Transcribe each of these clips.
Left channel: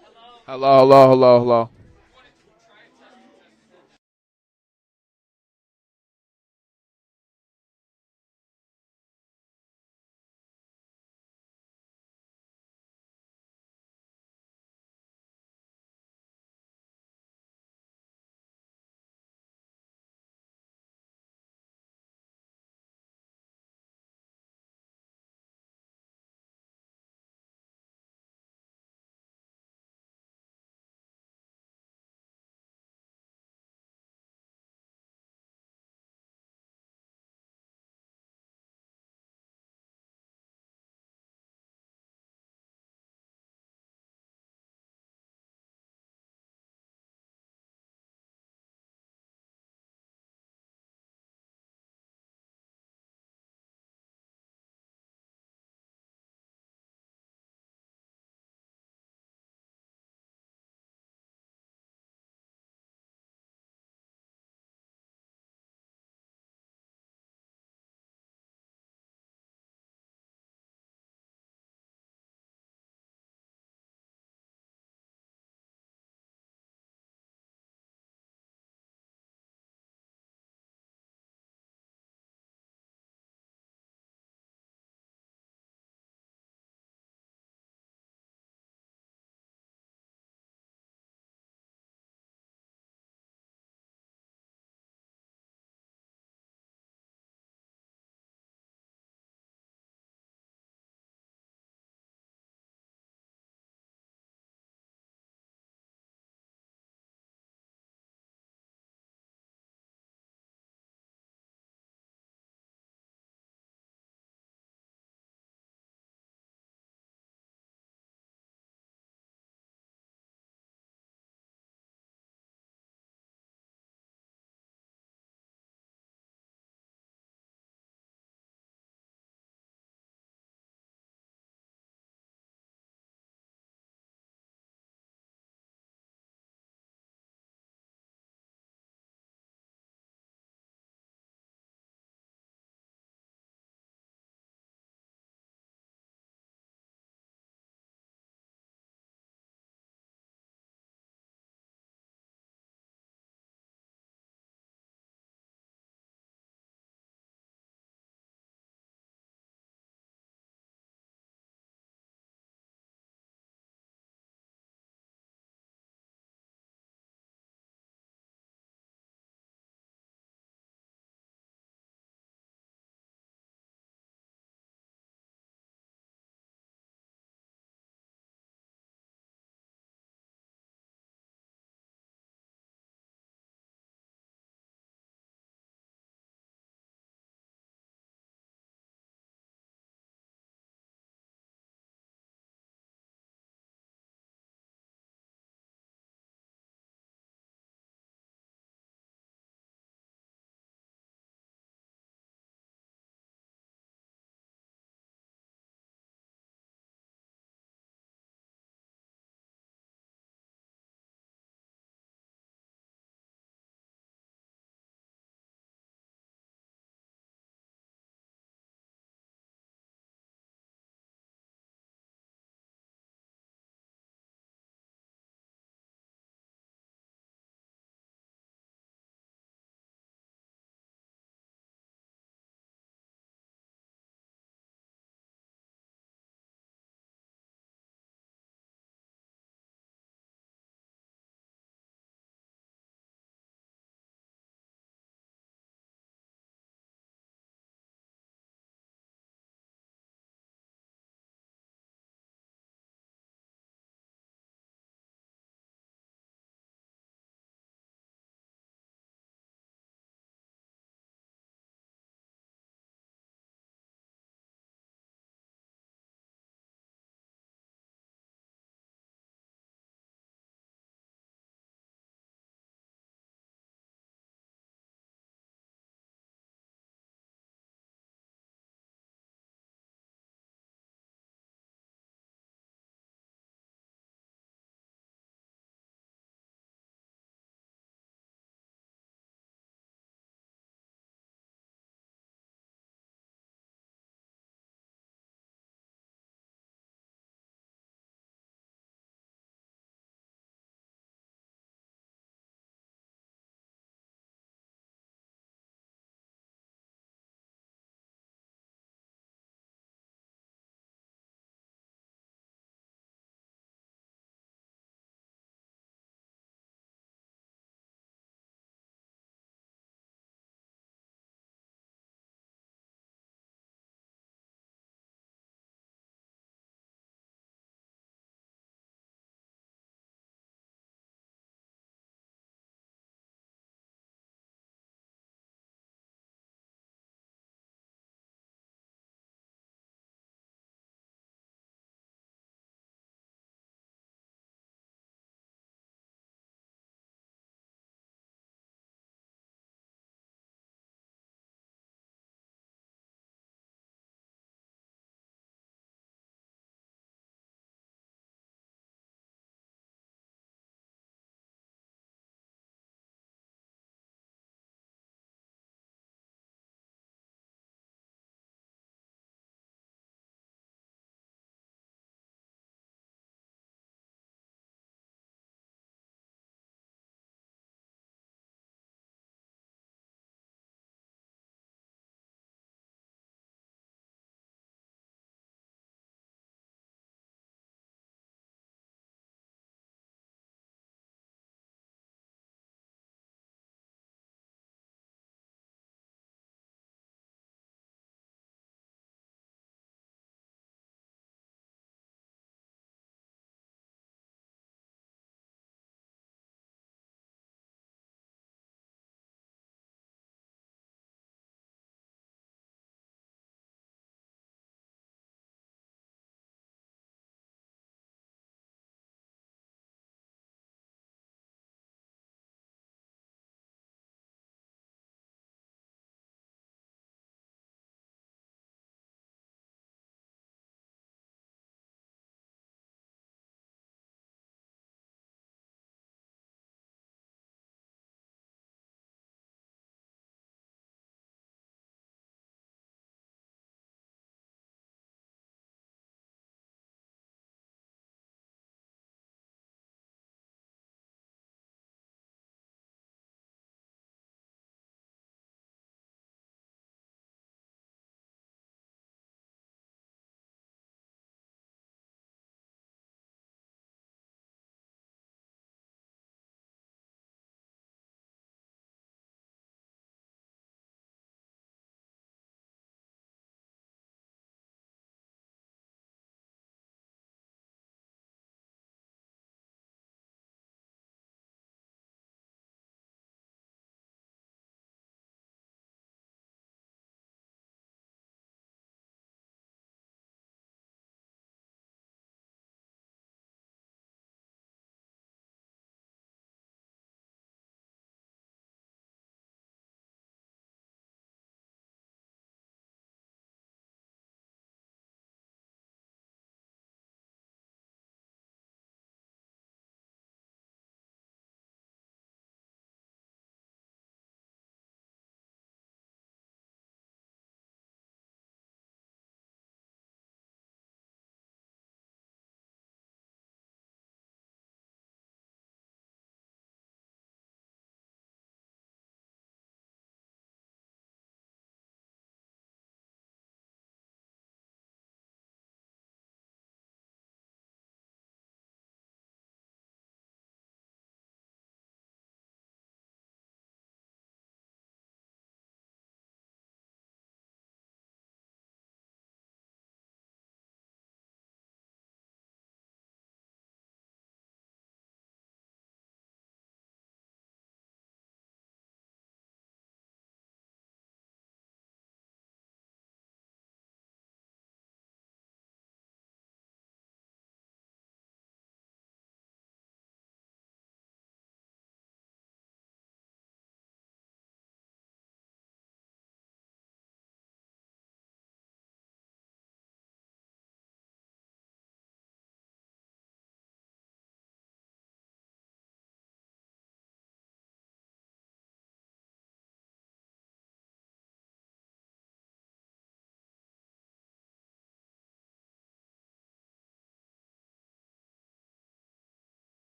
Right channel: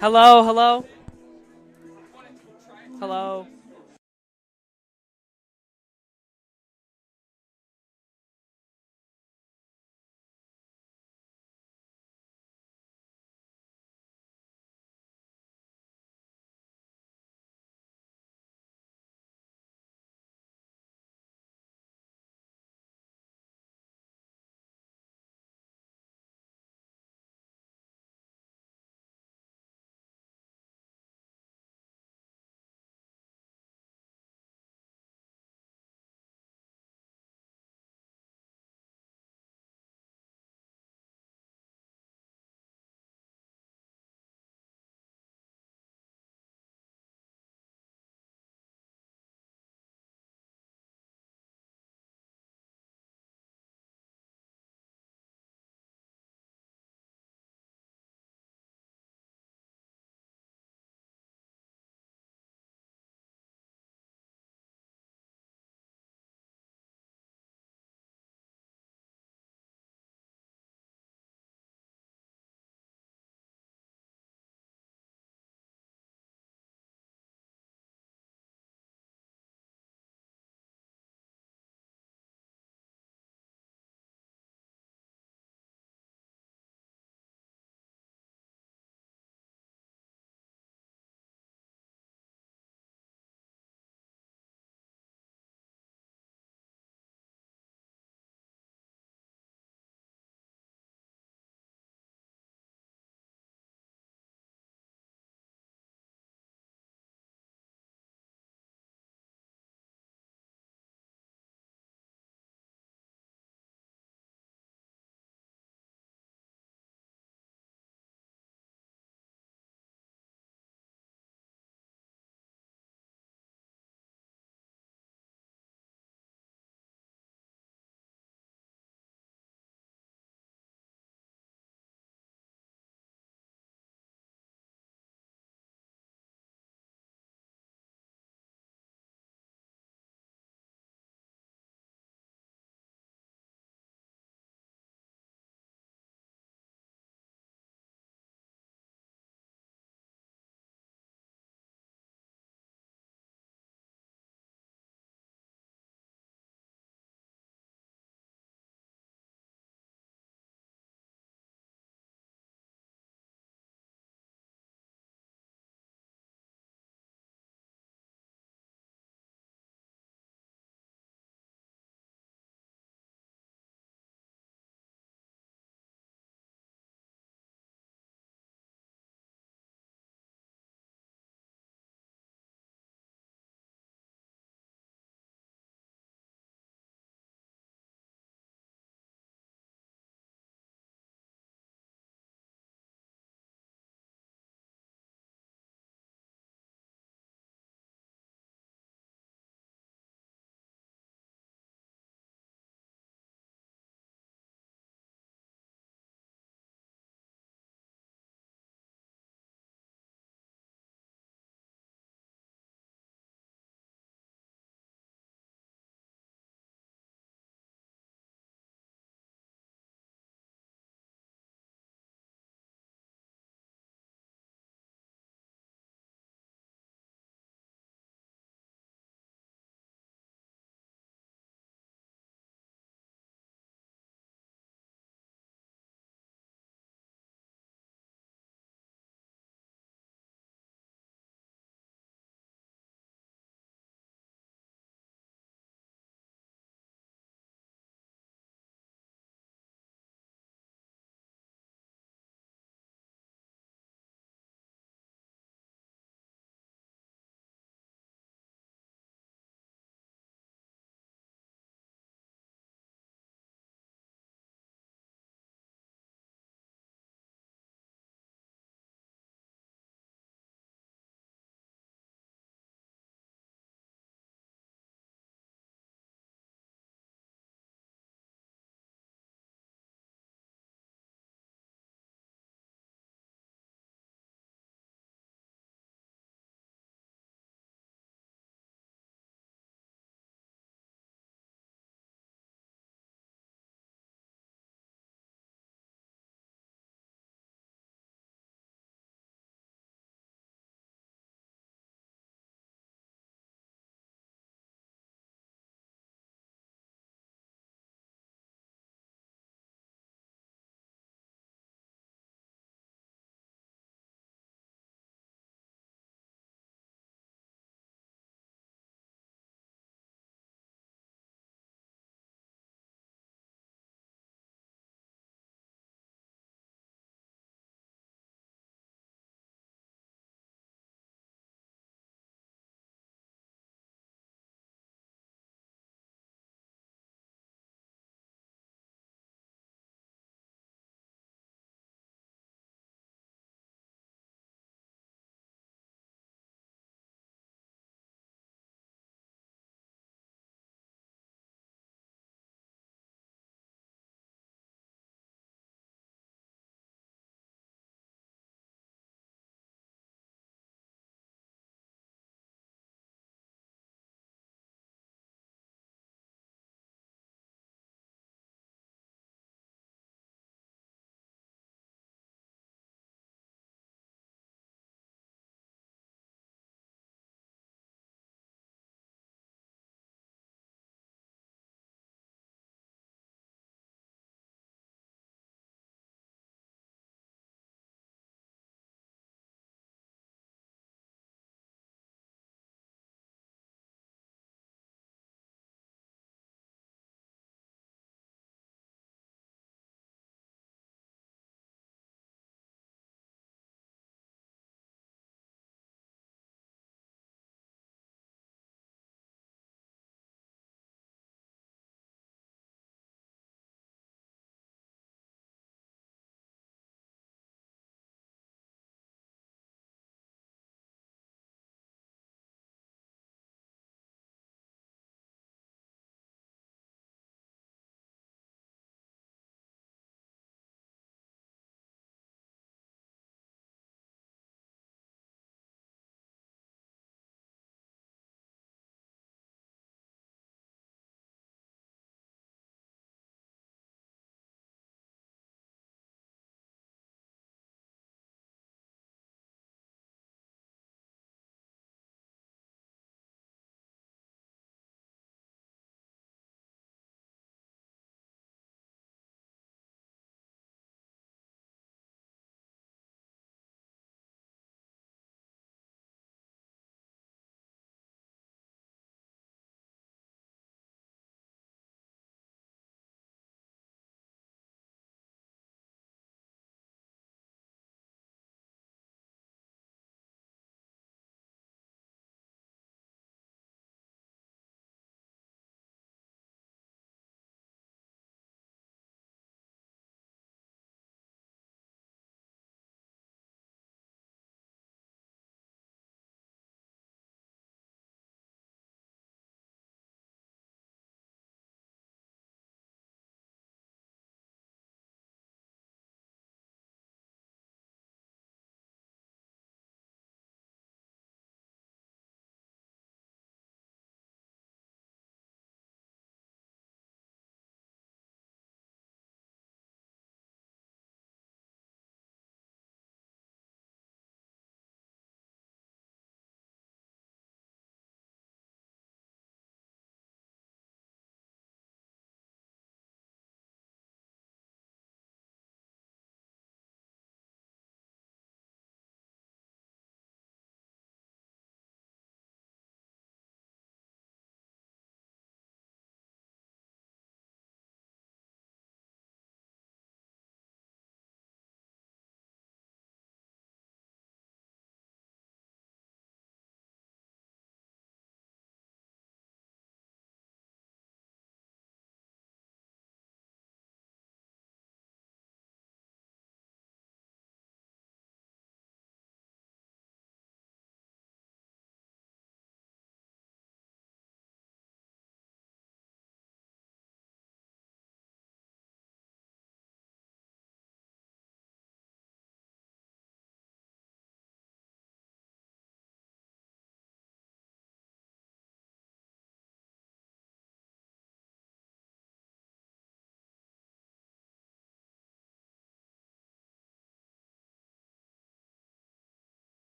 Hello, Hello, hello, hello, hello, hello. hello.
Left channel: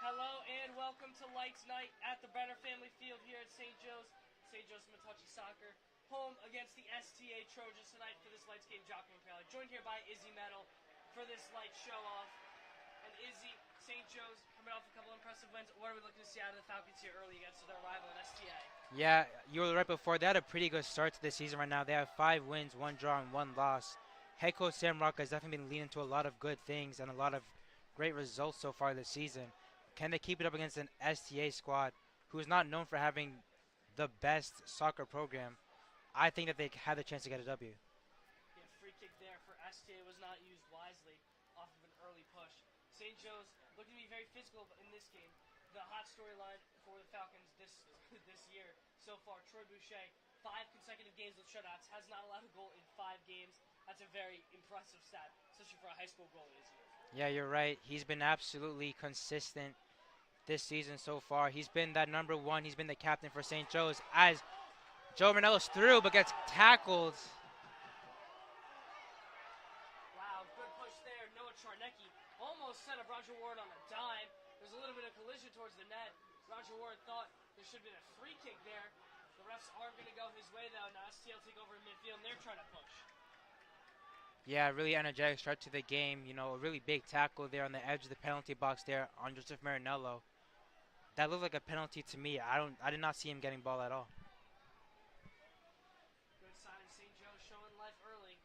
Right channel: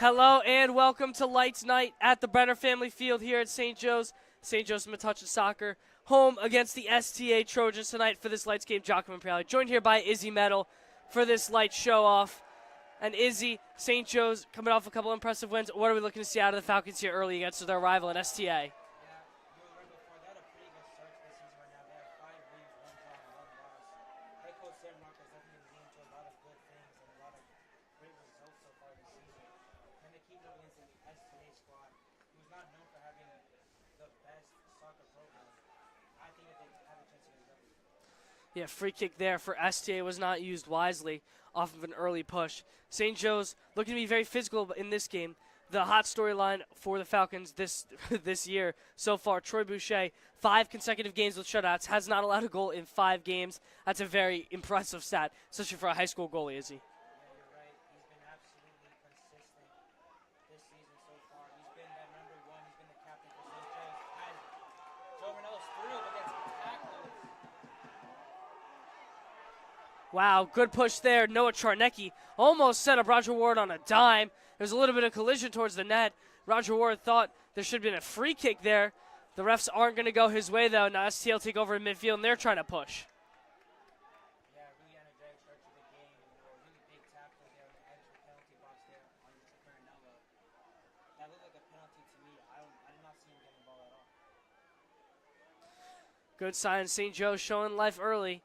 Hello and welcome to Lights Night at the Brenner Family Field here at St. Joe's. St. Joe's Metuchen Soccer home against the STA Trojans tonight for this Lights game. Giacomo Impriali joined here by Izzy Metal for this Lights show-off. And Izzy, St. Joe's coming off a couple impressive wins. What are we looking to see out of the Falcons here early against their rival in STA? Yeah, you were right before. They had a pretty good start to the season right now. They have 5 wins, 1 draw, and 1 loss. Head coach Sam Rocca has definitely been leading to a lot of good things and a lot of great results so far this season. Can they keep it up against an STA squad who is not known for having the best soccer program? I think that they had the chance to get a W. Yeah, free kick there for STA was not used wisely off of an early push. St. Joe's looking to be very physical in this game. The hot storyline for the Falcons this year so far, Troy Boucher, 5 consecutive games with shutouts, has not allowed a goal in 5 games. That's a very impressive stat, especially for a high school goalie, is he? Yeah, you're right. He's been absolutely consistent this season so far. He's been that number 1. He's been the captain for St. Joe's as Joe Manelo's through but gets tackled. Wow, good push there. Noah Charnecki almost set up Roger Ward on a dime. There's a little bit of collision towards the net. Roger Ward thought there should have been a free kick there. The refs aren't going to go his way, though. Now STL take over in midfield, and they're trying to push. Yeah, really energetic start to the game. You know, a really big tackle there on the edge of the penalty box there on Joseph Marinello. That looked like a penalty to me. I did not see him getting ball at all. Good sign. St. Joe's showing life early.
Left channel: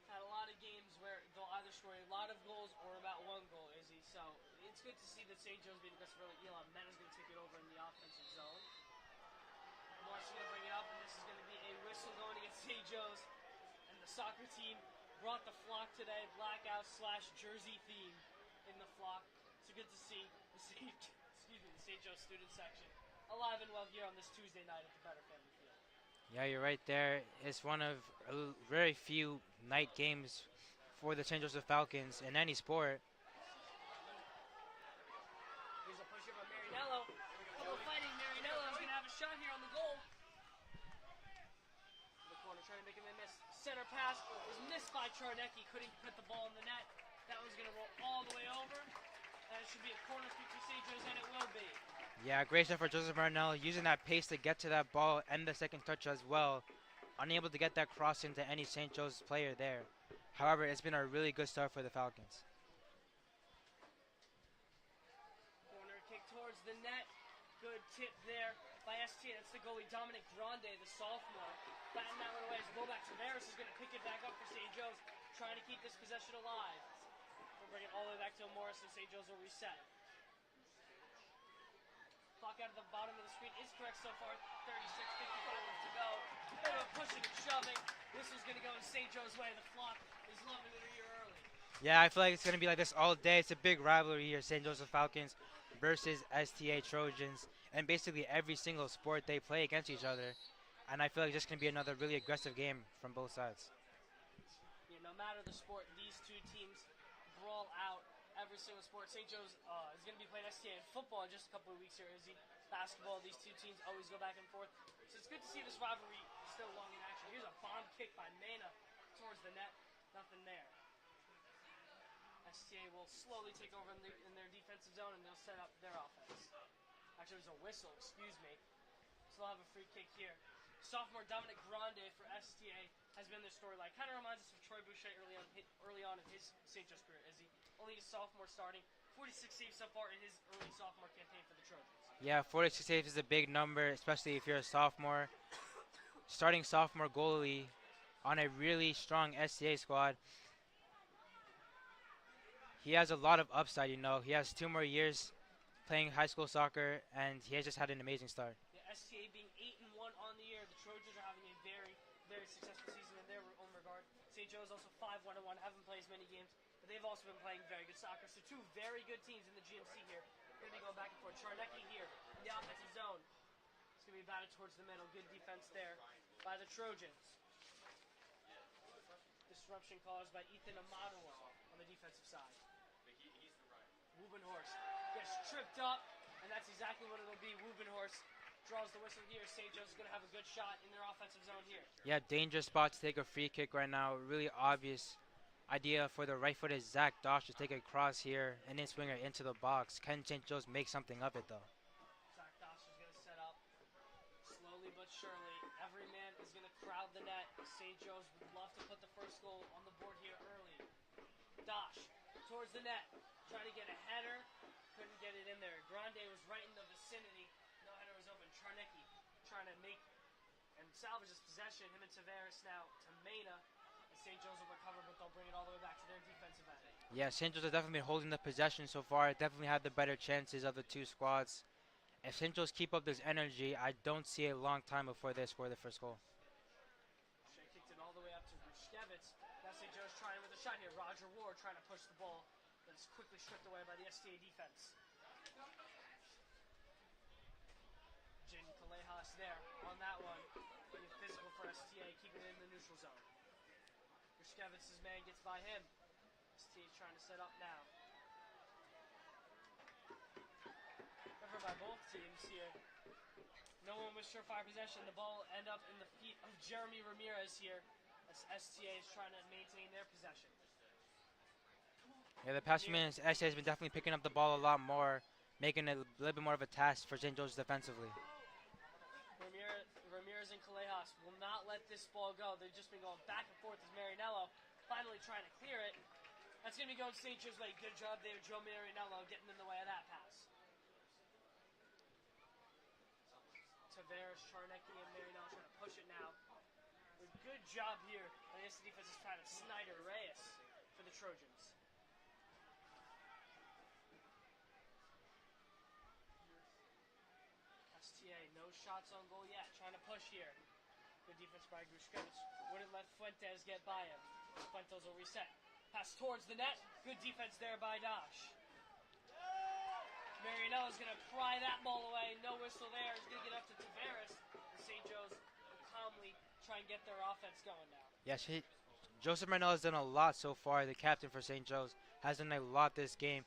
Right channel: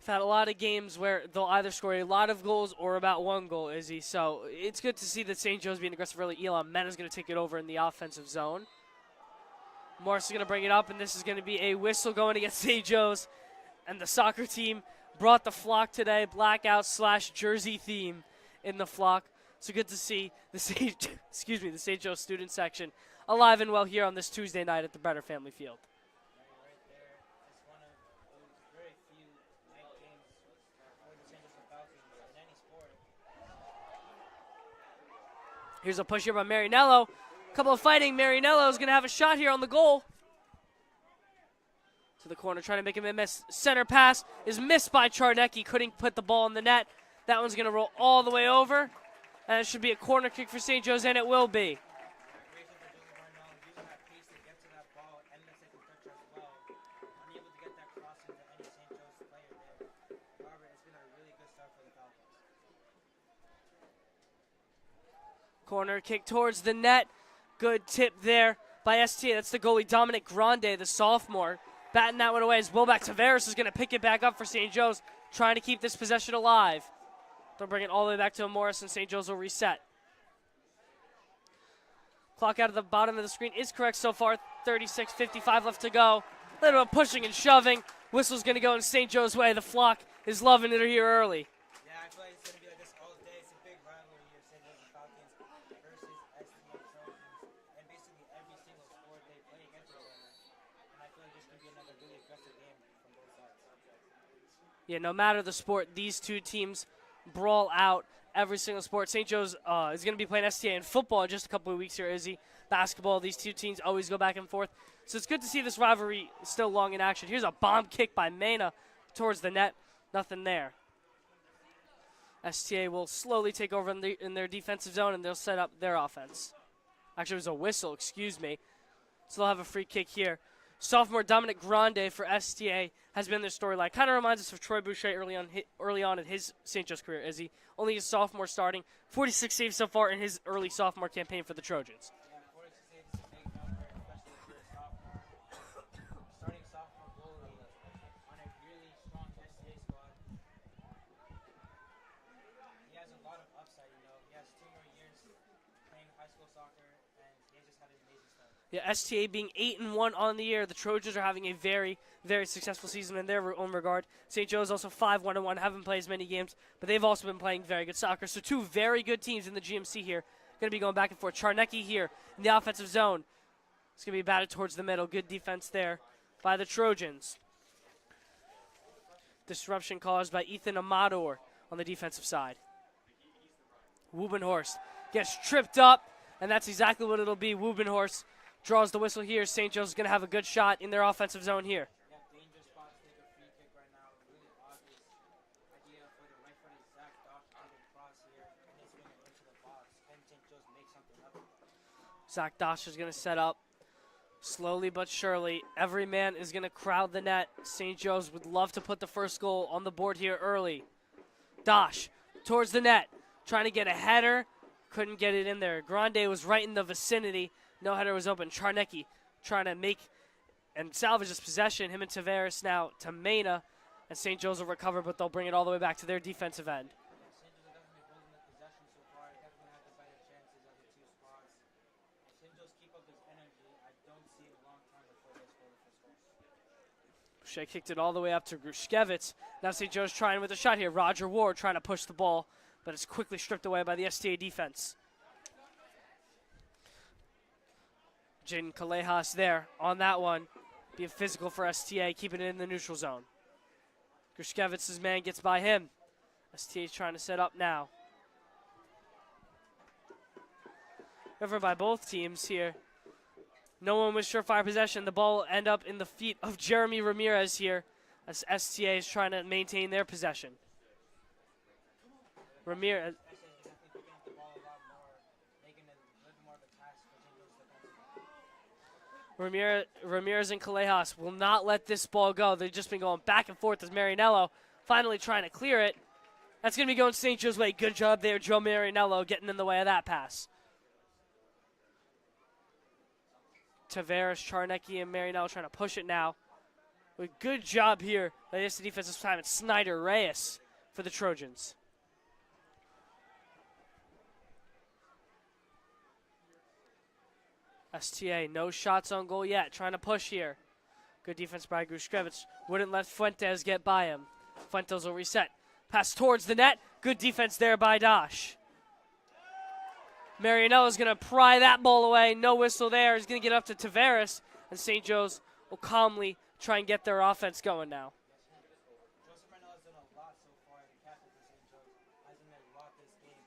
We've had a lot of games where they'll either score a lot of goals or about 1 goal, Izzy. So it's good to see that St. Joe's being aggressive early. Elon Mena's going to take it over in the offensive zone. Morris is going to bring it up, and this is going to be a whistle going against St. Joe's. And the soccer team brought the flock today, blackout/jersey theme in the flock. So good to see the the St. Joe student section alive and well here on this Tuesday night at the Brenner Family Field. Yeah, you're right there. It's one of very few night games for the St. Joseph Falcons in any sport. Here's a push here by Marinello. Couple of fighting. Marinello is going to have a shot here on the goal. To the corner, trying to make him a miss. Center pass is missed by Charnecki. Couldn't put the ball in the net. That one's going to roll all the way over. And it should be a corner kick for St. Joe's, and it will be. Yeah, great shot for Joseph Marinello, using that pace to get to that ball and the second touch as well. Unable to get that cross into any St. Joe's player there. However, it's been a really good start for the Falcons. Corner kick towards the net. Good tip there by STA. That's the goalie, Dominic Grande, the sophomore. Batting that one away as Wilback Tavares is going to pick it back up for St. Joe's, trying to keep this possession alive. They'll bring it all the way back to Morris, and St. Joe's will reset. Clock out of the bottom of the screen is correct so far. 36:55 left to go. A little bit of pushing and shoving. Whistle's going to go in St. Joe's way. The flock is loving it here early. Yeah, I feel like it's going to be like this all day. It's a big rivalry here, St. Joseph Falcons versus STA Trojans. And basically every single sport they play against each other. And I feel like it's just going to be another really aggressive game from both sides. Yeah, no matter the sport, these two teams brawl out every single sport. St. Joe's is going to be playing STA in football in just a couple of weeks here, Izzy. Basketball, these two teams always go back and forth. So it's good to see this rivalry still long in action. Here's a bomb kick by Mena towards the net. Nothing there. STA will slowly take over in their defensive zone, and they'll set up their offense. Actually, it was a whistle, excuse me. So they'll have a free kick here. Sophomore Dominic Grande for STA has been their storyline. Kind of reminds us of Troy Boucher early on in his St. Joe's career, is he? Only his sophomore starting. 46 saves so far in his early sophomore campaign for the Trojans. Yeah, 46 saves is a big number, especially if you're a sophomore. Starting sophomore goalie on a really strong STA squad. He has a lot of upside, you know. He has 2 more years playing high school soccer, and he has just had an amazing start. Yeah, STA being 8-1 on the year. The Trojans are having a very, very successful season in their own regard. St. Joe's also 5-1-1, haven't played as many games, but they've also been playing very good soccer. So 2 very good teams in the GMC here. Going to be going back and forth. Charnecki here in the offensive zone. It's going to be batted towards the middle. Good defense there by the Trojans. Disruption caused by Ethan Amador on the defensive side. Wubenhorst gets tripped up, and that's exactly what it'll be. Wubenhorst draws the whistle here. St. Joe's is going to have a good shot in their offensive zone here. Yeah, dangerous spot to take a free kick right now. Really obvious idea for the right-footed Zach Dosh to take a cross here and then swing it into the box. Can St. Joe's make something of it, though? Zach Dosh is going to set up slowly but surely. Every man is going to crowd the net. St. Joe's would love to put the first goal on the board here early. Dosh towards the net, trying to get a header. Couldn't get it in there. Grande was right in the vicinity. No header was open. Charnecki trying to make and salvage this possession. Him and Tavares now to Mena. And St. Joe's will recover, but they'll bring it all the way back to their defensive end. Yeah, St. Joe's have definitely been holding the possession so far. Definitely had the better chances of the two squads. If St. Joe's keep up this energy, I don't see a long time before they score the first goal. Shea kicked it all the way up to Grushkevich. Now St. Joe's trying with a shot here. Roger Ward trying to push the ball, but it's quickly stripped away by the STA defense. Jaden Kalejas there on that one. Being physical for STA, keeping it in the neutral zone. Grushkevich's man gets by him. STA is trying to set up now. Covered by both teams here. No one with surefire possession. The ball will end up in the feet of Jeremy Ramirez here as STA is trying to maintain their possession. Yeah, the past few minutes, STA has been definitely picking up the ball a lot more, making it a little bit more of a task for St. Joe's defensively. Ramirez and Kalejas will not let this ball go. They've just been going back and forth as Marinello finally trying to clear it. That's going to be going St. Joe's way. Good job there, Joe Marinello, getting in the way of that pass. Tavares, Charnecki, and Marinello trying to push it now. But good job here by this defensive time. It's Snyder Reyes for the Trojans. STA, no shots on goal yet. Trying to push here. Good defense by Grushkevich. Wouldn't let Fuentes get by him. Fuentes will reset. Pass towards the net. Good defense there by Dosh. Marianella's going to pry that ball away. No whistle there. He's going to get up to Tavares. And St. Joe's will calmly try and get their offense going now. Yes, Joseph Marianella has done a lot so far. The captain for St. Joe's has done a lot this game.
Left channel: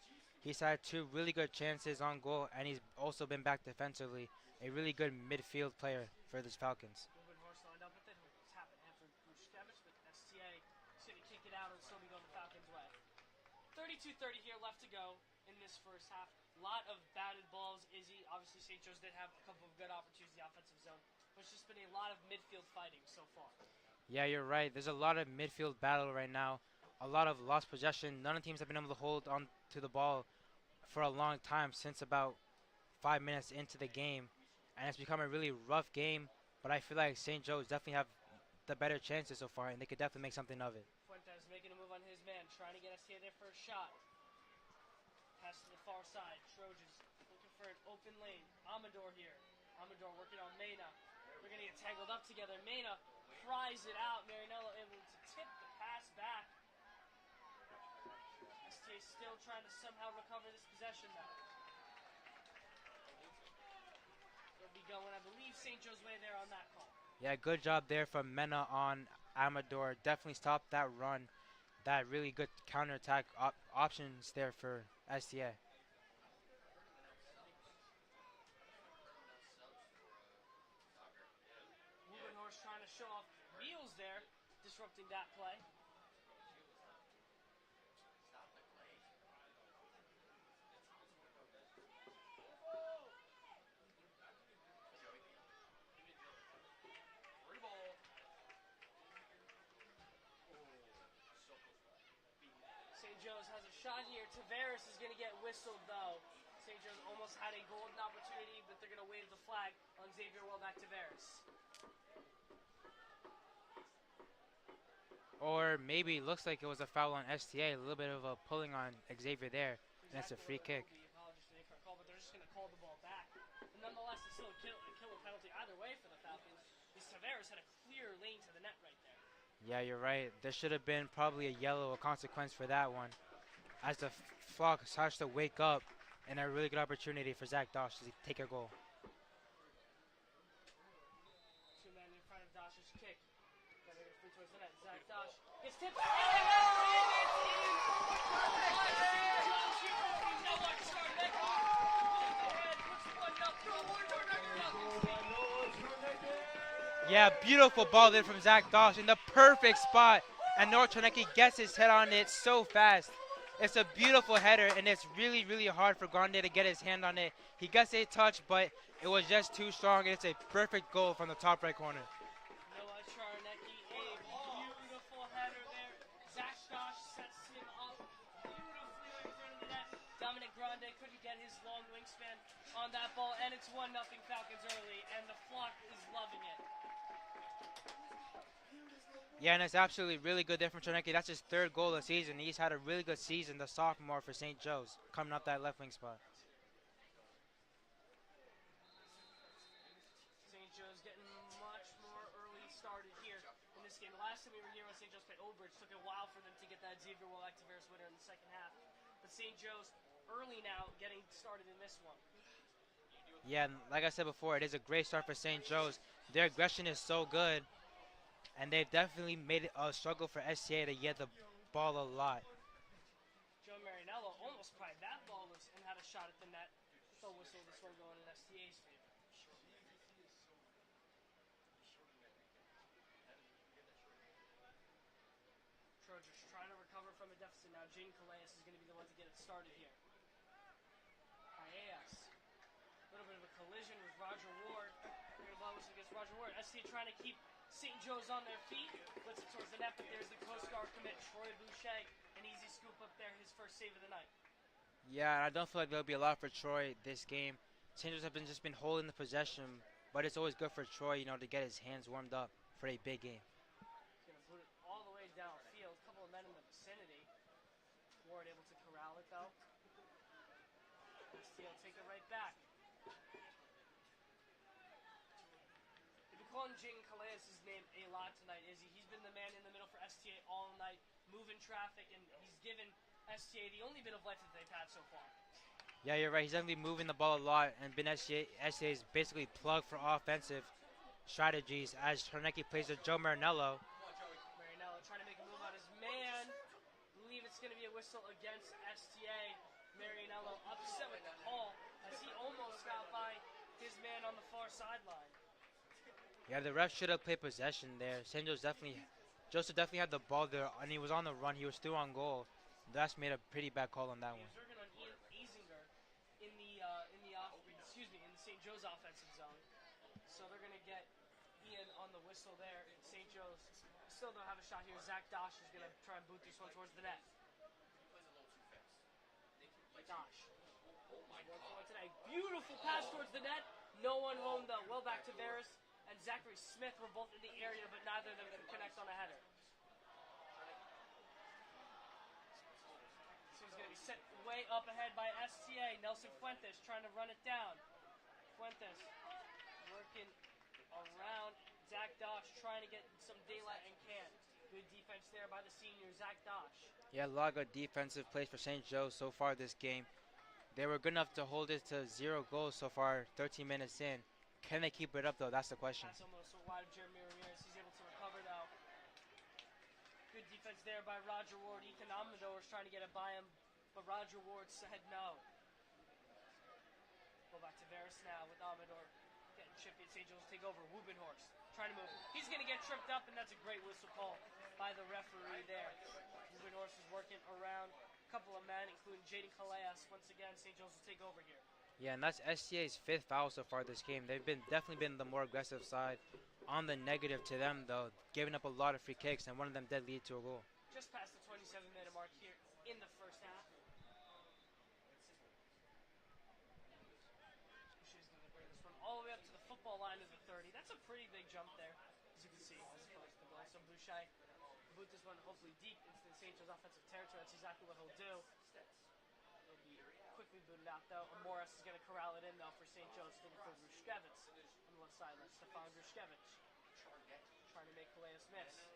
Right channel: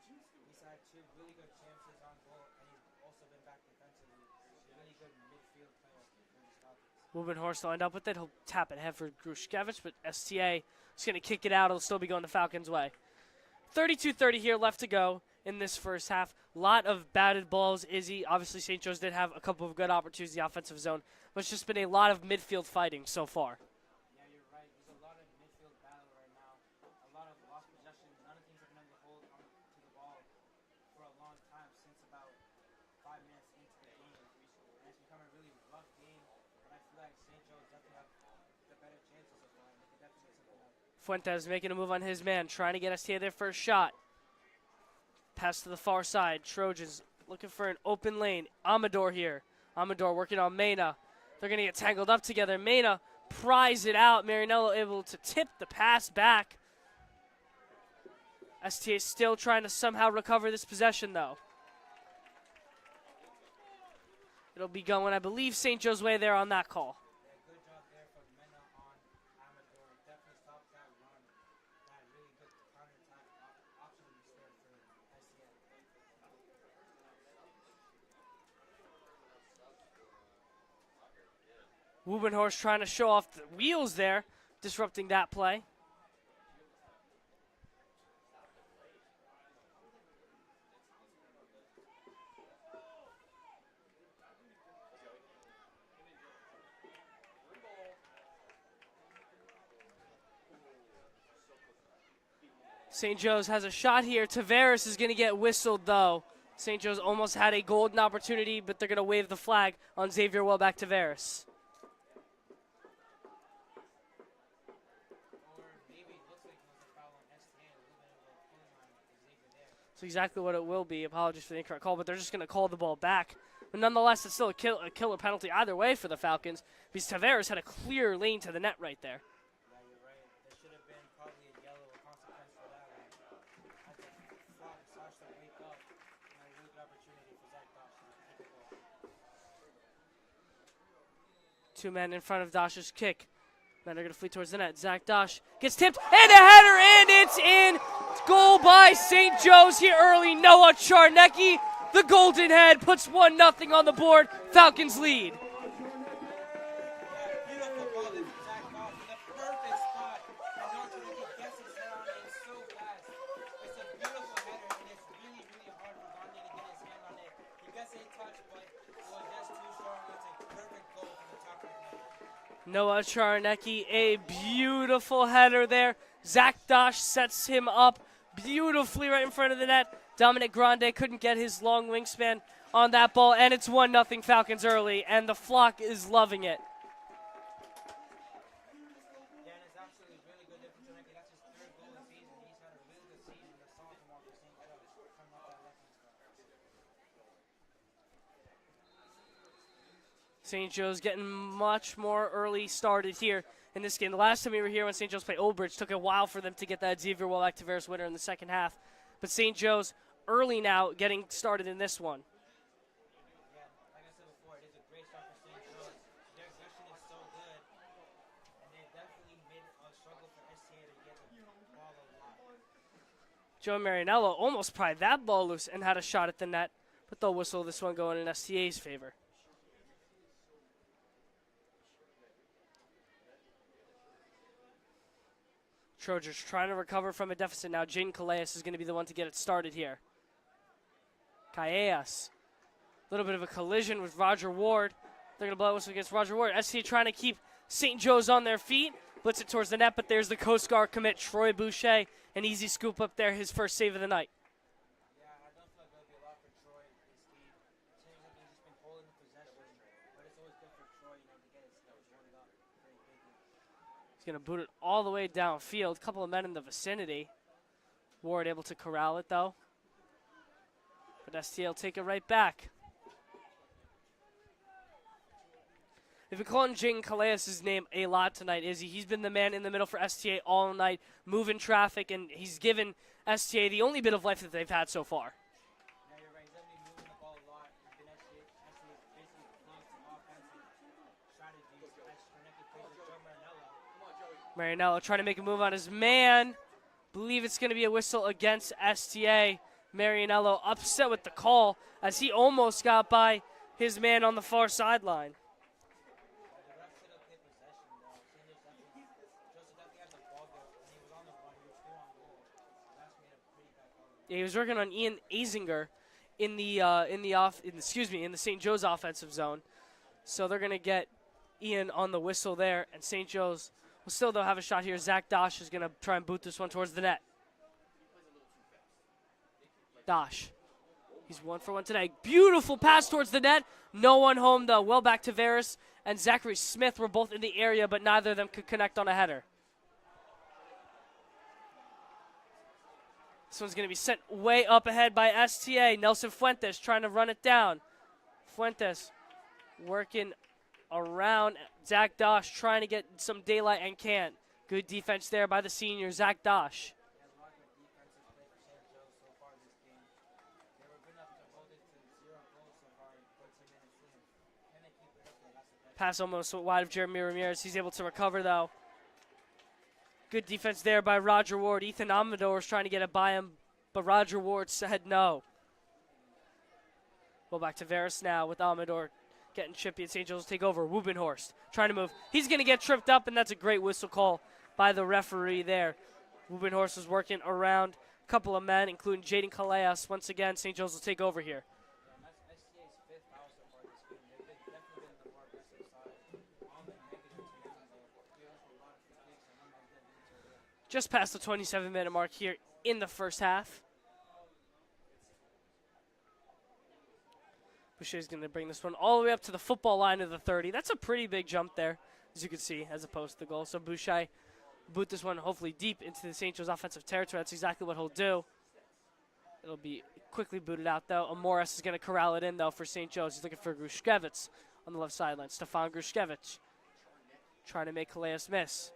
He's had two really good chances on goal, and he's also been back defensively. A really good midfield player for the Falcons. Wubenhorst will end up with it. He'll tap it ahead for Grushkevich, but STA is going to kick it out. It'll still be going the Falcons' way. 32:30 here left to go in this first half. A lot of batted balls, Izzy. Obviously, St. Joe's did have a couple of good opportunities in the offensive zone, but it's just been a lot of midfield fighting so far. Yeah, you're right. There's a lot of midfield battle right now. A lot of lost possession. None of the teams have been able to hold on to the ball for a long time, since about 5 minutes into the game. And it's become a really rough game, but I feel like St. Joe's definitely have the better chances so far, and they could definitely make something of it. Fuentes making a move on his man, trying to get STA their first shot. Pass to the far side. Trojans looking for an open lane. Amador here. Amador working on Mena. They're going to get tangled up together. Mena pries it out. Marinello able to tip the pass back. STA still trying to somehow recover this possession, though. It'll be going, I believe, St. Joe's way there on that call. Yeah, good job there from Mena on Amador. Definitely stopped that run. That really good counterattack options there for STA. Wubenhorst trying to show off the wheels there, disrupting that play. St. Joe's has a shot here. Tavares is going to get whistled, though. St. Joe's almost had a golden opportunity, but they're going to wave the flag on Xavier Welbeck Tavares. Or maybe it looks like it was a foul on STA, a little bit of a pulling on Xavier there. That's exactly what it will be. Apologies for the incorrect call, but they're just going to call the ball back. But nonetheless, it's still a killer penalty either way for the Falcons, because Tavares had a clear lane to the net right there. Yeah, you're right. There should have been probably a yellow consequence for that one, as the flock starts to wake up, and a really good opportunity for Zach Dosh to take a goal. Two men in front of Dosh's kick. Men are going to flee towards the net. Zach Dosh gets tipped, and a header, and it's in. Goal by St. Joe's here early. Noah Charnecki, the Golden Head, puts 1-0 on the board. Falcons lead. Yeah, beautiful ball there from Zach Dosh in the perfect spot. and Noah Czarnecki gets his head on it so fast. It's a beautiful header, and it's really, really hard for Grande to get his hand on it. He gets a touch, but it was just too strong, and it's a perfect goal from the top right corner. Noah Czarnecki, a beautiful header there. Zach Dosh sets him up beautifully right in front of the net. Dominic Grande couldn't get his long wingspan on that ball, and it's 1-0 Falcons early, and the flock is loving it. Yeah, and it's absolutely really good there from Czarnecki. That's his third goal of the season. He's had a really good season, the sophomore for St. Joe's, coming up that left wing spot. St. Joe's getting much more early started here in this game. The last time we were here when St. Joe's played Old Bridge, took a while for them to get that Xavier Wallach Tavares winner in the second half. But St. Joe's early now getting started in this one. Yeah, and like I said before, it is a great start for St. Joe's. Their aggression is so good, and they've definitely made it a struggle for STA to get the ball a lot. Joe Marinello almost pried that ball loose and had a shot at the net, but they'll whistle this one going in STA's favor. Trojans trying to recover from a deficit now. Jaden Callejas is going to be the one to get it started here. Callejas. A little bit of a collision with Roger Ward. They're going to blow a whistle against Roger Ward. STA trying to keep St. Joe's on their feet. Blitz it towards the net, but there's the Coast Guard commit, Troy Boucher. An easy scoop up there, his first save of the night. Yeah, I don't feel like there'll be a lot for Troy this game. St. Joe's have just been holding the possession, but it's always good for Troy, to get his hands warmed up for a big game. He's going to boot it all the way downfield. A couple of men in the vicinity. Ward able to corral it, though. But STA will take it right back. They've been calling Jaden Callejas' name a lot tonight, Izzy. He's been the man in the middle for STA all night, moving traffic, and he's given STA the only bit of life that they've had so far. Yeah, you're right. He's definitely moving the ball a lot, and been STA's basically plugged for offensive strategies as Czarnecki plays with Joe Marinello. Marinello trying to make a move on his man. Believe it's going to be a whistle against STA. Marinello upset with the call as he almost got by his man on the far sideline. Yeah, the ref should have played possession there. St. Joseph definitely had the ball there, and he was on the run. He was still on goal. That's made a pretty bad call on that. Yeah, he was working on Ian Azinger in the St. Joe's offensive zone. So they're going to get Ian on the whistle there, and St. Joe's will still though have a shot here. Zach Dosh is going to try and boot this one towards the net. Dosh. He's 1 for 1 today. Beautiful pass towards the net. No one home though. Well back to Tavares and Zachary Smith were both in the area, but neither of them could connect on a header. This one's going to be sent way up ahead by STA. Nelson Fuentes trying to run it down. Fuentes working around Zach Dosh, trying to get some daylight and can't. Good defense there by the senior, Zach Dosh. Yeah, a lot of good defensive plays for St. Joe's so far this game. They were good enough to hold it to 0 goals so far, 13 minutes in. Can they keep it up, though? That's the question. Pass almost wide of Jeremy Ramirez. He's able to recover, though. Good defense there by Roger Ward. Ethan Amador is trying to get it by him, but Roger Ward said no. Well, back to Veras now with Amador getting chippy, and St. Joe's will take over. Wubenhorst trying to move. He's going to get tripped up, and that's a great whistle call by the referee there. Wubenhorst was working around a couple of men, including Jaden Callejas. Once again, St. Joe's will take over here. Yeah, and that's STA's 5th foul so far this game. They've definitely been the more aggressive side. On the negative to them, though, giving up a lot of free kicks, and one of them did lead to a goal. Just past the 27-minute mark here in the first half. Boucher's going to bring this one all the way up to the football line of the 30. That's a pretty big jump there, as you can see, as opposed to the goal. So Boucher boot this one hopefully deep into the St. Joe's offensive territory. That's exactly what he'll do. It'll be quickly booted out, though. Amoris is going to corral it in, though, for St. Joe's. He's looking for Grushkevich on the left sideline. Stefan Grushkevich trying to make Callejas miss.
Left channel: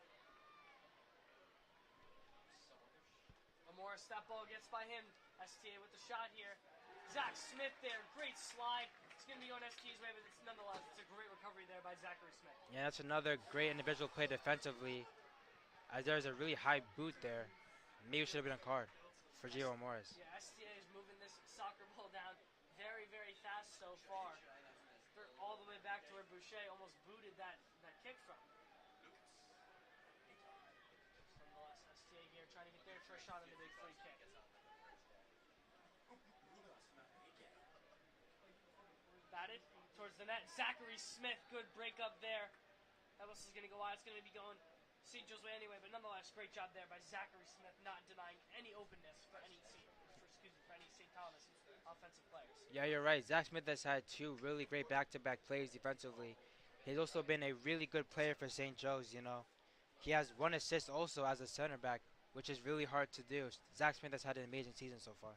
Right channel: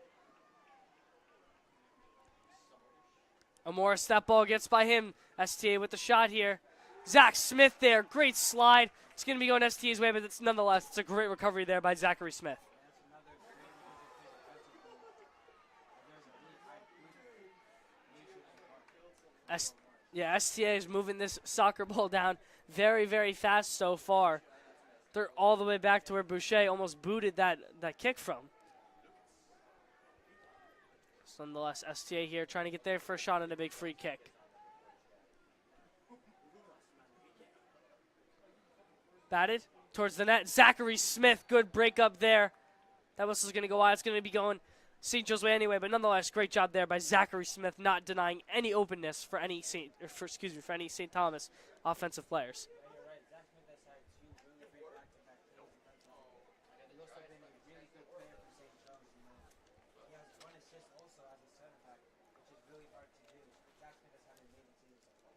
Amoris, that ball gets by him. STA with the shot here. Zach Smith there. Great slide. It's going to be going STA's way, but nonetheless, it's a great recovery there by Zachary Smith. Yeah, that's another great individual play defensively, as there's a really high boot there. Maybe should have been a card for Gio Morris. Yeah, STA is moving this soccer ball down very, very fast so far. They're all the way back to where Boucher almost booted that kick from. Nonetheless, STA here trying to get their first shot on a big free kick. Batted towards the net. Zachary Smith, good break up there. That whistle's going to go wide. It's going to be going St. Joe's way anyway, but nonetheless, great job there by Zachary Smith, not denying any openness for any for any St. Thomas offensive players. Yeah, you're right. Zach Smith has had 2 really great back-to-back plays defensively. He's also been a really good player for St. Joe's, you know. He has 1 assist also as a center back, which is really hard to do. Zach Smith has had an amazing season so far.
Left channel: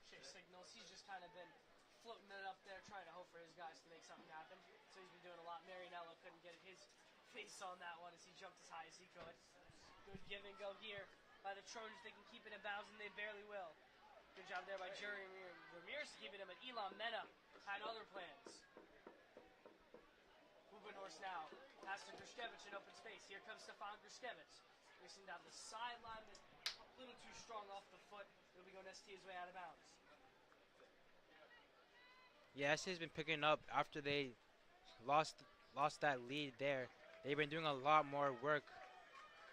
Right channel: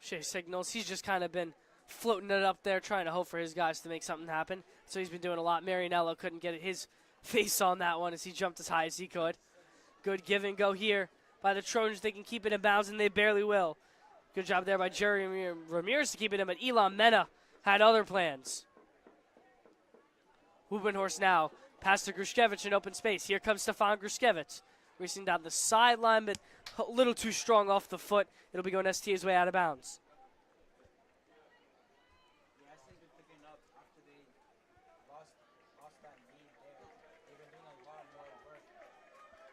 Shea signals. He's just kind of been floating it up there, trying to hope for his guys to make something happen. So he's been doing a lot. Marianello couldn't get his face on that one as he jumped as high as he could. Good give and go here by the Trojans. They can keep it in bounds, and they barely will. Good job there by Jerry Ramirez to keep it in, but Elon Mena had other plans. Hubenhorst now. Pass to Grushkevich in open space. Here comes Stefan Grushkevich. Racing down the sideline, but a little too strong off the foot. It'll be going STA's way out of bounds. Yeah, STA's been picking up after they lost that lead there. They've been doing a lot more work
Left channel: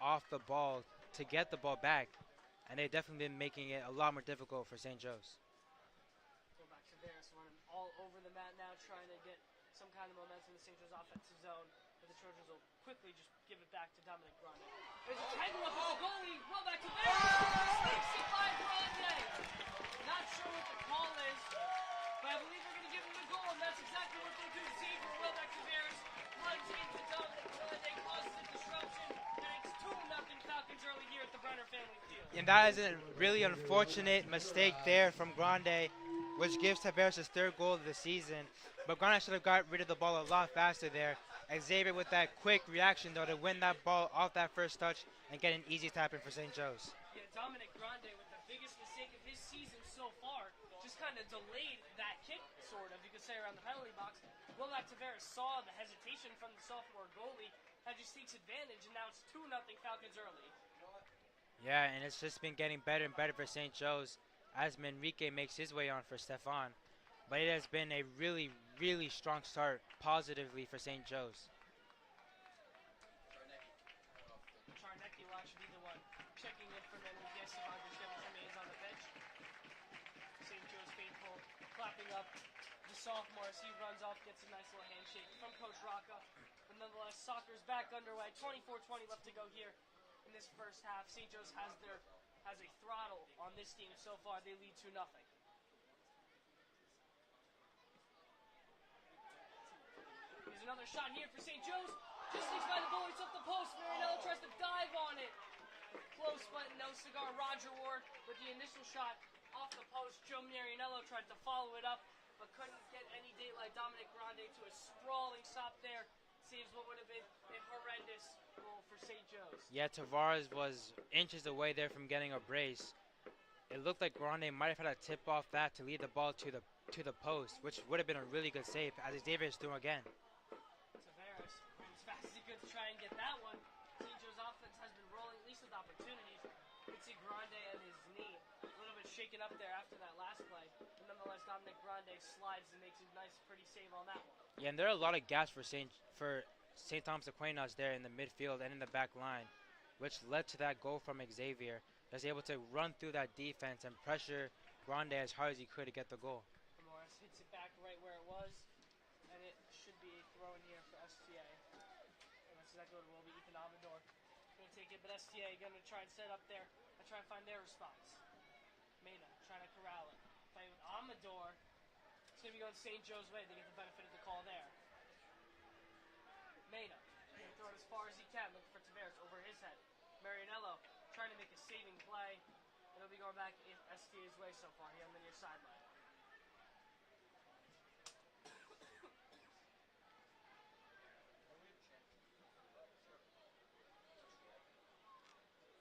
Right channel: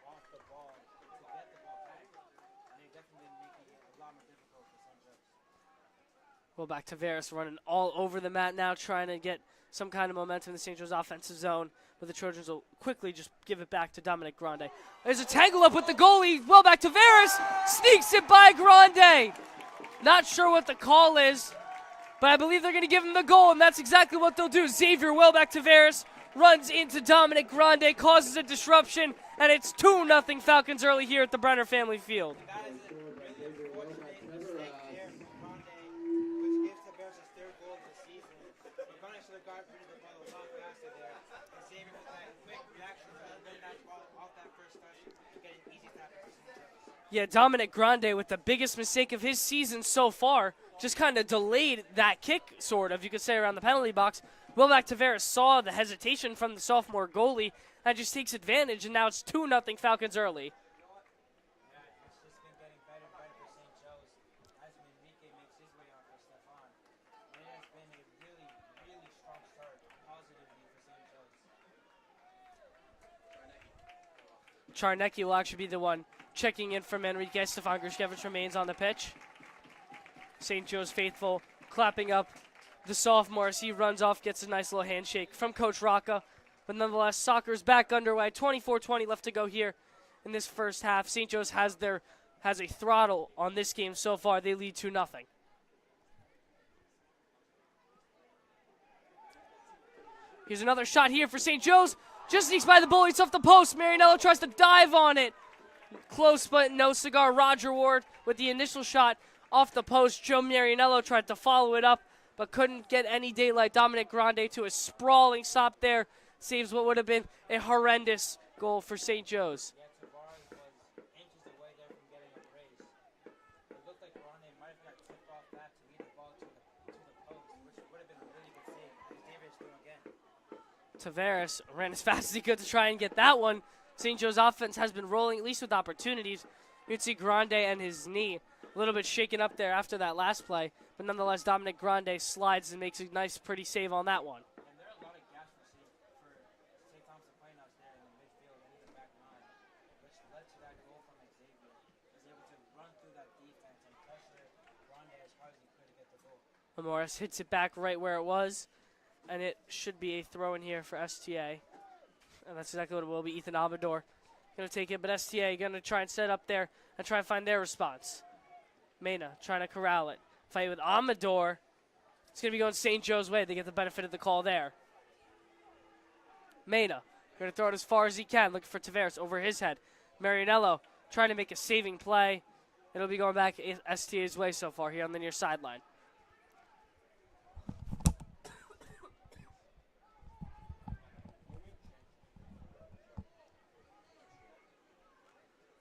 off the ball to get the ball back, and they've definitely been making it a lot more difficult for St. Joe's. Well, back to Varus running all over the mat now, trying to get some kind of momentum in the St. Joe's offensive zone, but the Trojans will quickly just give it back to Dominic Grande. There's a tangle up with the goalie. Well, back to Varus. Sneaks it by Grande. Not sure what the call is, but I believe they're going to give him the goal, and that's exactly what they'll do. Xavier well back to Varus. Runs into Dominic Grande, causes a disruption, and it's 2-0 Falcons early here at the Brenner Family Field. And that is a really unfortunate mistake there from Grande, which gives Tavares his 3rd goal of the season. But Grande should have got rid of the ball a lot faster there. Xavier with that quick reaction, though, to win that ball off that first touch and get an easy tap in for St. Joe's. Yeah, Dominic Grande with the biggest mistake of his season so far, just kind of delayed that kick, sort of, you could say, around the penalty box. Will back Tavares saw the hesitation from the sophomore goalie and just takes advantage, and now it's 2-0 Falcons early. Yeah, and it's just been getting better and better for St. Joe's as Manrique makes his way on for Stefan. But it has been a really, really strong start positively for St. Joe's. Charnecki will actually be the one checking in from Manrique. Stefan Grushkevich remains on the pitch. St. Joe's faithful clapping up the sophomore as he runs off, gets a nice little handshake from Coach Rocca. But nonetheless, soccer's back underway. 24-20 left to go here in this first half. St. Joe's has a throttle on this game so far. They lead 2-0. Here's another shot here for St. Joe's. Just sneaks by the goalie. It's off the post. Marianello tries to dive on it. Close, but no cigar. Roger Ward with the initial shot off the post. Joe Marianello tried to follow it up, but couldn't get any daylight. Dominic Grande to a sprawling stop there. Saves what would have been a horrendous goal for St. Joe's. Yeah, Tavares was inches away there from getting a brace. It looked like Grande might have had a tip off that to lead the ball to the post, which would have been a really good save, as Xavier is doing again. Tavares ran as fast as he could to try and get that one. St. Joe's offense has been rolling, at least with opportunities. You can see Grande and his knee a little bit shaken up there after that last play. But nonetheless, Dominic Grande slides and makes a nice, pretty save on that one. Yeah, and there are a lot of gaps for St. Thomas Aquinas there in the midfield and in the back line, which led to that goal from Xavier. He was able to run through that defense and pressure Grande as hard as he could to get the goal. Morris hits it back right where it was, and it should be a throw in here for STA. And that's exactly what it will be. Ethan Abador going to take it, but STA going to try and set up there and try and find their response. Mena trying to corral it. Fight with Amador. It's going to be going St. Joe's way. They get the benefit of the call there. Mena going to throw it as far as he can, looking for Tavares over his head. Marianello trying to make a saving play. It'll be going back STA's way so far here on the near sideline.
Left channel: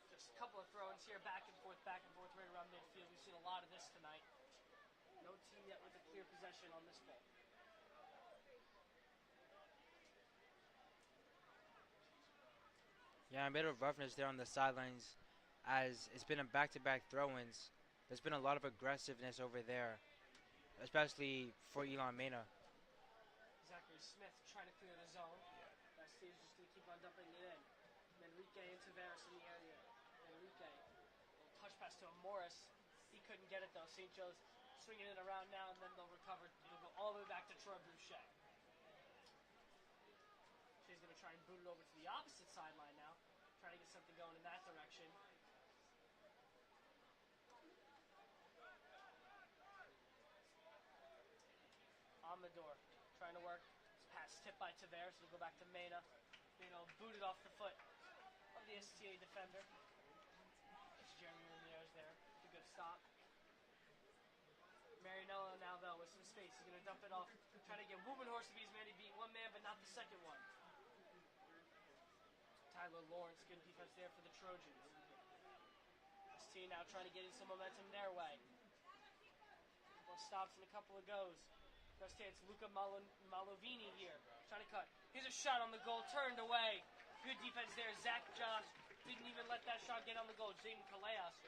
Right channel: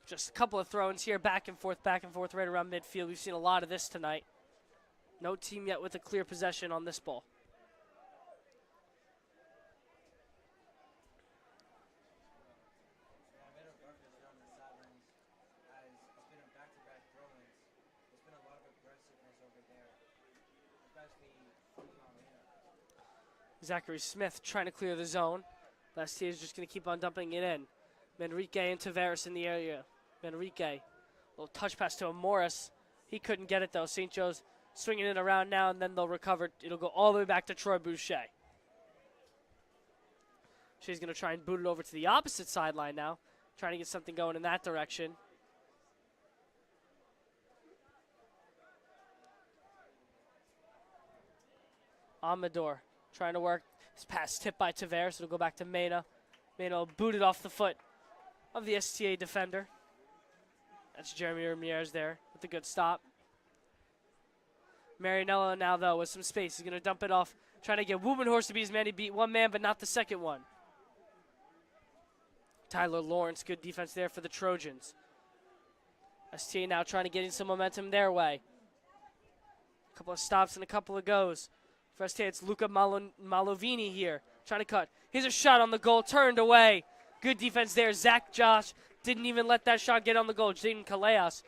Just a couple of throw-ins here, back and forth, right around midfield. We've seen a lot of this tonight. No team yet with a clear possession on this ball. Yeah, a bit of roughness there on the sidelines as it's been a back-to-back throw-ins. There's been a lot of aggressiveness over there, especially for Elon Mena. Zachary Smith trying to clear the zone. STA is just going to keep on dumping it in. Manrique and Tavares in the area. Manrique, little touch pass to Morris. He couldn't get it though. St. Joe's swinging it around now, and then they'll recover. It'll go all the way back to Troy Boucher. She's going to try and boot it over to the opposite sideline now, trying to get something going in that direction. Amador trying to work. This pass tipped by Tavares. It'll go back to Mena. Mena will boot it off the foot of the STA defender. That's Jeremy Ramirez there with a good stop. Marinello now, though, with some space. He's going to dump it off, trying to get Wubenhorst to be his man. He beat one man, but not the second one. Tyler Lawrence, good defense there for the Trojans. STA now trying to get in some momentum their way. A couple of stops and a couple of goes. For STA, it's Luca Malovini here, trying to cut. Here's a shot on the goal, turned away. Good defense there. Zach Josh didn't even let that shot get on the goal. Jaden Callejas,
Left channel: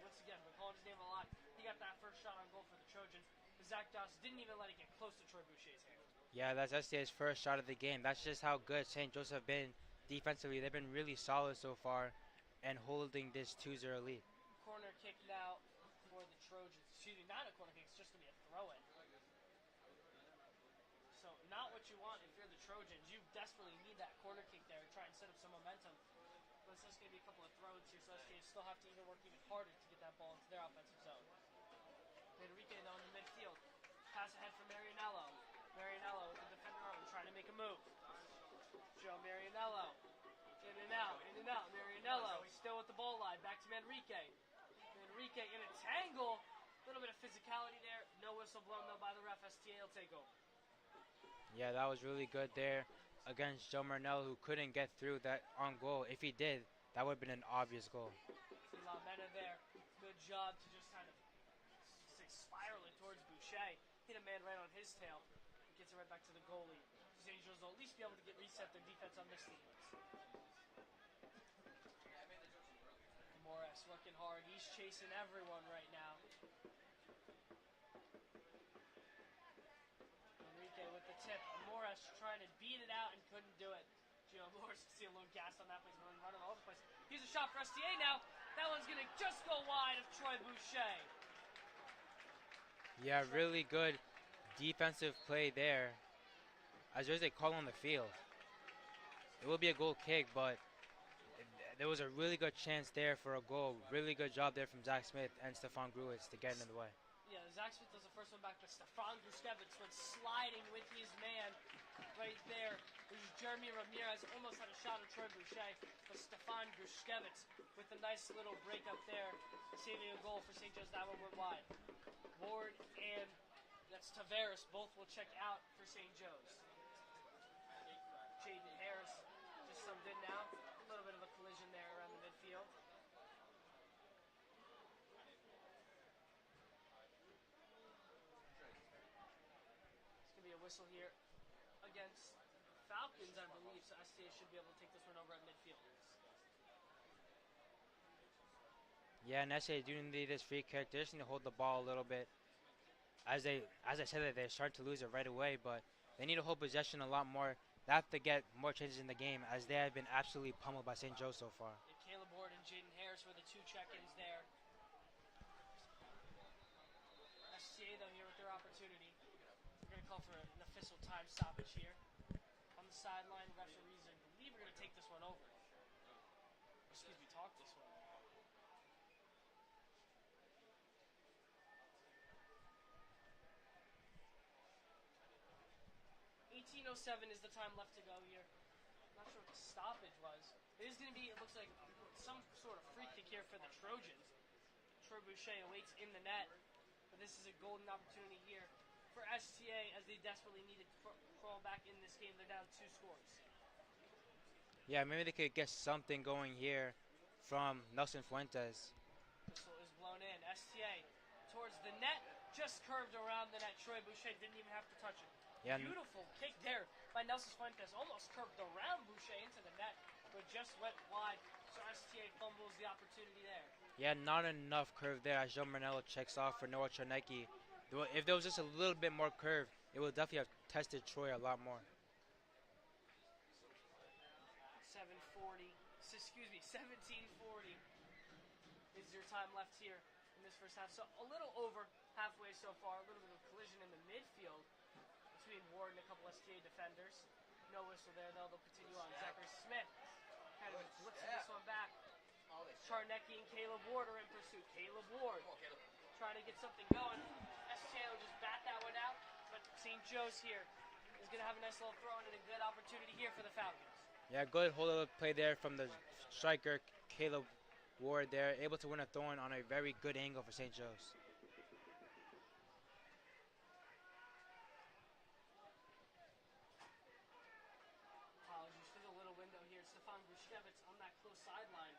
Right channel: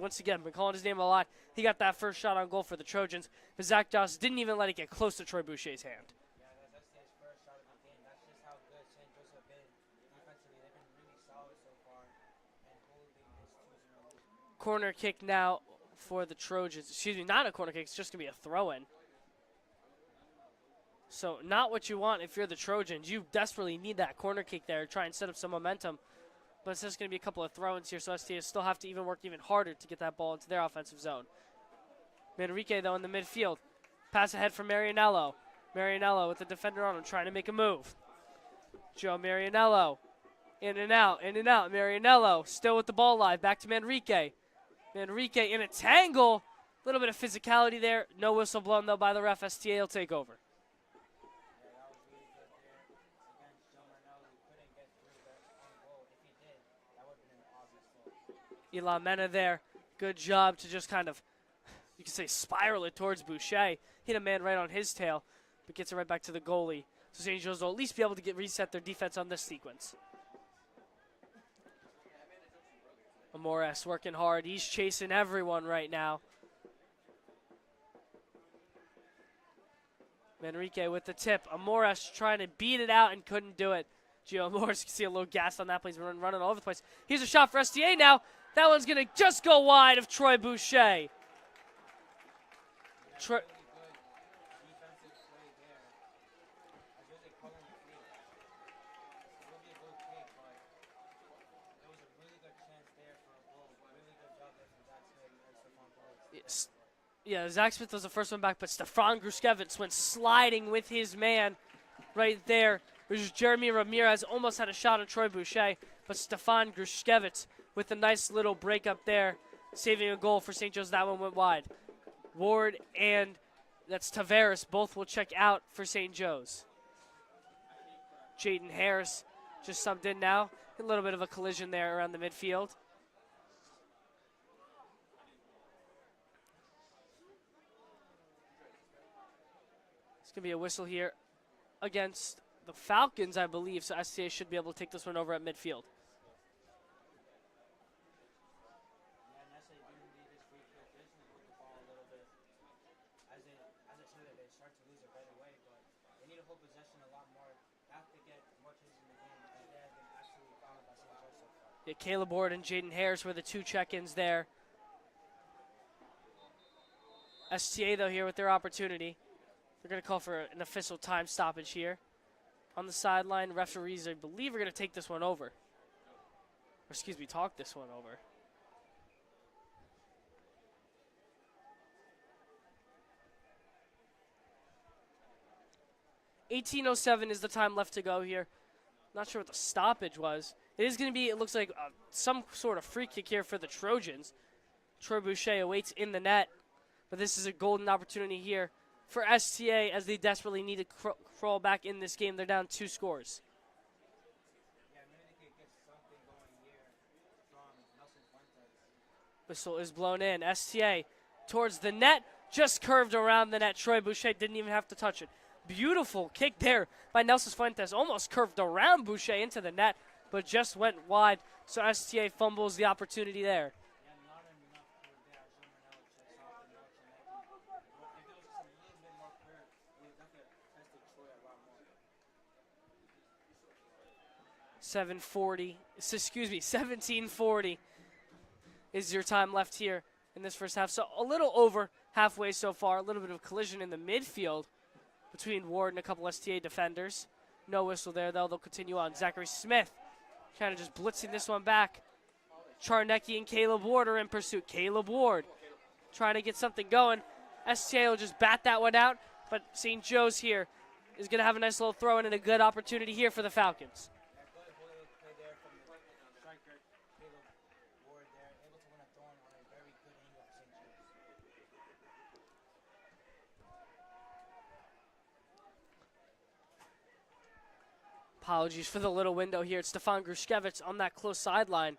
once again, been calling his name a lot. He got that first shot on goal for the Trojans, but Zach Josh didn't even let it get close to Troy Boucher's hand. Yeah, that's STA's first shot of the game. That's just how good St. Joseph have been defensively. They've been really solid so far and holding this 2-0 lead. Corner kick now for the Trojans. Excuse me, not a corner kick. It's just going to be a throw-in. So not what you want if you're the Trojans. You desperately need that corner kick there to try and set up some momentum. But it's just going to be a couple of throw-ins here, so STA still have to even work even harder to get that ball into their offensive zone. Manrique, though, in the midfield. Pass ahead for Marianello. Marianello with the defender on him, trying to make a move. Joe Marianello. In and out, in and out. Marianello still with the ball live. Back to Manrique. Manrique in a tangle. A little bit of physicality there. No whistle blown, though, by the ref. STA will take over. Yeah, that was really good there against Joe Marnell, who couldn't get through that on goal. If he did, that would have been an obvious goal. Elon Mena there. Good job to just kind of, you could say, spiral it towards Boucher. Hit a man right on his tail, but gets it right back to the goalie. So St. Joe's will at least be able to reset their defense on this sequence. Amores working hard. He's chasing everyone right now. Manrique with the tip. Amores trying to beat it out and couldn't do it. Gio Amores, you can see a little gas on that play. He's running all over the place. Here's a shot for STA now. That one's going to just go wide of Troy Boucher. Yeah, really good defensive play there. As there's a call on the field. It will be a goal kick, but there was a really good chance there for a goal. Really good job there from Zach Smith and Stefan Gruitz to get in the way. Yeah, Zach Smith was the first one back, but Stefan Gruskevitz went sliding with his man right there. There's Jeremy Ramirez almost had a shot at Troy Boucher, but Stefan Gruskevitz with a nice little break up there, saving a goal for St. Joe's. That one went wide. Ward and that's Tavares both will check out for St. Joe's. Jaden Harris just subbed in now. A little bit of a collision there around the midfield. It's going to be a whistle here against the Falcons, I believe, so STA should be able to take this one over at midfield. Yeah, and STA do need this free kick. They just need to hold the ball a little bit. As I said, they start to lose it right away, but they need to hold possession a lot more. They have to get more changes in the game, as they have been absolutely pummeled by St. Joe so far. Yeah, Caleb Ward and Jaden Harris were the two check-ins there. STA, though, here with their opportunity. They're going to call for an official time stoppage here. On the sideline, referees, I believe, are going to take this one over. Or, excuse me, talk this one over. .18:07 is the time left to go here. Not sure what the stoppage was. It is going to be, it looks like some sort of free kick here for the Trojans. Troy Boucher awaits in the net. But this is a golden opportunity here for STA as they desperately need to crawl back in this game. They're down 2 scores. Yeah, maybe they could get something going here from Nelson Fuentes. Whistle is blown in. STA towards the net, just curved around the net. Troy Boucher didn't even have to touch it. Yeah. Beautiful kick there by Nelson Fuentes. Almost curved around Boucher into the net, but just went wide. So STA fumbles the opportunity there. Yeah, not enough curve there as Joe Marnello checks off for Noah Chernecki. If there was just a little bit more curve, it would definitely have tested Troy a lot more. 7:40. Excuse me, 17:40 is your time left here in this first half. So a little over halfway so far. A little bit of collision in the midfield between Ward and a couple STA defenders. No whistle there, though. They'll continue on. Zachary Smith kind of just blitzing this one back. Charnecki and Caleb Ward are in pursuit. Caleb Ward trying to get something going. STA will just bat that one out, but St. Joe's here is going to have a nice little throw in and a good opportunity here for the Falcons. Yeah, good hold-up play there from the striker, Caleb Ward there, able to win a throw-in on a very good angle for St. Joe's. Apologies for the little window here. It's Stefan Grushkevich on that close sideline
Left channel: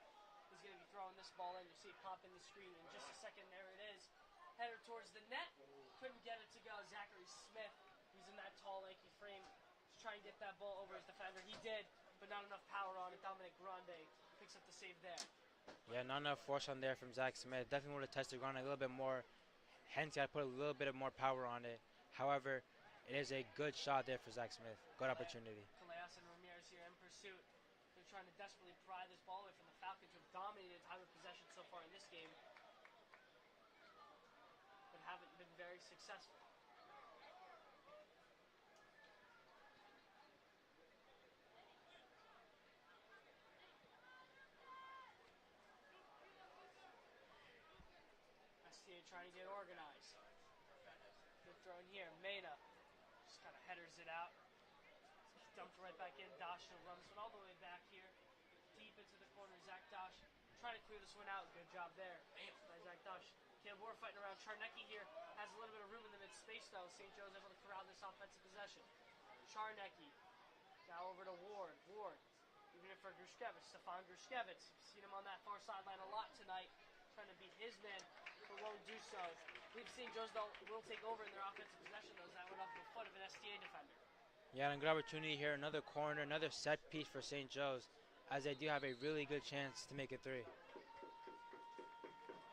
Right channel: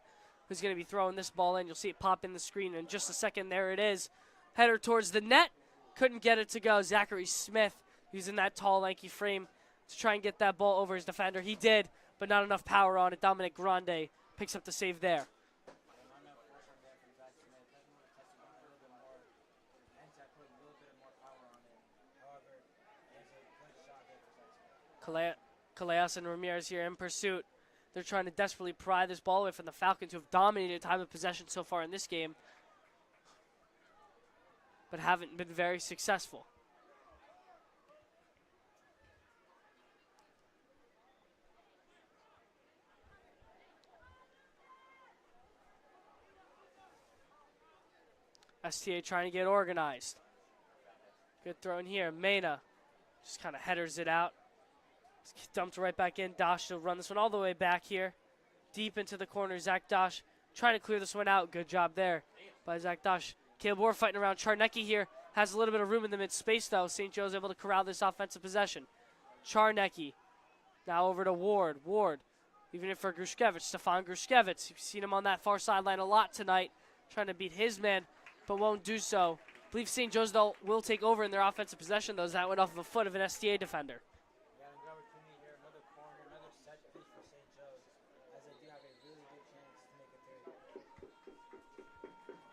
who's going to be throwing this ball in. You'll see it pop in the screen in just a second. There it is. Header towards the net. Couldn't get it to go. Zachary Smith using that tall, lanky frame to try and get that ball over his defender. He did, but not enough power on it. Dominic Grande picks up the save there. Yeah, not enough force on there from Zach Smith. Definitely would have tested Grande a little bit more. Hence, I put a little bit of more power on it. However, it is a good shot there for Zach Smith. Good opportunity. Callejas and Ramirez here in pursuit. They're trying to desperately pry this ball away from the Falcons, who have dominated time of possession so far in this game, but haven't been very successful. STA trying to get organized. Good throw in here. Mena just kind of headers it out. It's dumped right back in. Dosh will run this one all the way back here. Deep into the corner. Zach Dosh trying to clear this one out. Good job there by Zach Dosh. Caleb Ward fighting around. Charnecki here has a little bit of room in the mid-space, though. St. Joe's able to corral this offensive possession. Charnecki now over to Ward. Ward even in for Grushkevich. Stefan Grushkevich. You've seen him on that far sideline a lot tonight, trying to beat his man, but won't do so. I believe St. Joe's, though, will take over in their offensive possession, though, as that went off of a foot of an STA defender. Yeah, and a good opportunity here. Another corner, another set piece for St. Joe's, as they do have a really good chance to make it 3.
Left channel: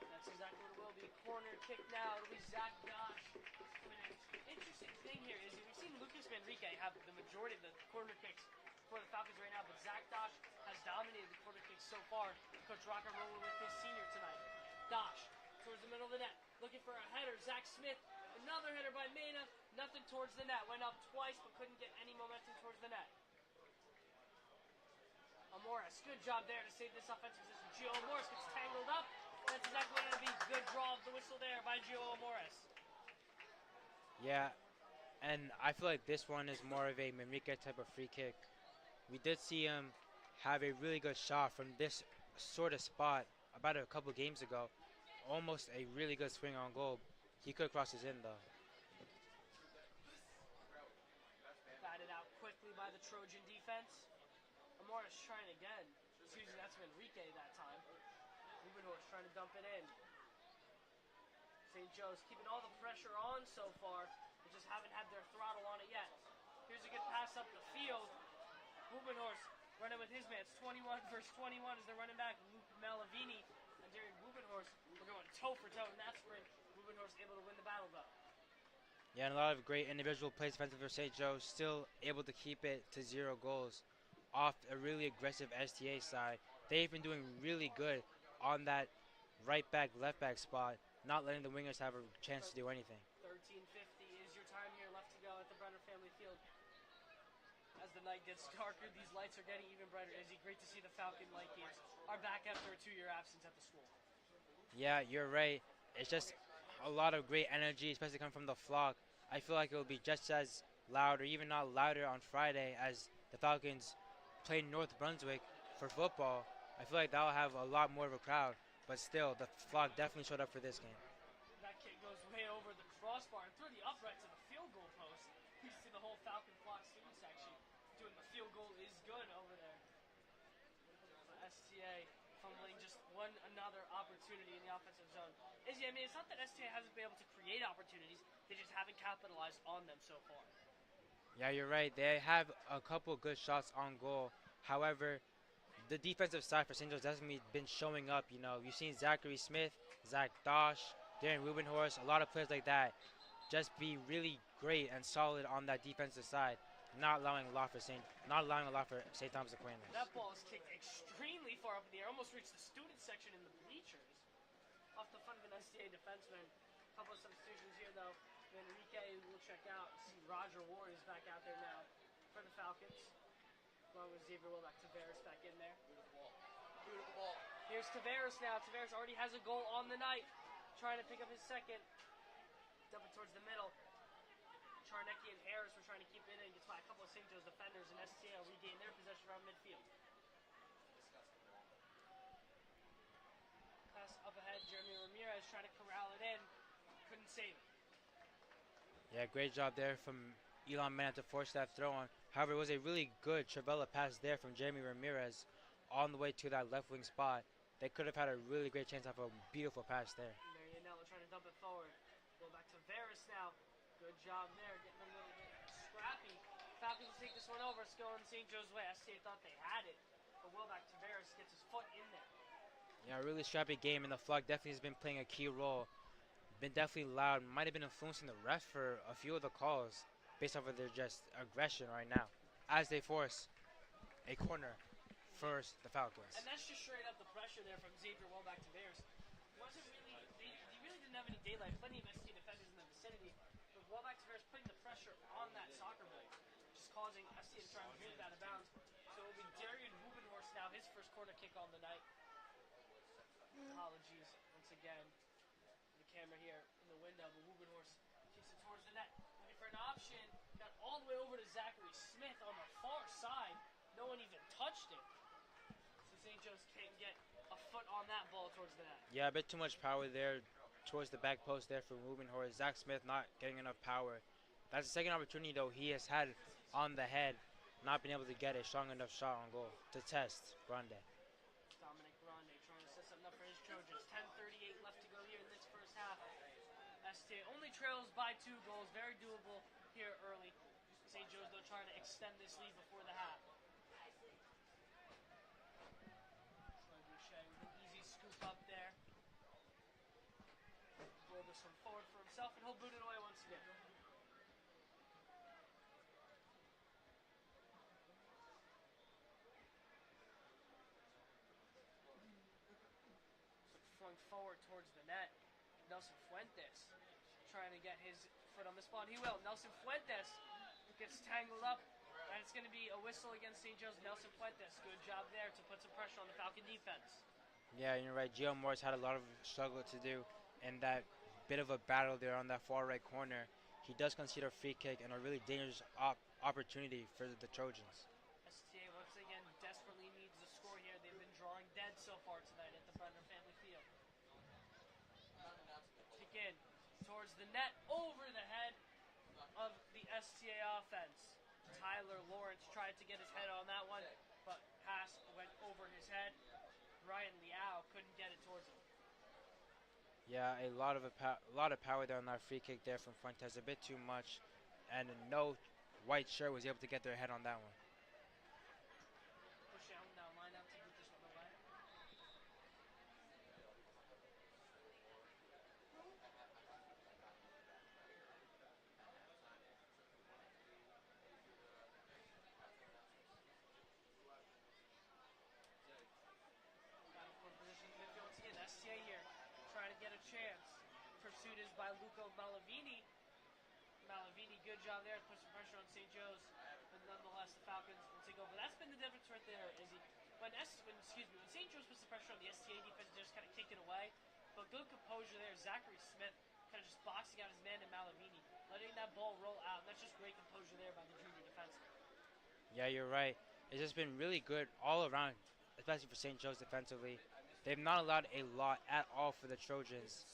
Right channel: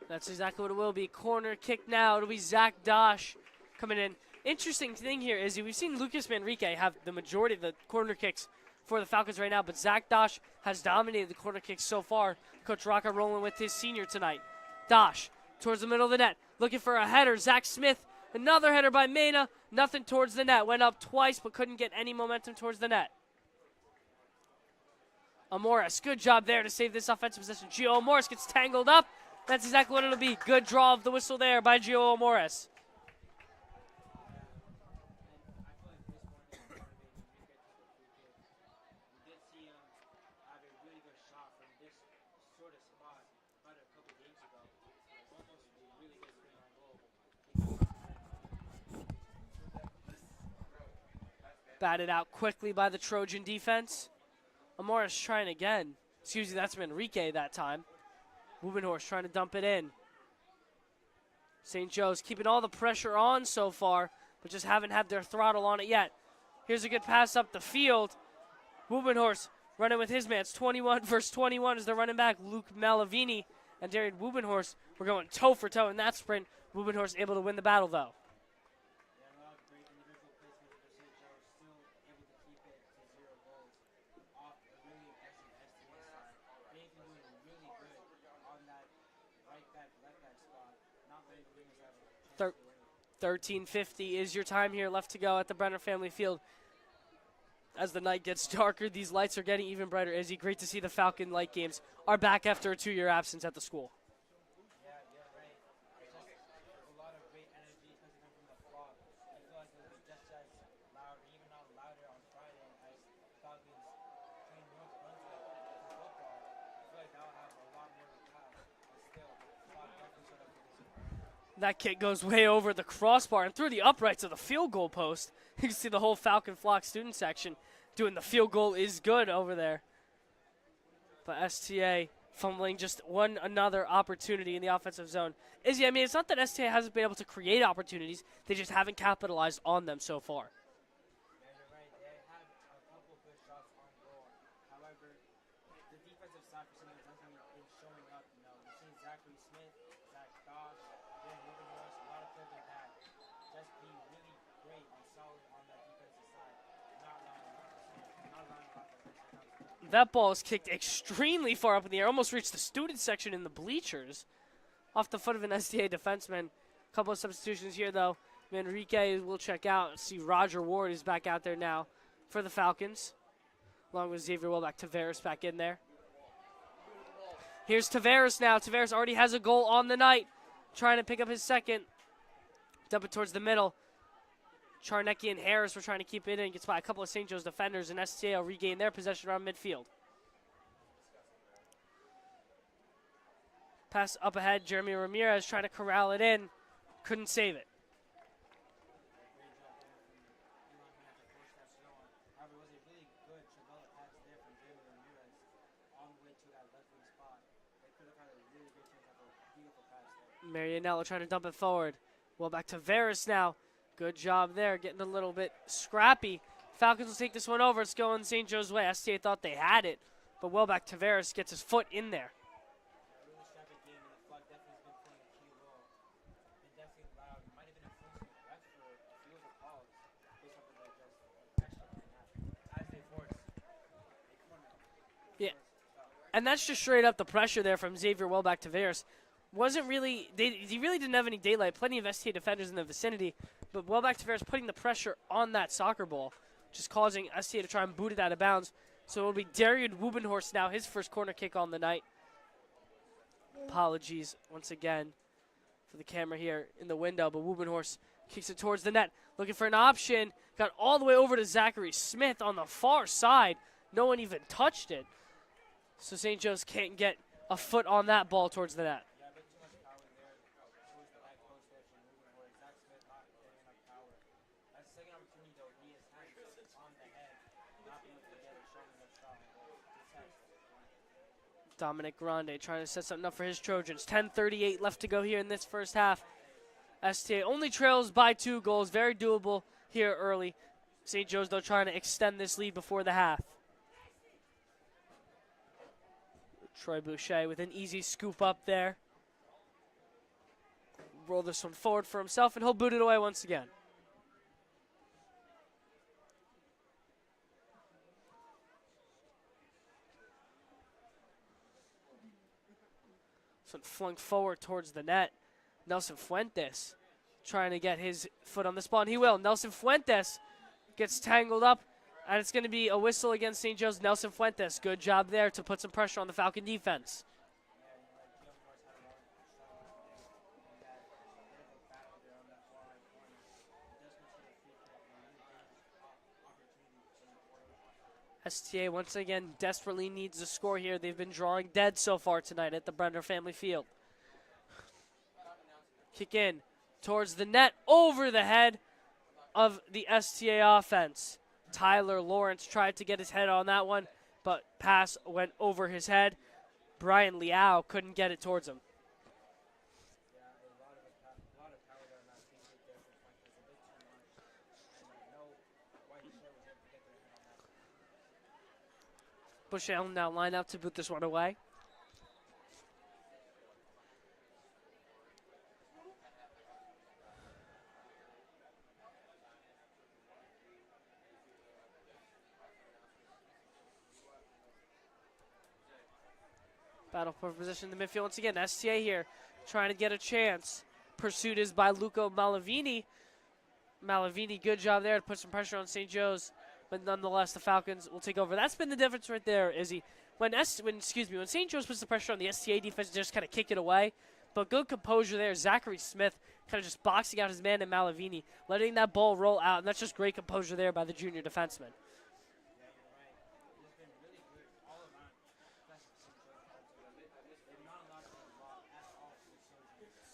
That's exactly what it will be. Corner kick now. It'll be Zach Dosh coming in. Interesting thing here is we've seen Lucas Manrique have the majority of the corner kicks for the Falcons right now, but Zach Dosh has dominated the corner kicks so far. Coach Rocca rolling with his senior tonight. Dosh towards the middle of the net, looking for a header. Zach Smith, another header by Mena. Nothing towards the net. Went up twice, but couldn't get any momentum towards the net. Amoris, good job there to save this offensive possession. Gio Amoris gets tangled up. That's exactly what it'll be. Good draw of the whistle there by Gio Amoris. Yeah, and I feel like this one is more of a Manrique type of free kick. We did see him have a really good shot from this sort of spot about a couple games ago. Almost a really good swing on goal. He could cross his in, though. Batted out quickly by the Trojan defense. Amoris trying again. Excuse me, that's Manrique that time. Wubenhorst trying to dump it in. St. Joe's keeping all the pressure on so far, but just haven't had their throttle on it yet. Here's a good pass up the field. Wubenhorst running with his man. It's 21 versus 21 as they're running back. Luke Malavini and Darian Wubenhorst were going toe for toe in that sprint. Wubenhorst able to win the battle, though. Yeah, and a lot of great individual plays defensive for St. Joe, still able to keep it to 0 goals off a really aggressive STA side. They've been doing really good on that right back, left back spot, not letting the wingers have a chance to do anything. 13:50 is your time here left to go at the Brenner Family Field. As the night gets darker, these lights are getting even brighter. Izzy, great to see the Falcon Light Games are back after a 2-year absence at the school. Yeah, you're right. It's just a lot of great energy, especially coming from the flock. I feel like it will be just as loud, or even not louder, on Friday as the Falcons play North Brunswick for football. I feel like that will have a lot more of a crowd, but still, the flock definitely showed up for this game. That kick goes way over the crossbar and through the uprights of the field goal post. You can see the whole Falcon Flock student section doing the field goal is good over there. But STA fumbling just one another opportunity in the offensive zone. Izzy, I mean, it's not that STA hasn't been able to create opportunities. They just haven't capitalized on them so far. Yeah, you're right. They have a couple good shots on goal. However, the defensive side for St. Joe's hasn't been showing up. You know, you've seen Zachary Smith, Zach Dosh, Darren Rubenhorst, a lot of players like that just be really great and solid on that defensive side, not allowing a lot for St. not allowing a lot for St. Thomas Aquinas. That ball is kicked extremely far up in the air, almost reached the student section in the bleachers. Off the foot of an STA defenseman. A couple of substitutions here, though. Manrique will check out. See Roger Ward is back out there now for the Falcons, along with Xavier Wilbeck. Tavares back in there. Here's Tavares now. Tavares already has a goal on the night, trying to pick up his second. Dump it towards the middle. Charnecki and Harris were trying to keep it in. Gets by a couple of St. Joe's defenders, and STA will regain their possession around midfield. Pass up ahead. Jeremy Ramirez trying to corral it in. Couldn't save it. Yeah, great job there from Elon Mann to force that throw on. However, it was a really good Travella pass there from Jeremy Ramirez on the way to that left wing spot. They could have had a really great chance to have a beautiful pass there. Marianello trying to dump it forward. Well, back to Tavares now. Good job there, getting a little bit scrappy. Falcons will take this one over. It's going St. Joe's way. STA thought they had it, but Welbeck Tavares gets his foot in there. Yeah, a really scrappy game, and the flag definitely has been playing a key role. Been definitely loud, might have been influencing the refs for a few of the calls based off of their just aggression right now as they force a corner for the Falcons. And that's just straight up the pressure there from Xavier Welbeck Tavares. Wasn't really, he really didn't have any daylight. Plenty of STA defenders in the vicinity, but Welbeck Tavares putting the pressure on that soccer ball, just causing STA to try and boot it out of bounds. So it'll be Darian Wubenhorst now, his first corner kick on the night. Apologies once again for the camera here in the window, but Wubenhorst kicks it towards the net, looking for an option. Got all the way over to Zachary Smith on the far side. No one even touched it. So St. Joe's can't get a foot on that ball towards the net. Yeah, a bit too much power there towards the back post there for Wubenhorst. Zach Smith not getting enough power. That's the second opportunity, though, he has had on the head, not being able to get a strong enough shot on goal to test Grande. Dominic Grande trying to set something up for his Trojans. 10:38 left to go here in this first half. STA only trails by 2 goals. Very doable here early. St. Joe's, though, trying to extend this lead before the half. Troy Boucher with an easy scoop up there. Roll this one forward for himself, and he'll boot it away once again. This one flung forward towards the net. Nelson Fuentes trying to get his foot on this ball, and he will. Nelson Fuentes gets tangled up, and it's going to be a whistle against St. Joe's. Nelson Fuentes, good job there to put some pressure on the Falcon defense. Yeah, you're right. Gio Morris had a lot of struggle to do in that bit of a battle there on that far right corner. He does concede a free kick and a really dangerous opportunity for the Trojans. STA once again desperately needs a score here. They've been drawing dead so far tonight at the Brenner Family Field. Kick in towards the net, over the head of the STA offense. Tyler Lawrence tried to get his head on that one, but pass went over his head. Brian Liao couldn't get it towards him. Yeah, a lot of power there on that free kick there from Fuentes, a bit too much, and no white shirt was able to get their head on that one. Bushell now line up to boot this one away. Battle for position in the midfield once again. STA here trying to get a chance. Pursuit is by Luca Malavini. Malavini, good job there to put some pressure on St. Joe's, but nonetheless the Falcons will take over. That's been the difference right there, Izzy. When St. Joe's puts the pressure on the STA defense, they just kind of kick it away. But good composure there. Zachary Smith kind of just boxing out his man in Malavini, letting that ball roll out, and that's just great composure there by the junior defenseman. Yeah, you're right. It's just been really good all around, especially for St. Joe's defensively. They've not allowed a lot at all for the Trojans,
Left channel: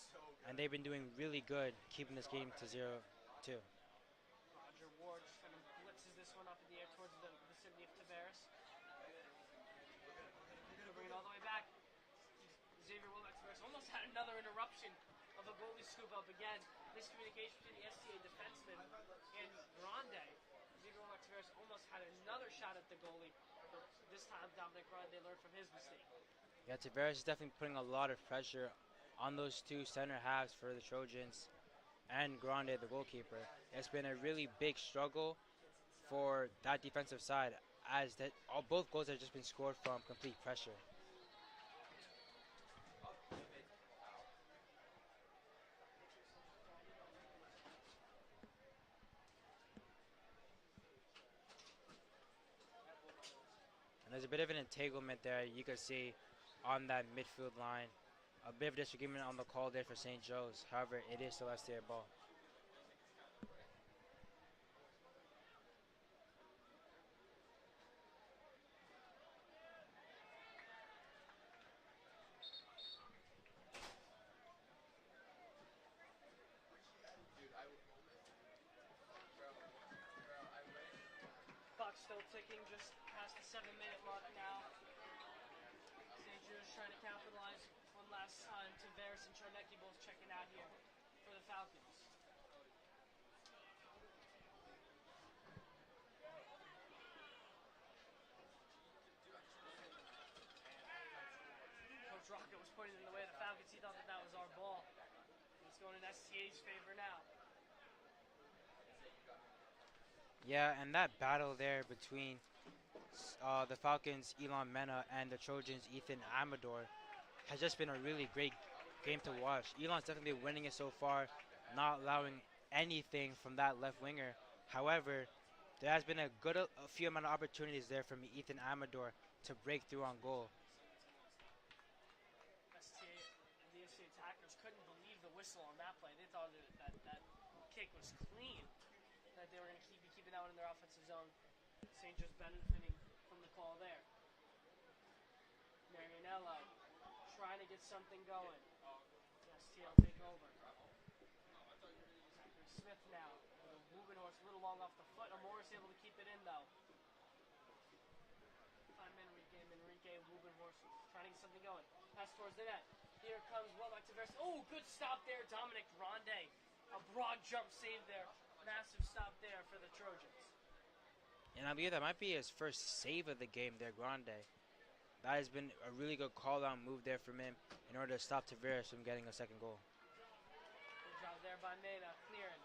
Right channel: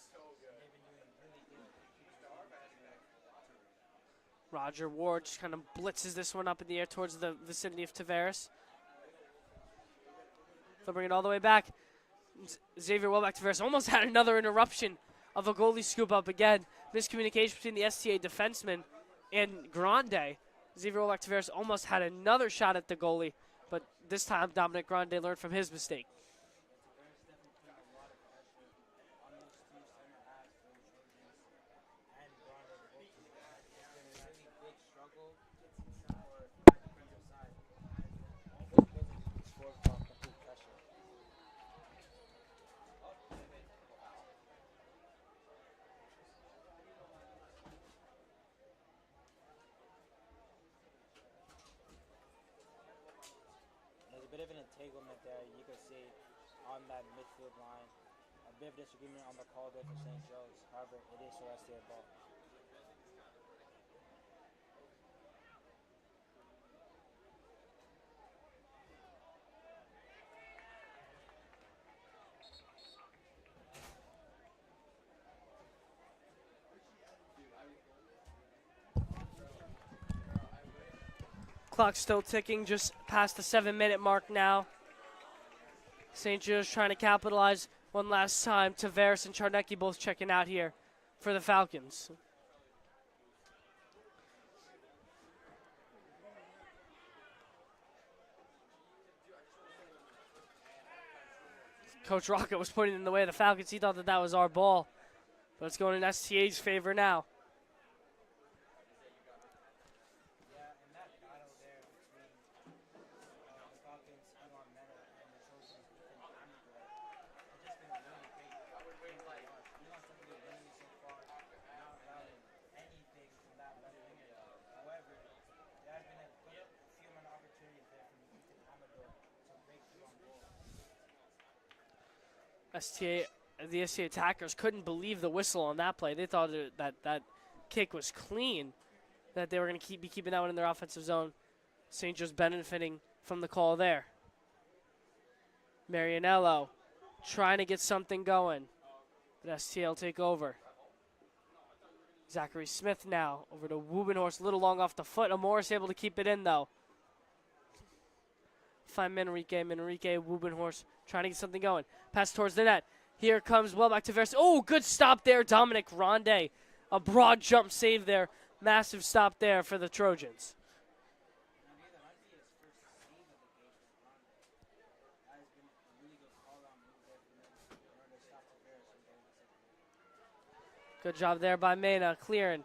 and they've been doing really good keeping this game to 0-2. Roger Ward just kind of blitzes this one up in the air towards the vicinity of Tavares. They'll bring it all the way back. Xavier Welbeck Tavares almost had another interruption of a goalie scoop up again. Miscommunication between the STA defenseman and Grande. Xavier Welbeck Tavares almost had another shot at the goalie, but this time Dominic Grande learned from his mistake. Yeah, Tavares is definitely putting a lot of pressure on those two center halves for the Trojans and Grande, the goalkeeper. It's been a really big struggle for that defensive side, as both goals have just been scored from complete pressure. And there's a bit of an entanglement there you can see on that midfield line. A bit of disagreement on the call there for St. Joe's. However, it is still STA ball. Clock still ticking, just past the 7-minute mark now. St. Joe's trying to capitalize one last time. Tavares and Charnecki both checking out here for the Falcons. Coach Rocket was pointing in the way of the Falcons. He thought that that was our ball, but it's going in STA's favor now. Yeah, and that battle there between the Falcons' Elon Mena and the Trojans' Ethan Amador has just been a really great game to watch. Elon's definitely winning it so far, not allowing anything from that left winger. However, there has been a few amount of opportunities there from Ethan Amador to break through on goal. The STA attackers couldn't believe the whistle on that play. They thought that kick was clean, that they were going to be keeping that one in their offensive zone. St. Joe's benefiting from the call there. Marianello trying to get something going, but STA will take over. Zachary Smith now over to Wubenhorst, a little long off the foot. Amoris able to keep it in though. Find Manrique, Wubenhorst trying to get something going. Pass towards the net. Here comes well back to Tavares. Oh, good stop there, Dominic Ronde. A broad jump save there. Massive stop there for the Trojans. And I believe that might be his first save of the game there, Grande. That has been a really good call-out move there from him in order to stop Tavares from getting a second goal. Good job there by Mena, clearing.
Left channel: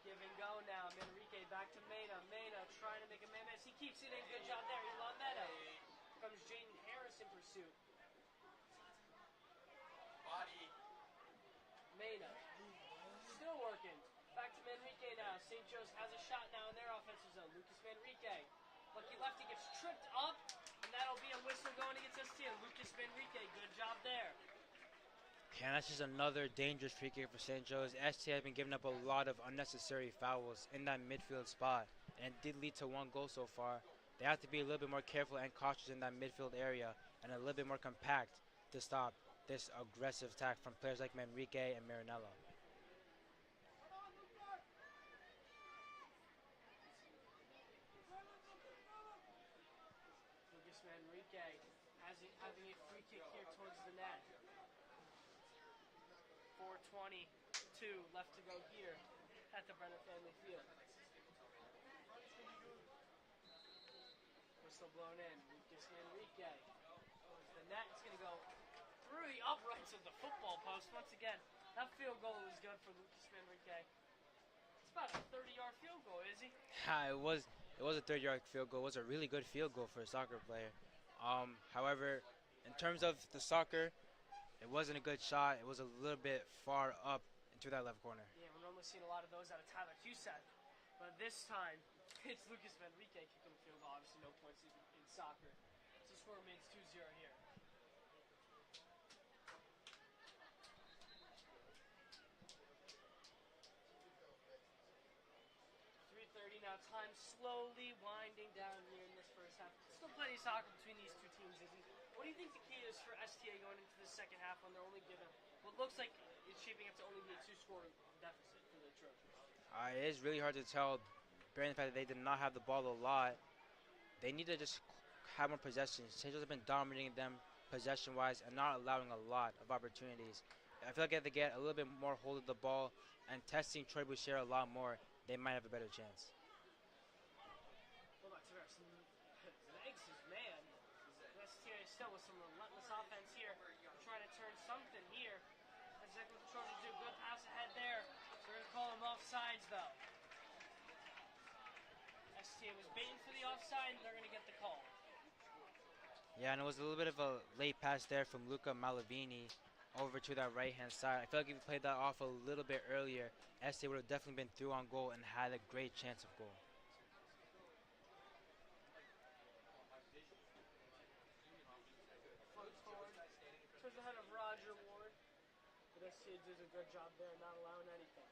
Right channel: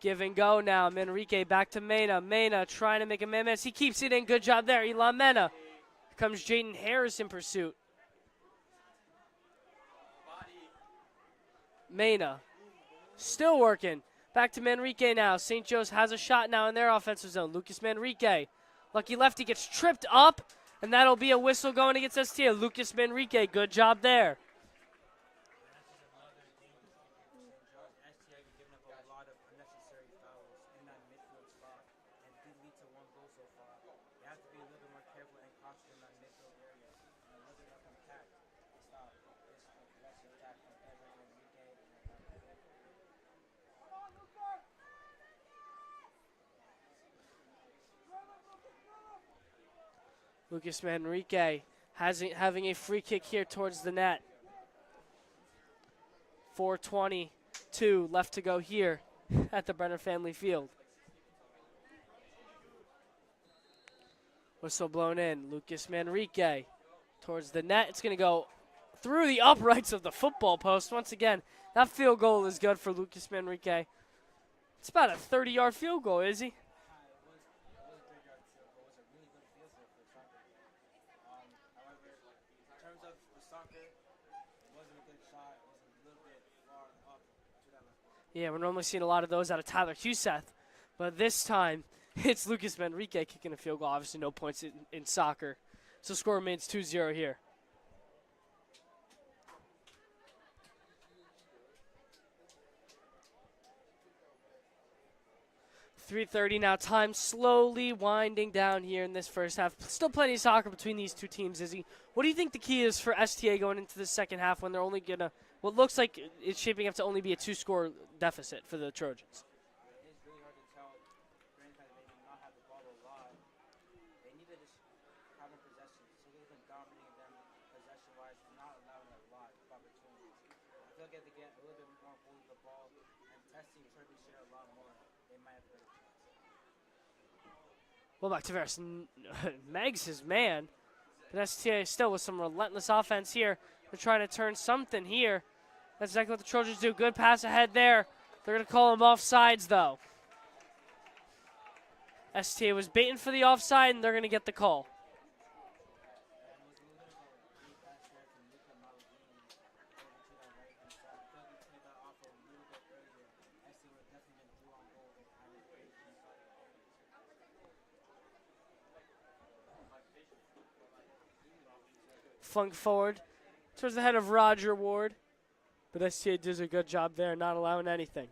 Give and go now. Manrique back to Mena. Mena trying to make a man miss. He keeps it in. Good job there, Elon Mena. Here comes Jaden Harris in pursuit. Mena still working. Back to Manrique now. St. Joe's has a shot now in their offensive zone. Lucas Manrique. Lucky lefty gets tripped up, and that'll be a whistle going against STA. Lucas Manrique, good job there. And that's just another dangerous free kick for St. Joe's. STA has been giving up a lot of unnecessary fouls in that midfield spot, and it did lead to one goal so far. They have to be a little bit more careful and cautious in that midfield area and a little bit more compact to stop this aggressive attack from players like Manrique and Marinello. Lucas Manrique having a free kick here towards the net. 4:22 left to go here at the Brenner Family Field. Whistle blown in. Lucas Manrique towards the net. It's going to go through the uprights of the football post. Once again, that field goal is good for Lucas Manrique. It's about a 30-yard field goal, is he? It was a 30-yard field goal. It was a really good field goal for a soccer player. However, in terms of the soccer, it wasn't a good shot. It was a little bit far up into that left corner. Yeah, we're normally seeing a lot of those out of Tyler Huseth, but this time it's Lucas Manrique kicking a field goal. Obviously no points in soccer. So score remains 2-0 here. .330 now. Time slowly winding down here in this first half. Still plenty of soccer between these two teams, Izzy. What do you think the key is for STA going into the second half when they're only going to, what looks like it's shaping up to only be a 2-score deficit for the Trojans? It is really hard to tell, bearing the fact that they did not have the ball a lot. They need to just have more possession. St. Joe's have been dominating them possession-wise and not allowing a lot of opportunities. I feel like if they get a little bit more hold of the ball and testing Troy Boucher a lot more, they might have a better chance. Well, back to Tavares. Meg's his man. But STA still with some relentless offense here. They're trying to turn something here. That's exactly what the Trojans do. Good pass ahead there. They're going to call him off sides, though. STA was baiting for the offside, and they're going to get the call. Yeah, and it was a little bit of a late pass there from Luca Malavini over to that right-hand side. I feel like if we played that off a little bit earlier, STA would have definitely been through on goal and had a great chance of goal. Flung forward towards the head of Roger Ward. But STA does a good job there, not allowing anything.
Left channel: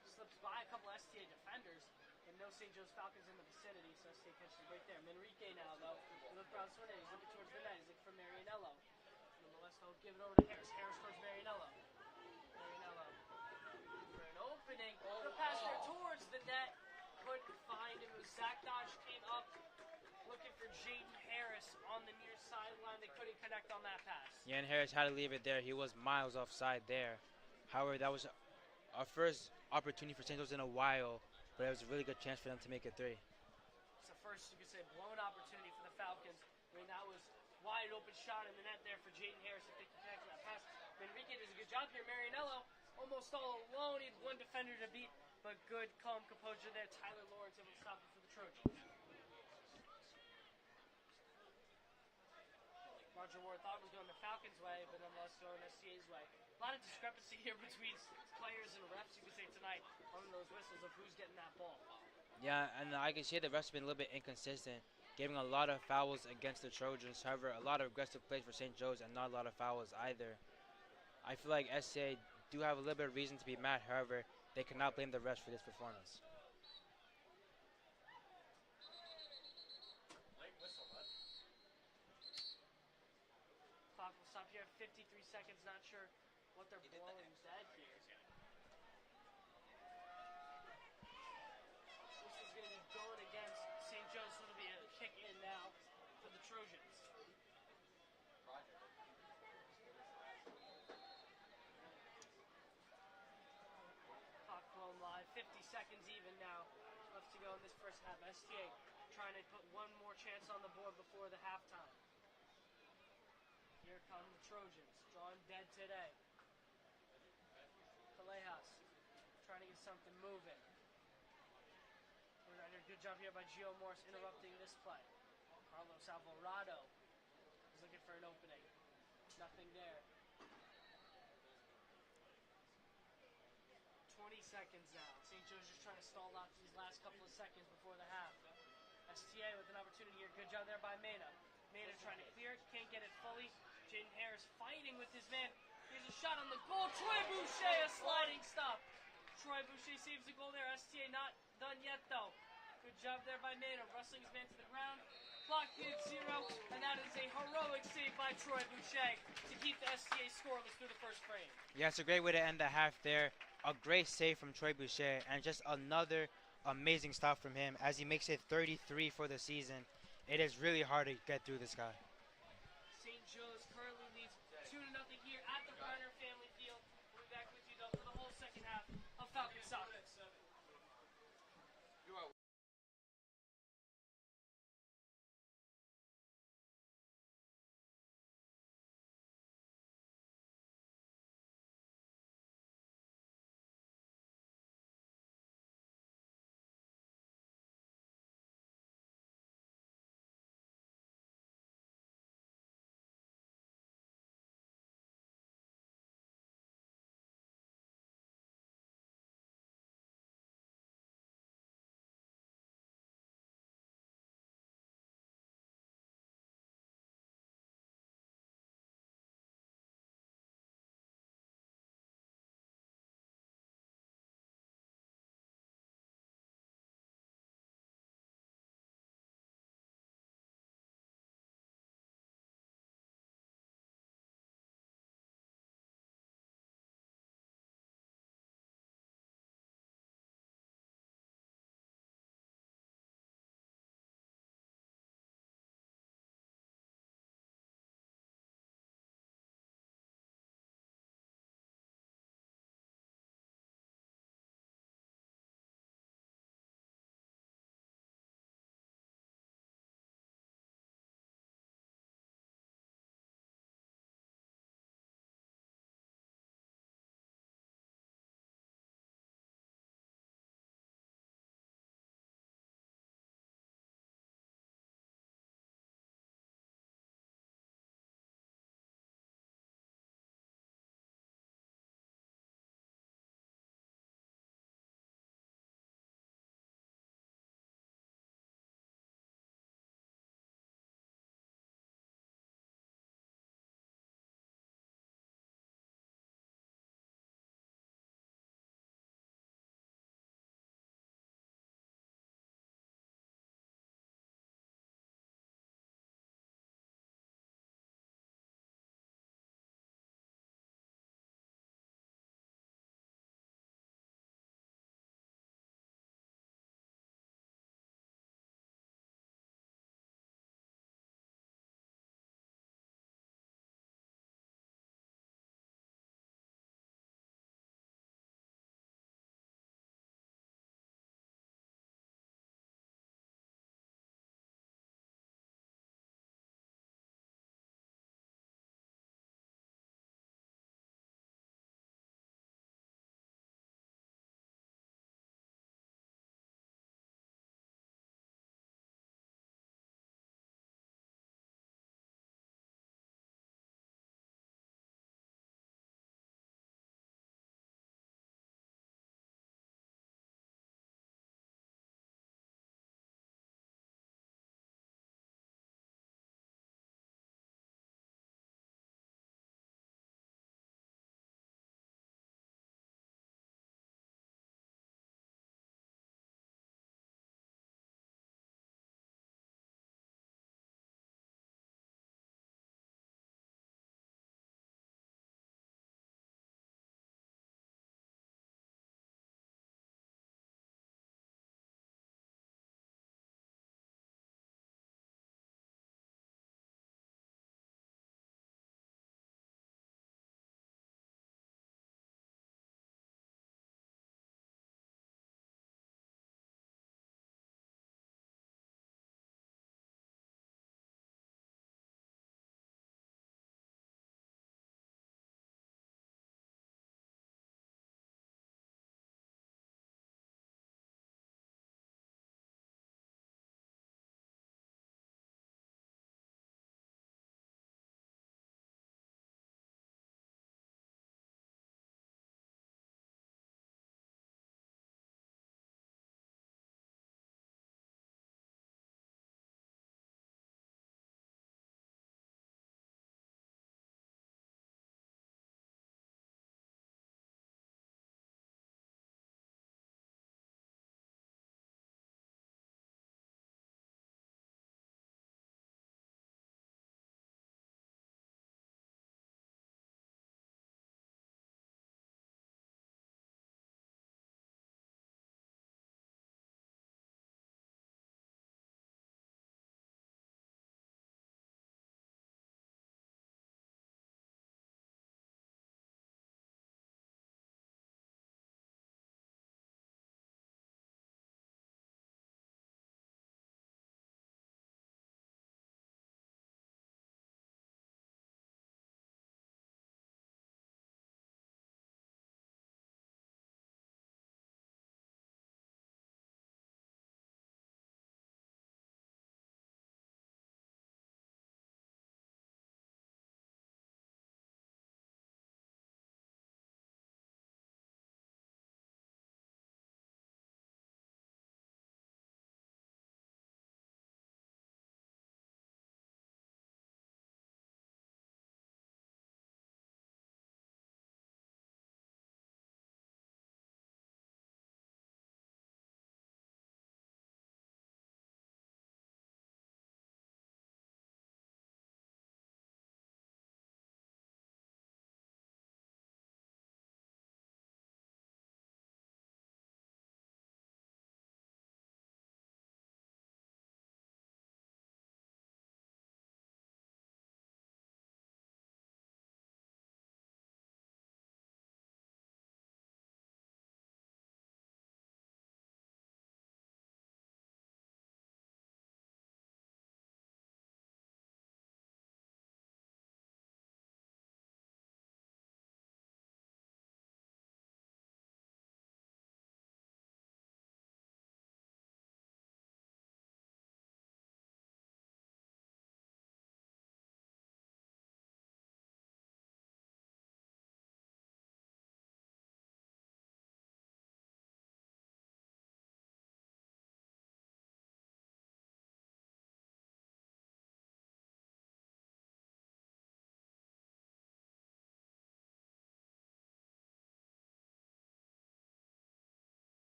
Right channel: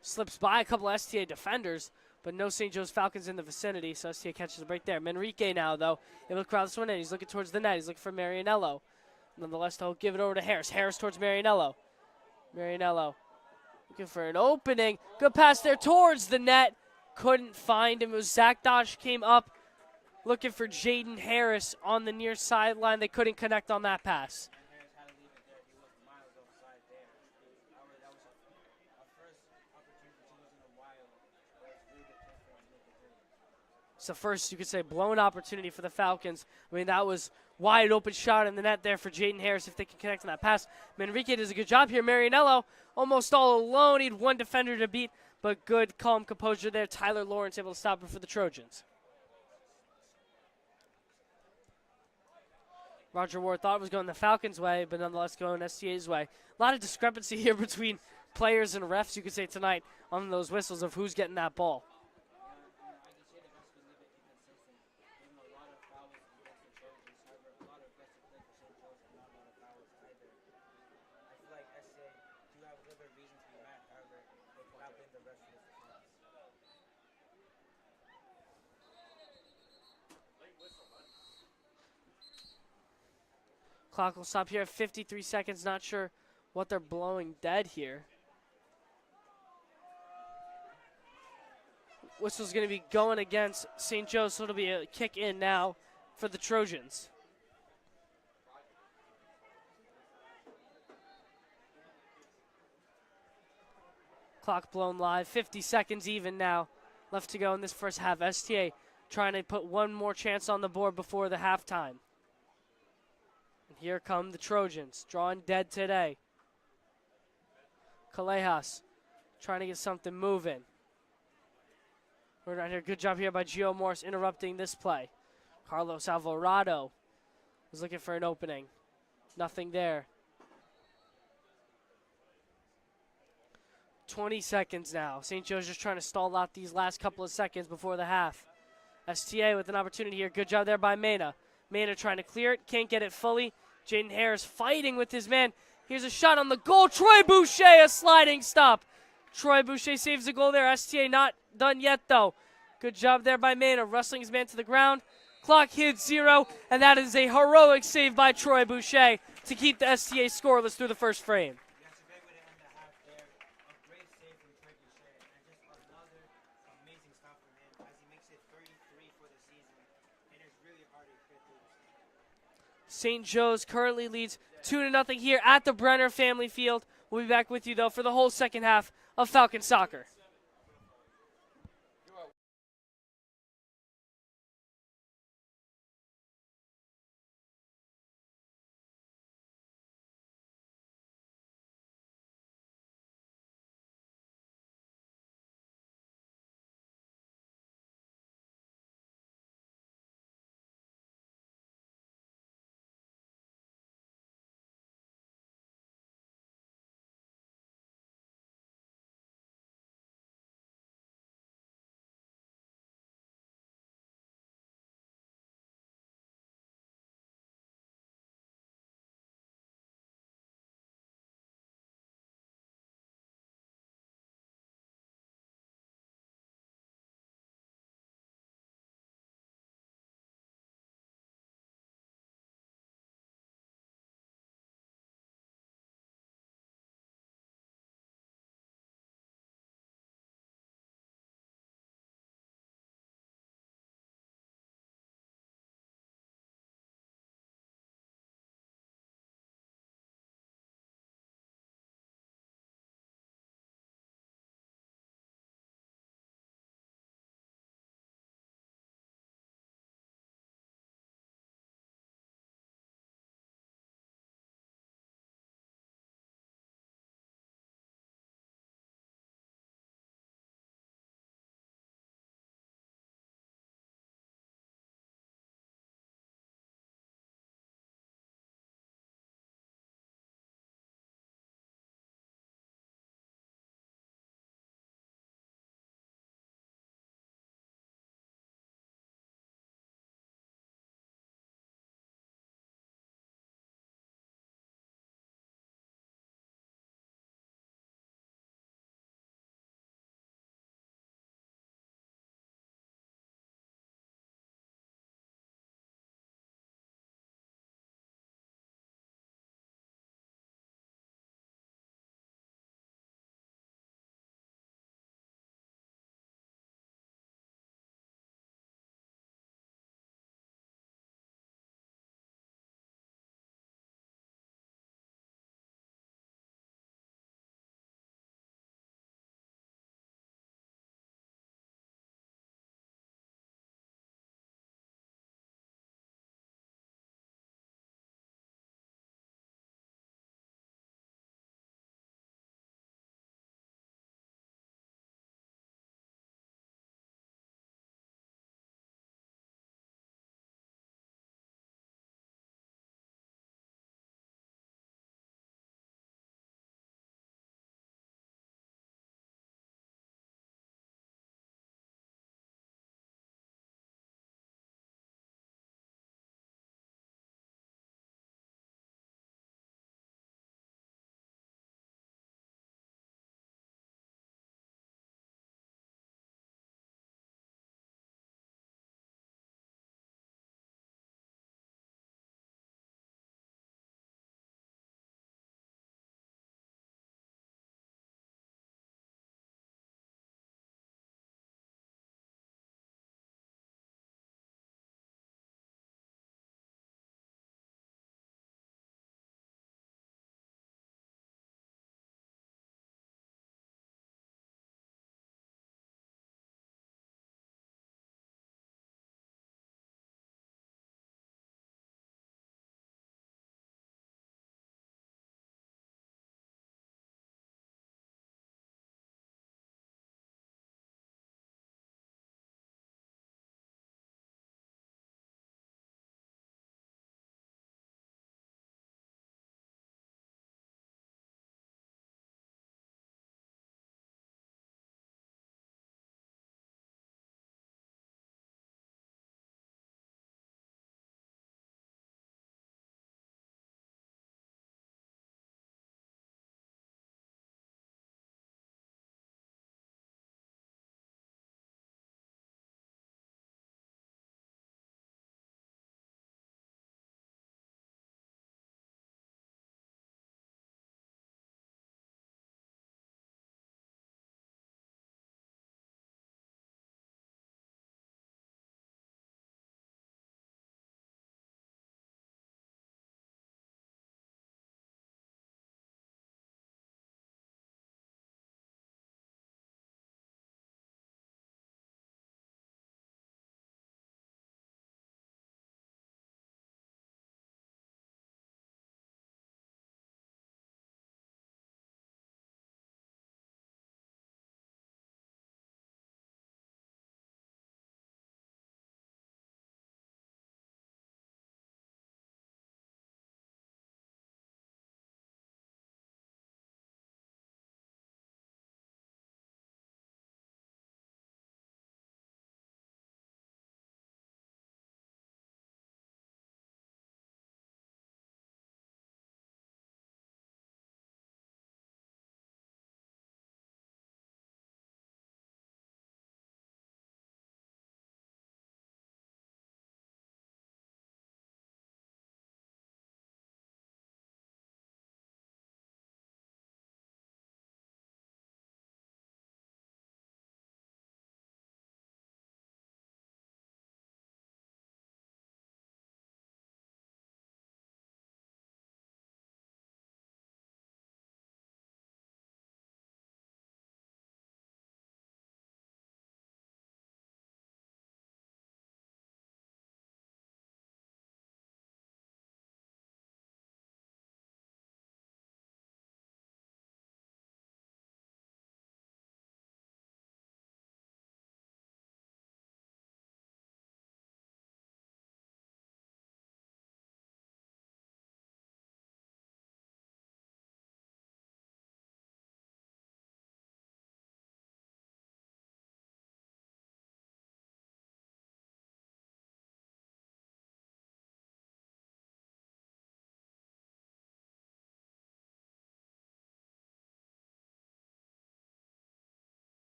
Slips by a couple of STA defenders, but no St. Joe's Falcons in the vicinity, so STA catches the break there. Manrique now, though, able to crowd this one in. He's looking towards the net. He's looking for Marianello. Nonetheless, they'll give it over to Harris. Harris towards Marianello. Marianello looking for an opening. Good pass there towards the net. Couldn't find him. It was Zach Dodge came up looking for Jaden Harris on the near sideline. They couldn't connect on that pass. Yeah, and Harris had to leave it there. He was miles offside there. However, that was our first opportunity for St. Joe's in a while, but it was a really good chance for them to make it 3. It's the first, you could say, blown opportunity for the Falcons. I mean, that was wide open shot in the net there for Jaden Harris if they can connect on that pass. Manrique does a good job here. Marianello almost all alone. He had one defender to beat, but good, calm composure there. Tyler Lawrence able to stop it for the Trojans. Roger Ward thought it was going the Falcons' way, but nonetheless going STA's way. A lot of discrepancy here between players and refs, you could say, tonight on those whistles of who's getting that ball. Yeah, and I can see the refs have been a little bit inconsistent, giving a lot of fouls against the Trojans. However, a lot of aggressive plays for St. Joe's and not a lot of fouls either. I feel like STA do have a little bit of reason to be mad. However, they cannot blame the refs for this performance. Clock will stop here at 53 seconds. Not sure what they're blowing dead here. Whistle's going to be going against St. Joe's, so it'll be a kick in now for the Trojans. Clock blown live. 50 seconds even now left to go in this first half. STA trying to put one more chance on the board before the halftime. Here come the Trojans, drawing dead today. Callejas trying to get something moving. We're right here. Good job here by Gio Morris interrupting this play. Carlos Alvarado was looking for an opening. Nothing there. 20 seconds now. St. Joe's just trying to stall out these last couple of seconds before the half. STA with an opportunity here. Good job there by Mena. Mena trying to clear it. Can't get it fully. Jaden Harris fighting with his man. Here's a shot on the goal. Troy Boucher, a sliding stop. Troy Boucher saves the goal there. STA not done yet, though. Good job there by Mena, wrestling his man to the ground. Clock hits 0, and that is a heroic save by Troy Boucher to keep the STA scoreless through the first frame. Yeah, it's a great way to end the half there. A great save from Troy Boucher, and just another amazing stop from him as he makes it 33 for the season. It is really hard to get through this guy. St. Joe's currently leads 2-0 here at the Brenner Family Field. We'll be back with you, though, for the whole second half of Falcon Soccer.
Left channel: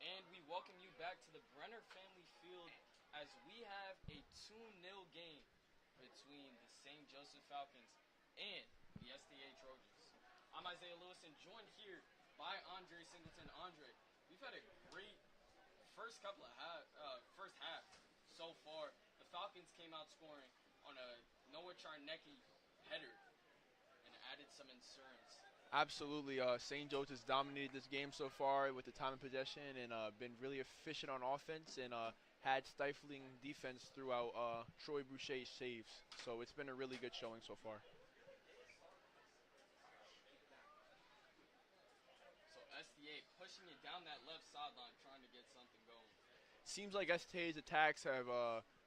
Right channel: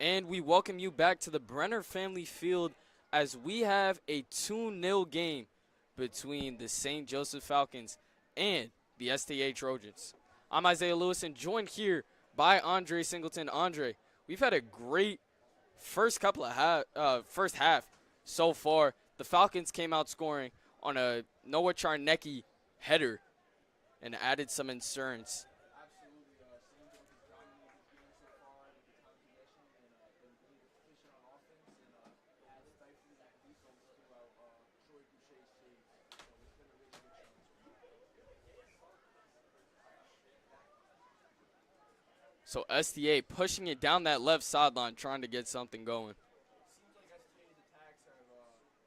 And we welcome you back to the Brenner Family Field as we have a 2-0 game between the St. Joseph Falcons and the STA Trojans. I'm Isaiah Lewis and joined here by Andre Singleton. Andre, we've had a great first half so far. The Falcons came out scoring on a Noah Charnecki header and added some insurance. Absolutely. St. Joe's has dominated this game so far with the time of possession and been really efficient on offense and had stifling defense throughout Troy Boucher's saves. So it's been a really good showing so far. So STA pushing it down that left sideline, trying to get something going. Seems like STA's attacks have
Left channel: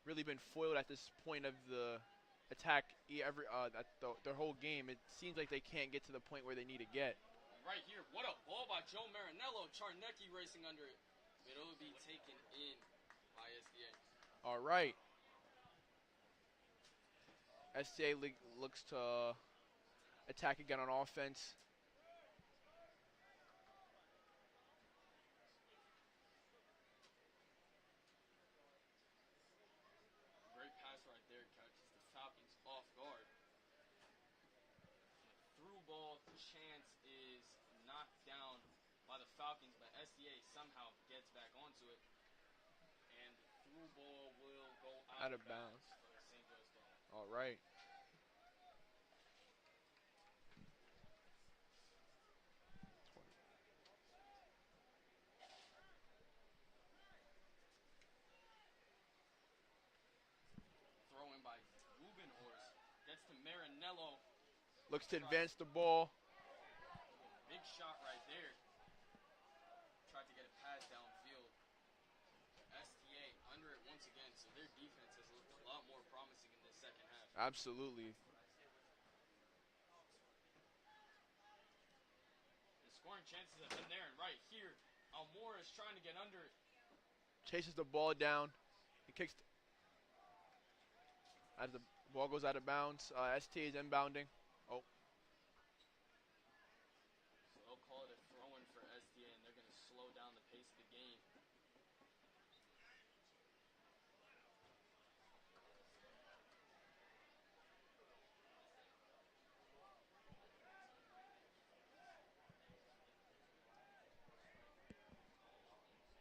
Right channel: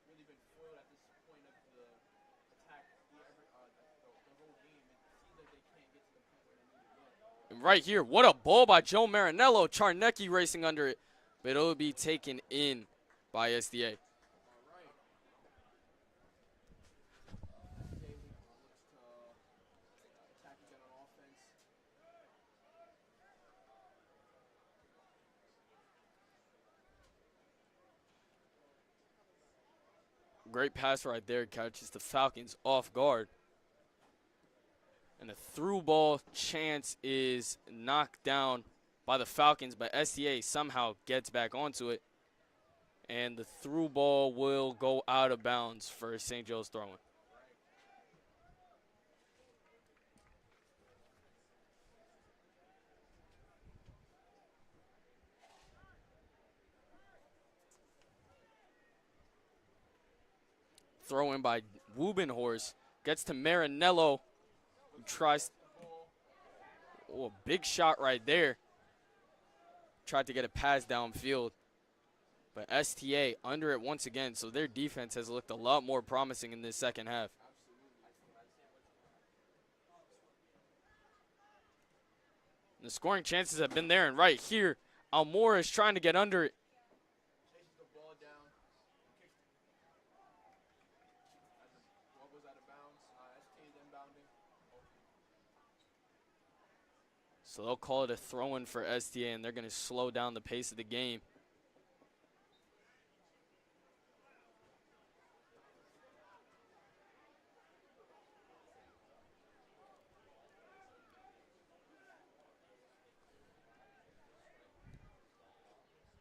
really been foiled at this point of the attack their whole game. It seems like they can't get to the point where they need to get. And right here, what a ball by Joe Marinello. Charnecki racing under it, but it'll be taken in by STA. All right. STA looks to attack again on offense. Great pass right there, catches the Falcons off guard. And the through ball chance is knocked down by the Falcons, but STA somehow gets back onto it. And the through ball will go out of bounds for St. Joe's throwing. All right. Throw in by Wubenhorst. Gets to Marinello. Looks to Tries advance the ball. Oh, a big shot right there. Tried to get a pass downfield. But STA under it once again, so their defense has looked a lot more promising in this second half. Absolutely. The scoring chances have been there, and right here, Almora is trying to get under it. Chases the ball down. He kicks. As the ball goes out of bounds, STA is inbounding. Oh. So they'll call it a throw-in for STA, and they're going to slow down the pace of the game.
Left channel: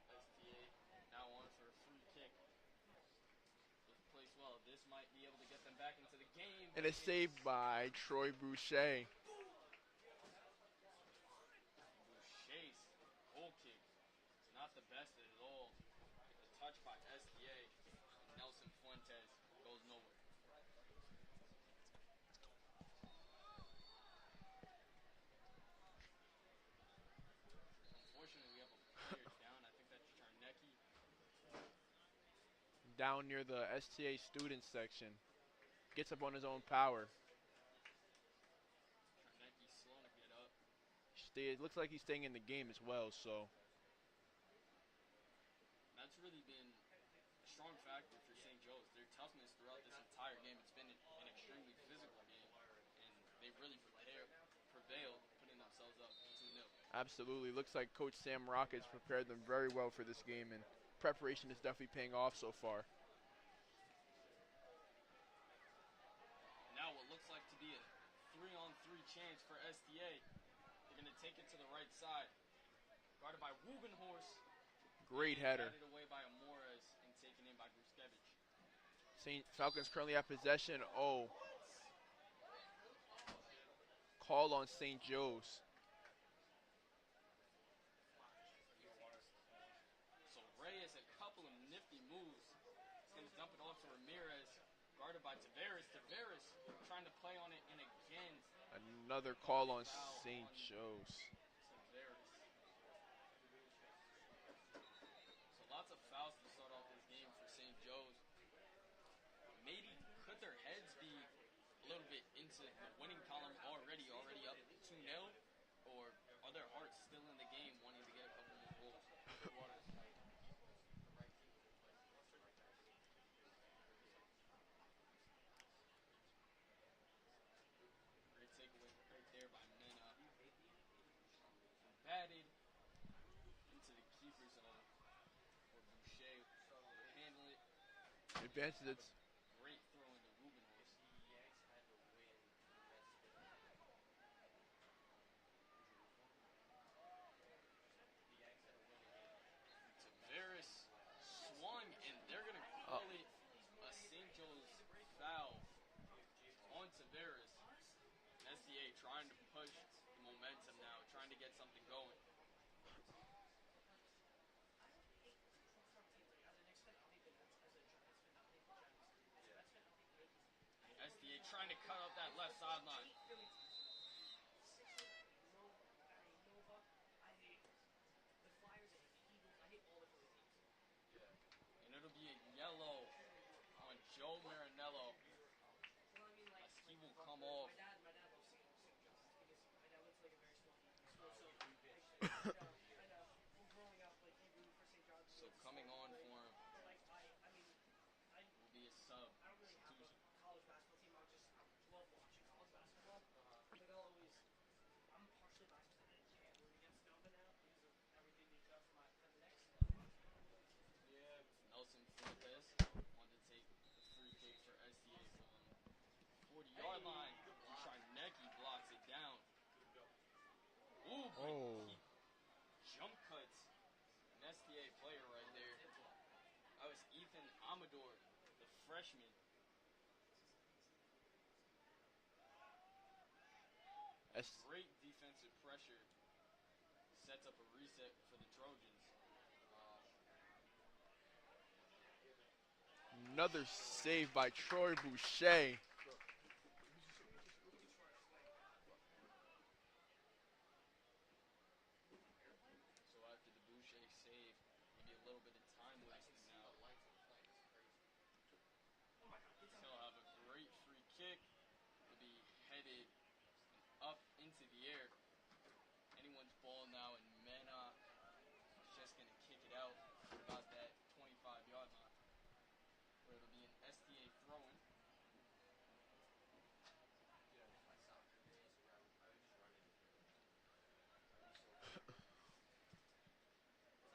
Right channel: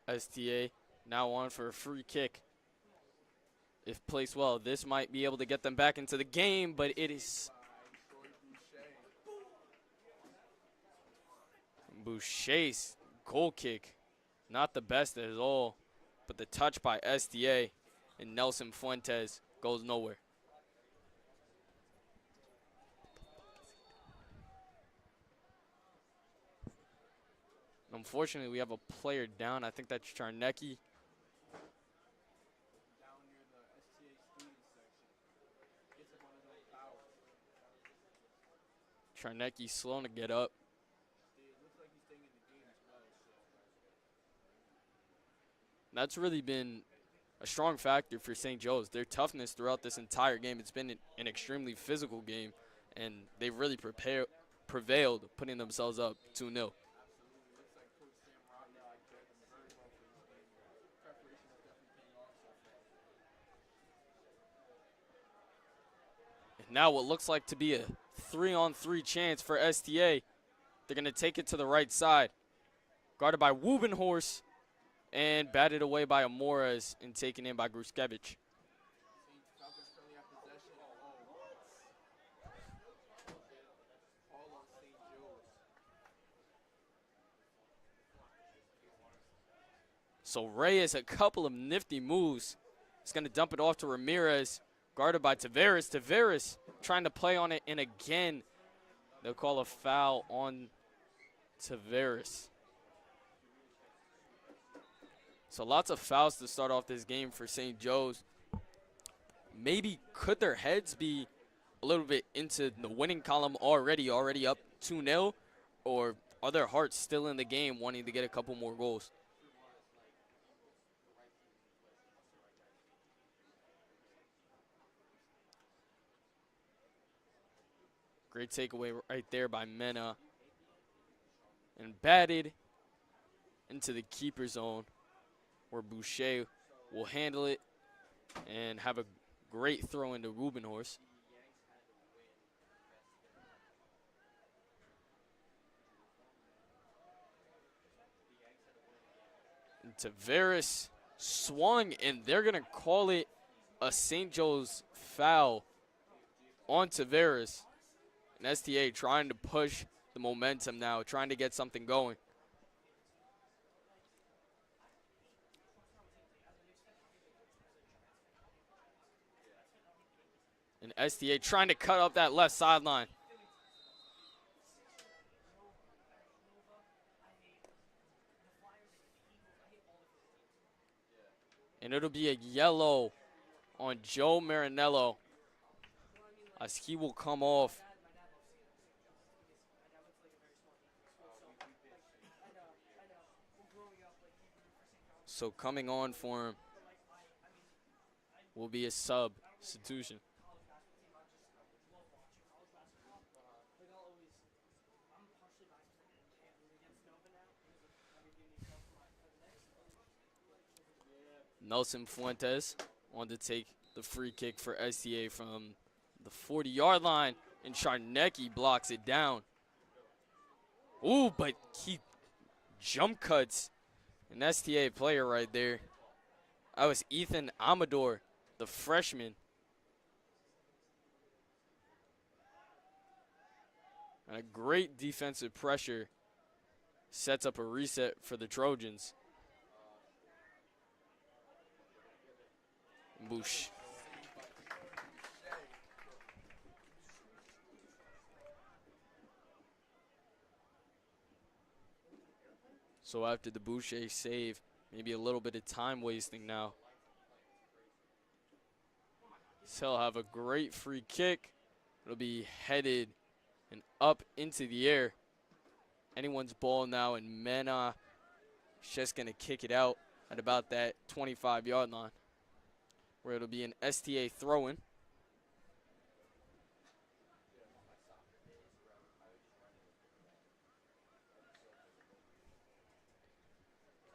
STA now on for a free kick. If placed well, this might be able to get them back into the game, but it is saved by Troy Boucher. Boucher's goal kick. Not the best at all, but the touch by STA and Nelson Fuentes goes nowhere. Unfortunately, we have a player down. I think that's Charnecki. Down near the STA student section. Gets up on his own power. Charnecki slow to get up. It looks like he's staying in the game as well, so. That's really been a strong factor for St. Joe's. Their toughness throughout this entire game. It's been an extremely physical game, and they've really prevailed, putting themselves up 2-0. Absolutely. Looks like Coach Sam Rockets prepared them very well for this game, and preparation is definitely paying off so far. And now what looks like to be a 3-on-3 chance for STA. They're going to take it to the right side. Guarded by Wubenhorst and batted away by Amores and taken in by Gruskevich. Falcons currently have possession. Oh. Call on St. Joe's. So Reyes, a couple of nifty moves. He's going to dump it off to Ramirez, guarded by Tavares. Tavares trying to play on it, and again, they'll call a foul on Tavares. So lots of fouls to start off this game for St. Joe's. Maybe could their heads be a little bit into the winning column already up 2-0, or are their hearts still in the game wanting to get a couple more goals? Great takeaway right there by Mena. And batted into the keeper zone where Boucher will handle it and have a great throw into Rubenhorst. And Tavares swung, and they're going to call it a St. Joe's foul on Tavares. And STA trying to push the momentum now, trying to get something going. And STA trying to cut up that left sideline. And it'll be a yellow on Joe Marinello as he will come off. So coming on for him will be a substitution. Nelson Fuentes wanted to take the free kick for STA from the 40-yard line, and Charnecki blocks it down. Ooh, but he jump cuts an STA player right there. That was Ethan Amador, the freshman. A great defensive pressure sets up a reset for the Trojans. Another save by Troy Boucher. So after the Boucher save, maybe a little bit of time wasting now. So he'll have a great free kick. It'll be headed and up into the air. Anyone's ball now, and Mena is just going to kick it out at about that 25-yard line, where it'll be an STA throw-in.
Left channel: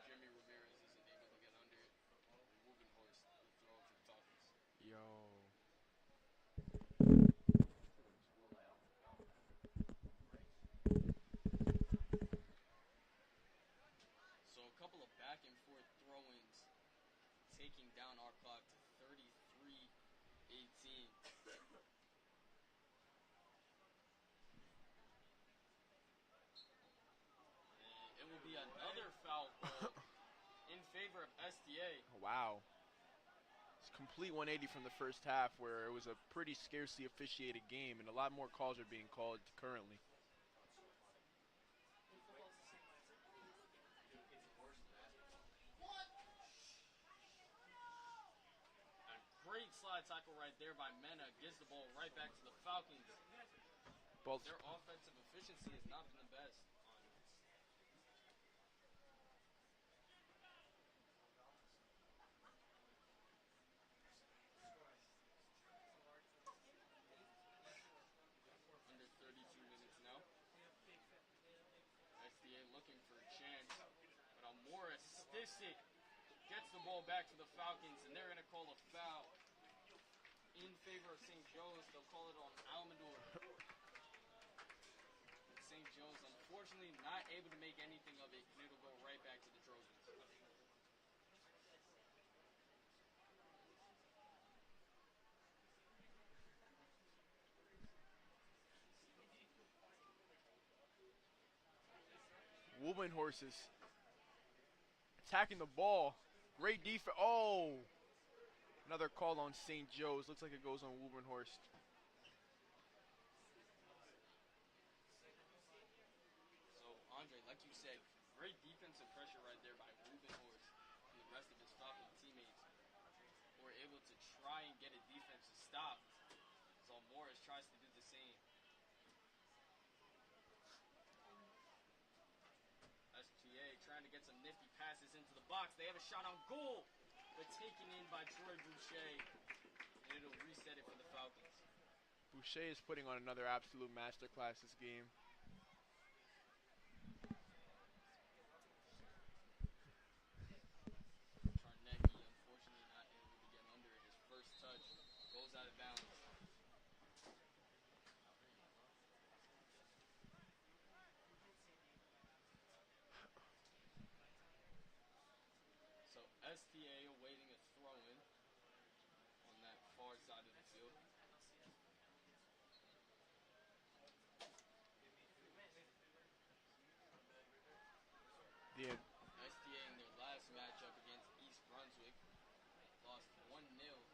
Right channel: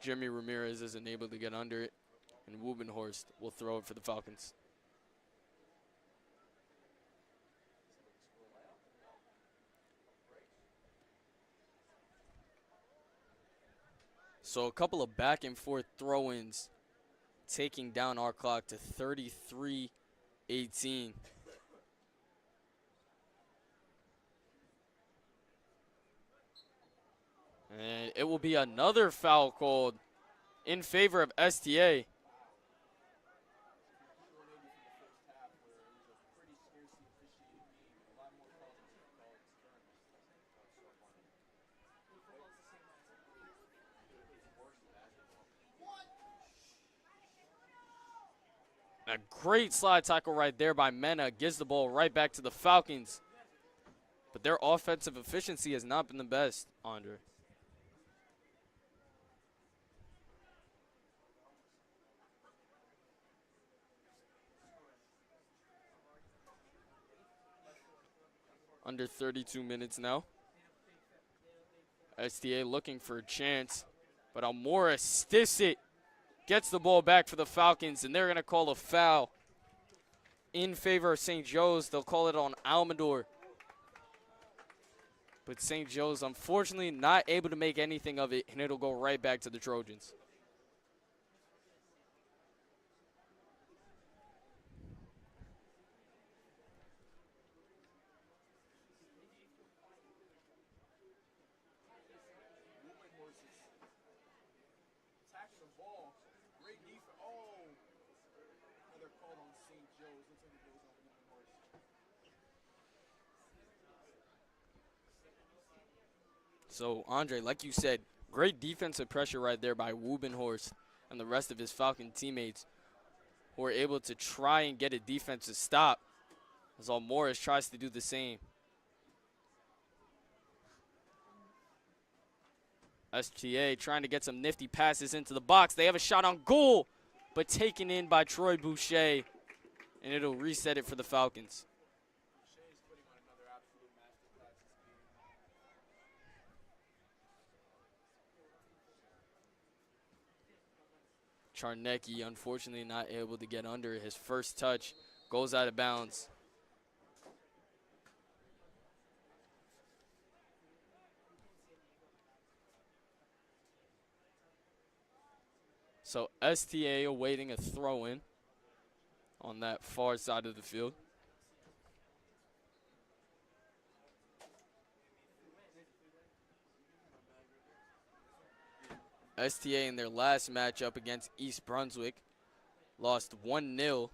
Jeremy Ramirez isn't able to get under it, and Wubenhorst will throw it for the Falcons. So a couple of back and forth throw-ins, taking down our clock to 33-18. And it will be another foul called in favor of STA. Wow. It's a complete 180 from the first half, where it was a pretty scarcely officiated game, and a lot more calls are being called currently. A great slide tackle right there by Mena. Gives the ball right back to the Falcons. But their offensive efficiency has not been the best, Andre. Under 32 minutes now. STA looking for a chance, but Almora stiffs it. Gets the ball back for the Falcons, and they're going to call a foul in favor of St. Joe's. They'll call it on Almador. But St. Joe's, unfortunately, not able to make anything of it, and it'll go right back to the Trojans. Wubenhorst is attacking the ball. Great defense. Oh! Another call on St. Joe's. Looks like it goes on Wubenhorst. So, Andre, like you said, great defensive pressure right there by Wubenhorst and the rest of his Falcon teammates, who are able to try and get a defensive stop as Almores tries to do the same. STA trying to get some nifty passes into the box. They have a shot on goal, but taken in by Troy Boucher, and it'll reset it for the Falcons. Boucher is putting on another absolute masterclass this game. Charnecki, unfortunately, not able to get under it. His first touch goes out of bounds. So STA awaiting a throw-in on that far side of the field. STA in their last matchup against East Brunswick lost 1-0.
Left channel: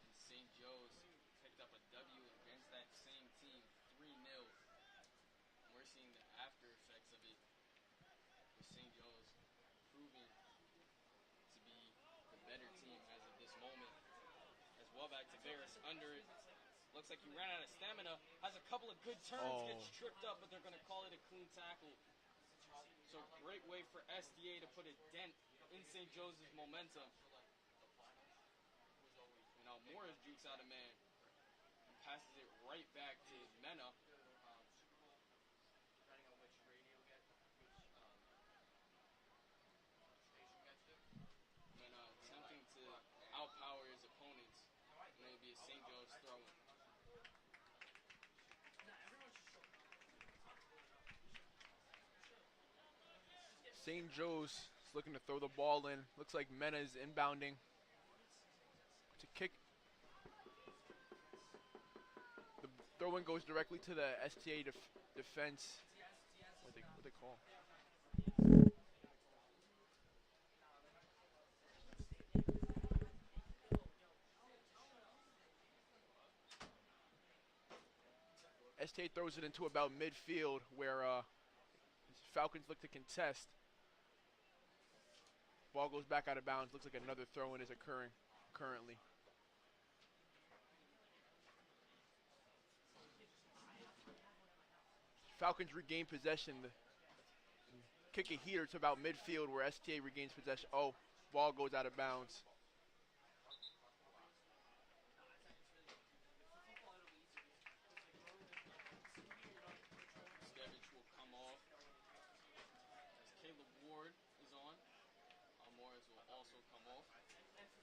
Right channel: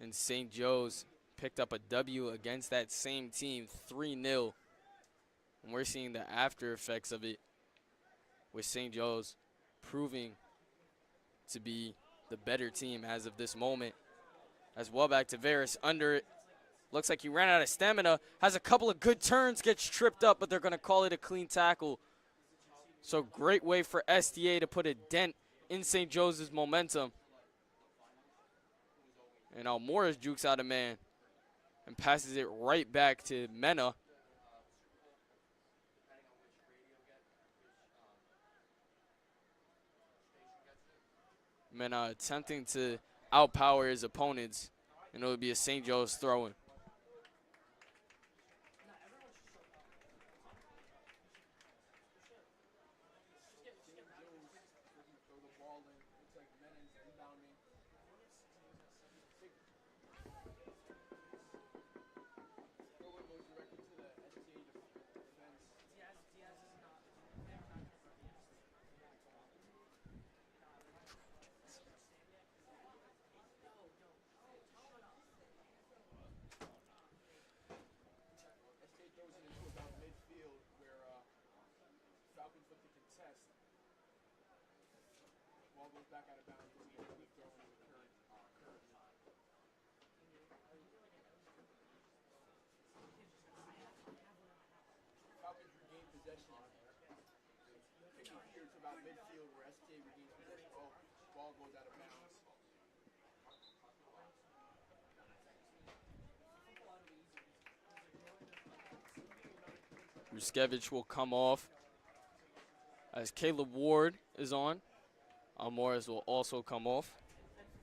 And St. Joe's picked up a W against that same team, 3-0. And we're seeing the after effects of it with St. Joe's proving to be the better team as of this moment. As well back to Varys under it. Looks like he ran out of stamina. Has a couple of good turns, gets tripped up, but they're going to call it a clean tackle. So great way for STA to put a dent in St. Joe's momentum. And now Morris jukes out a man and passes it right back to Mena. Mena attempting to outpower his opponents, and it would be a St. Joe's throw-in. St. Joe's is looking to throw the ball in. Looks like Mena is inbounding to kick. The throw-in goes directly to the STA defense. What they call him? STA throws it into about midfield where Falcons look to contest. Ball goes back out of bounds. Looks like another throw-in is occurring currently. Falcons regain possession. Kick a heater to about midfield where STA regains possession. Oh, ball goes out of bounds. Ruskevich will come off as Caleb Ward is on. Morris will also come off.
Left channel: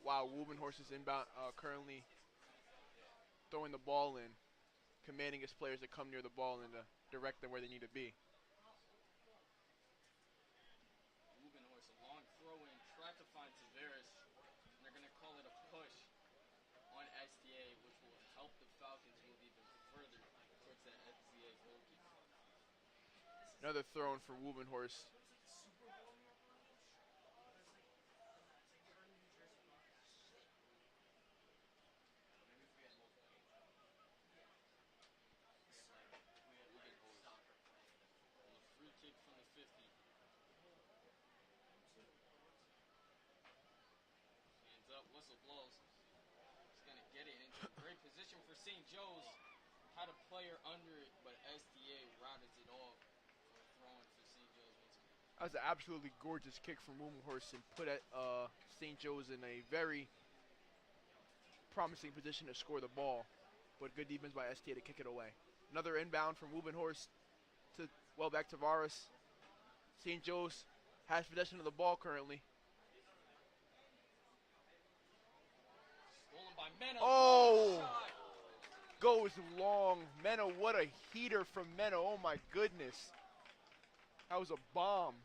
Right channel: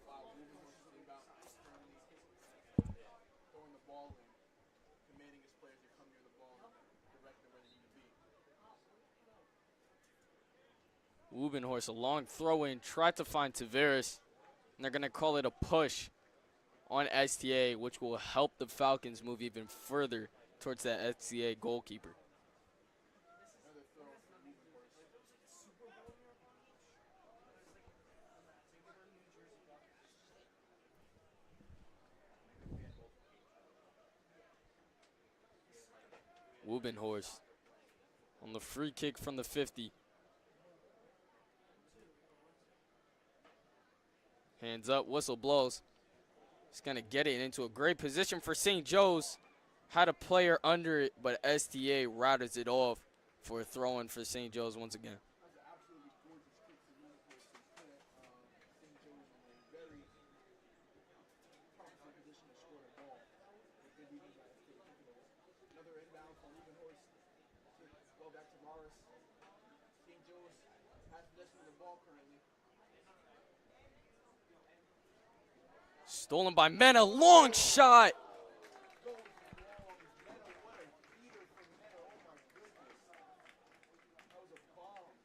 Wow, Wubenhorst is inbound, currently throwing the ball in, commanding his players to come near the ball and direct them where they need to be. Wubenhorst, a long throw-in, tried to find Tavares, and they're going to call it a push on STA, which will help the Falcons move even further towards that STA goalkeeper. Another throw-in for Wubenhorst. Wubenhorst on the free kick from the 50. Hands up, whistle blows. He's going to get it into a great position for St. Joe's. Had a player under it, but STA routers it off for a throw-in for St. Joe's once again. That was an absolutely gorgeous kick from Wubenhorst and put St. Joe's in a very promising position to score the ball. But good defense by STA to kick it away. Another inbound from Wubenhorst to, well, back to Varus. St. Joe's has possession of the ball currently. Stolen by Mena, long shot. Goes long. Mena, what a heater from Mena, oh my goodness. That was a bomb.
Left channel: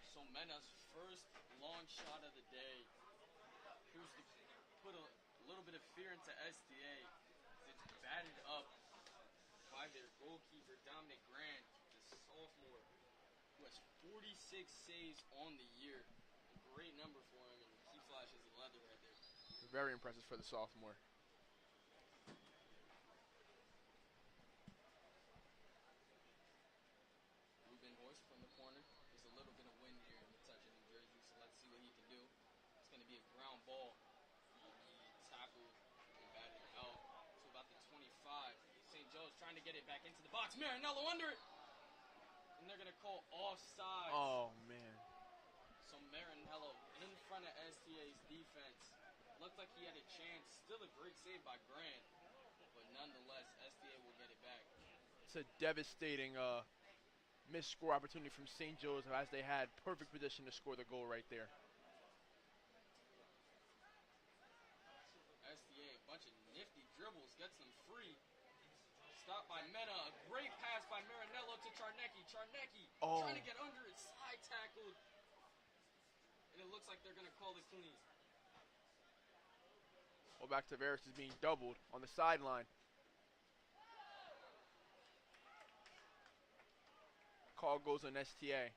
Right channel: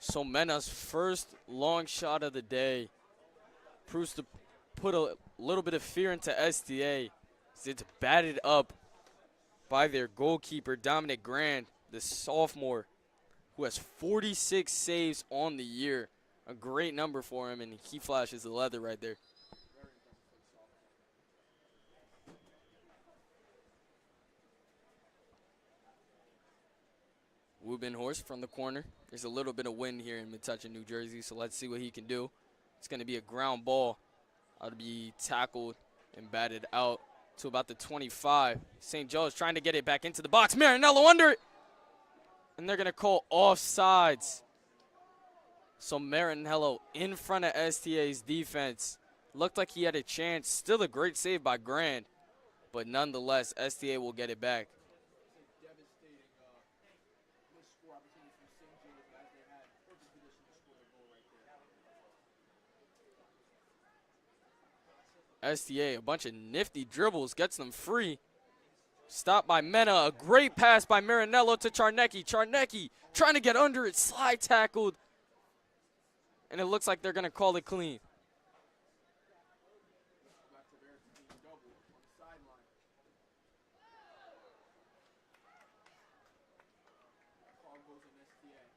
So Mena's first long shot of the day proves to put a little bit of fear into STA. It's batted up by their goalkeeper, Dominic Grand, the sophomore, who has 46 saves on the year. A great number for him, and he flashes the leather right there. Very impressive for the sophomore. Wubenhorst from the corner. There's a little bit of wind here in Metuchen, New Jersey, so let's see what he can do. It's going to be a ground ball. It'll be tackled and batted out to about the 25. St. Joe's trying to get it back into the box. Marinello under it. And they're going to call offsides. Oh, man. So Marinello in front of STA's defense. Looked like he had a chance. Still a great save by Grand. But nonetheless, STA will get it back. It's a devastating missed score opportunity from St. Joe's as they had perfect position to score the goal right there. STA, a bunch of nifty dribbles, gets them free. Stopped by Mena. A great pass by Marinello to Charnecki. Charnecki trying to get under it. Slide tackled. And it looks like they're going to call it clean. Well, back to Varus is being doubled on the sideline. Call goes on STA.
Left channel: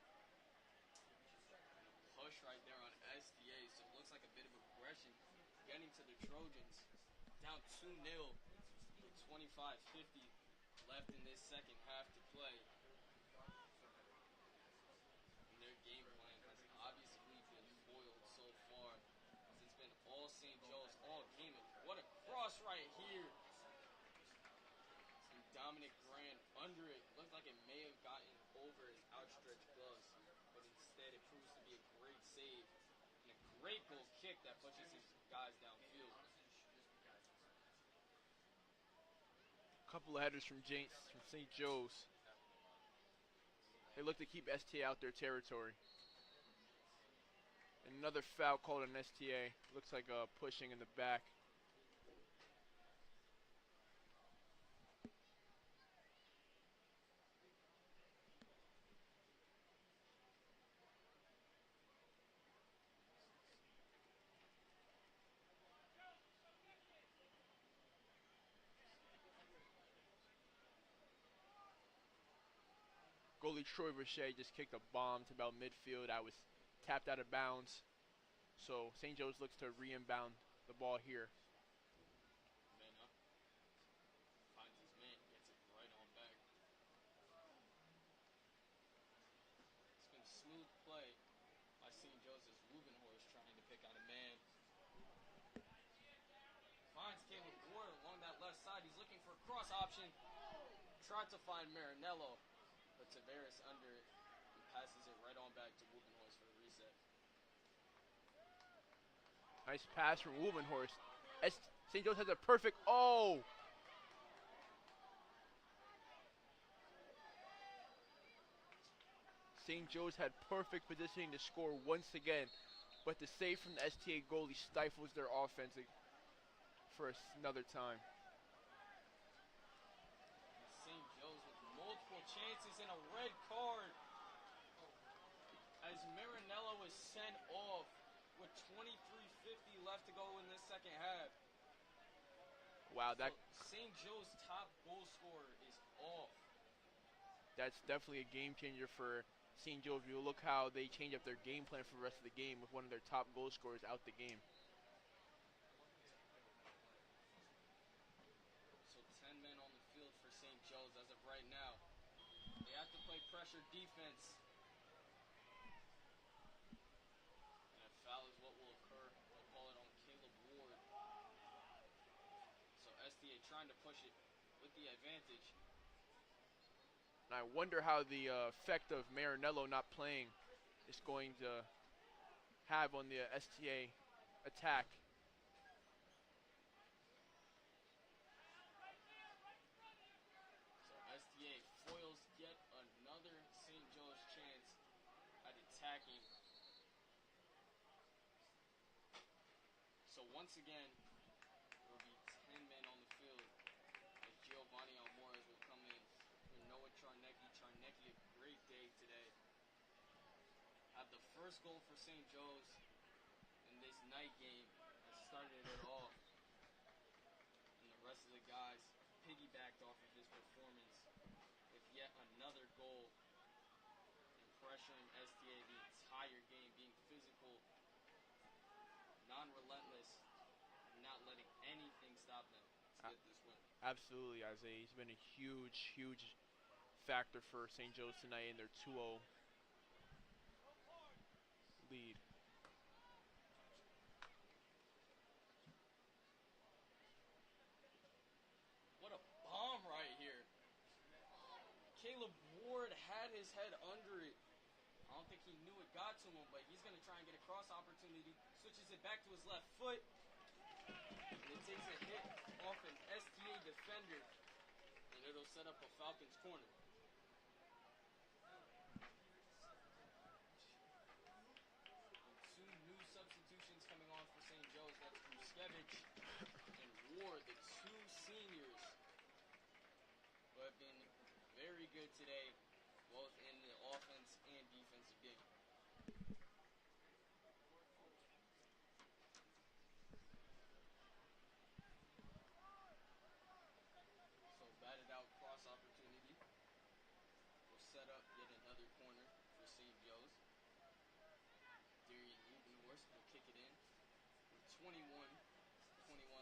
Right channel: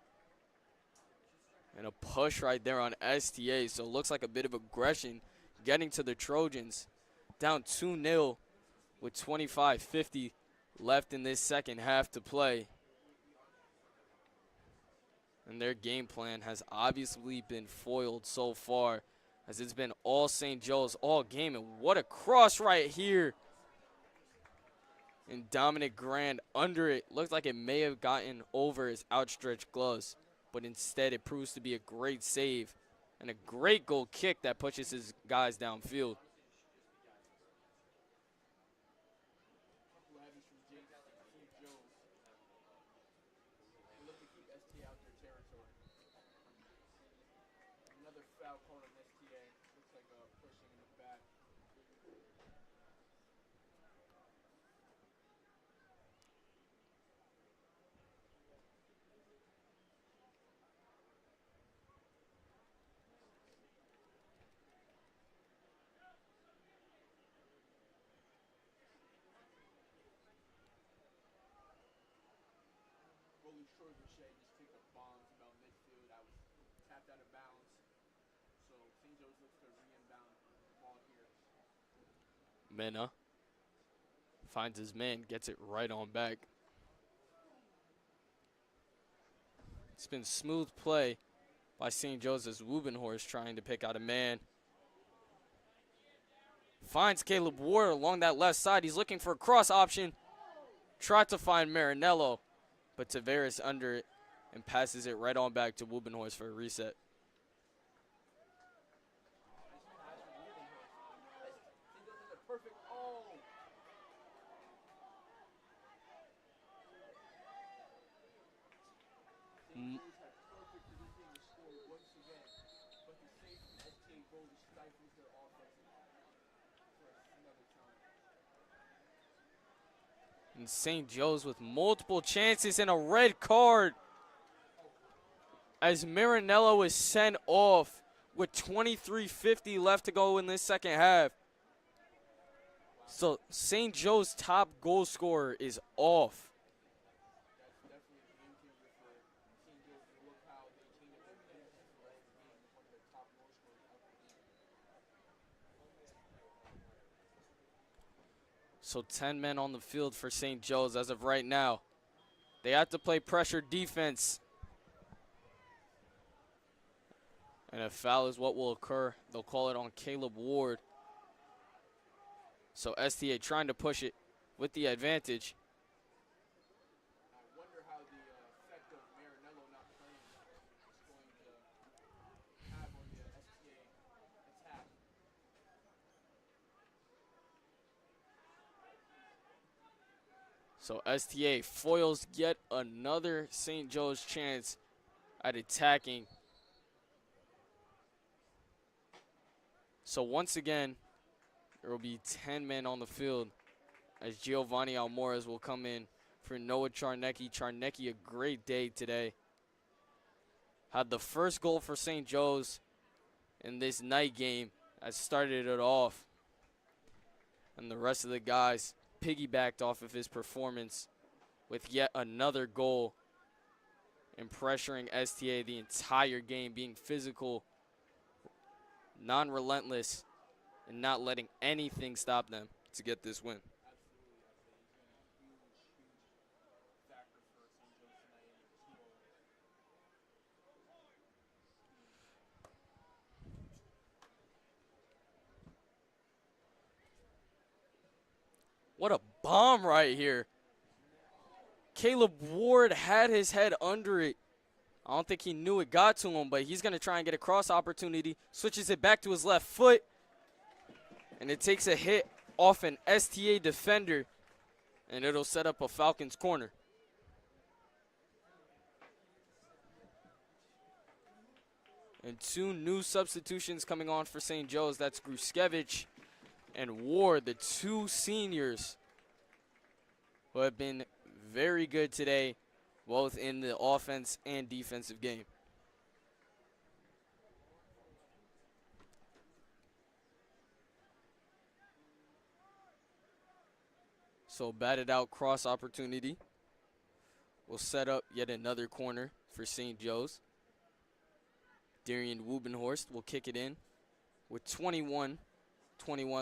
And a push right there on STA. So it looks like a bit of aggression getting to the Trojans. Down 2-0 with 25:50 left in this second half to play. And their game plan has obviously been foiled so far, as it's been all St. Joe's all game. And what a cross right here. And Dominic Grand under it. Looked like it may have gotten over his outstretched gloves, but instead it proves to be a great save and a great goal kick that pushes his guys downfield. Couple of headers from St. Joe's. They look to keep STA out their territory. Another foul called on STA. Looks like a pushing in the back. Goalie Troy Boucher just kicked a bomb to about midfield. That was tapped out of bounds. So St. Joe's looks to re-inbound the ball here. Mena finds his man, gets it right on back. It's been smooth play by St. Joe's as Wubenhorst trying to pick out a man. Finds Caleb Ward along that left side. He's looking for a cross option. Tried to find Marinello, but Tavares under it and passes it right on back to Wubenhorst for a reset. Nice pass from Wubenhorst. St. Joe's has a perfect, oh! St. Joe's had perfect positioning to score once again, but the save from the STA goalie stifles their offense for another time. And St. Joe's with multiple chances and a red card as Marinello is sent off with 23:50 left to go in this second half. Wow, so St. Joe's top goal scorer is off. That's definitely a game changer for St. Joe's. You look how they change up their game plan for the rest of the game with one of their top goal scorers out the game. So 10 men on the field for St. Joe's as of right now. They have to play pressure defense. And a foul is what will occur. They'll call it on Caleb Ward. So STA trying to push it with the advantage. And I wonder how the effect of Marinello not playing is going to have on the STA attack. So STA foils yet another St. Joe's chance at attacking. So once again, there will be 10 men on the field as Giovanni Almores will come in for Noah Charnecki. Charnecki, a great day today. Had the first goal for St. Joe's in this night game that started it off. And the rest of the guys piggybacked off of his performance with yet another goal and pressuring STA the entire game, being physical, non-relentless, and not letting anything stop them to get this win. Absolutely, Isaiah. He's been a huge, huge factor for St. Joe's tonight in their 2-0 lead. What a bomb right here. Caleb Ward had his head under it. I don't think he knew it got to him, but he's going to try and get a cross opportunity. Switches it back to his left foot. And it takes a hit off an STA defender. And it'll set up a Falcons corner. And two new substitutions coming on for St. Joe's. That's Gruskevich and Ward, the two seniors who have been very good today, both in the offense and defensive game. So batted out cross opportunity will set up yet another corner for St. Joe's. Darian Wubenhorst will kick it in with 21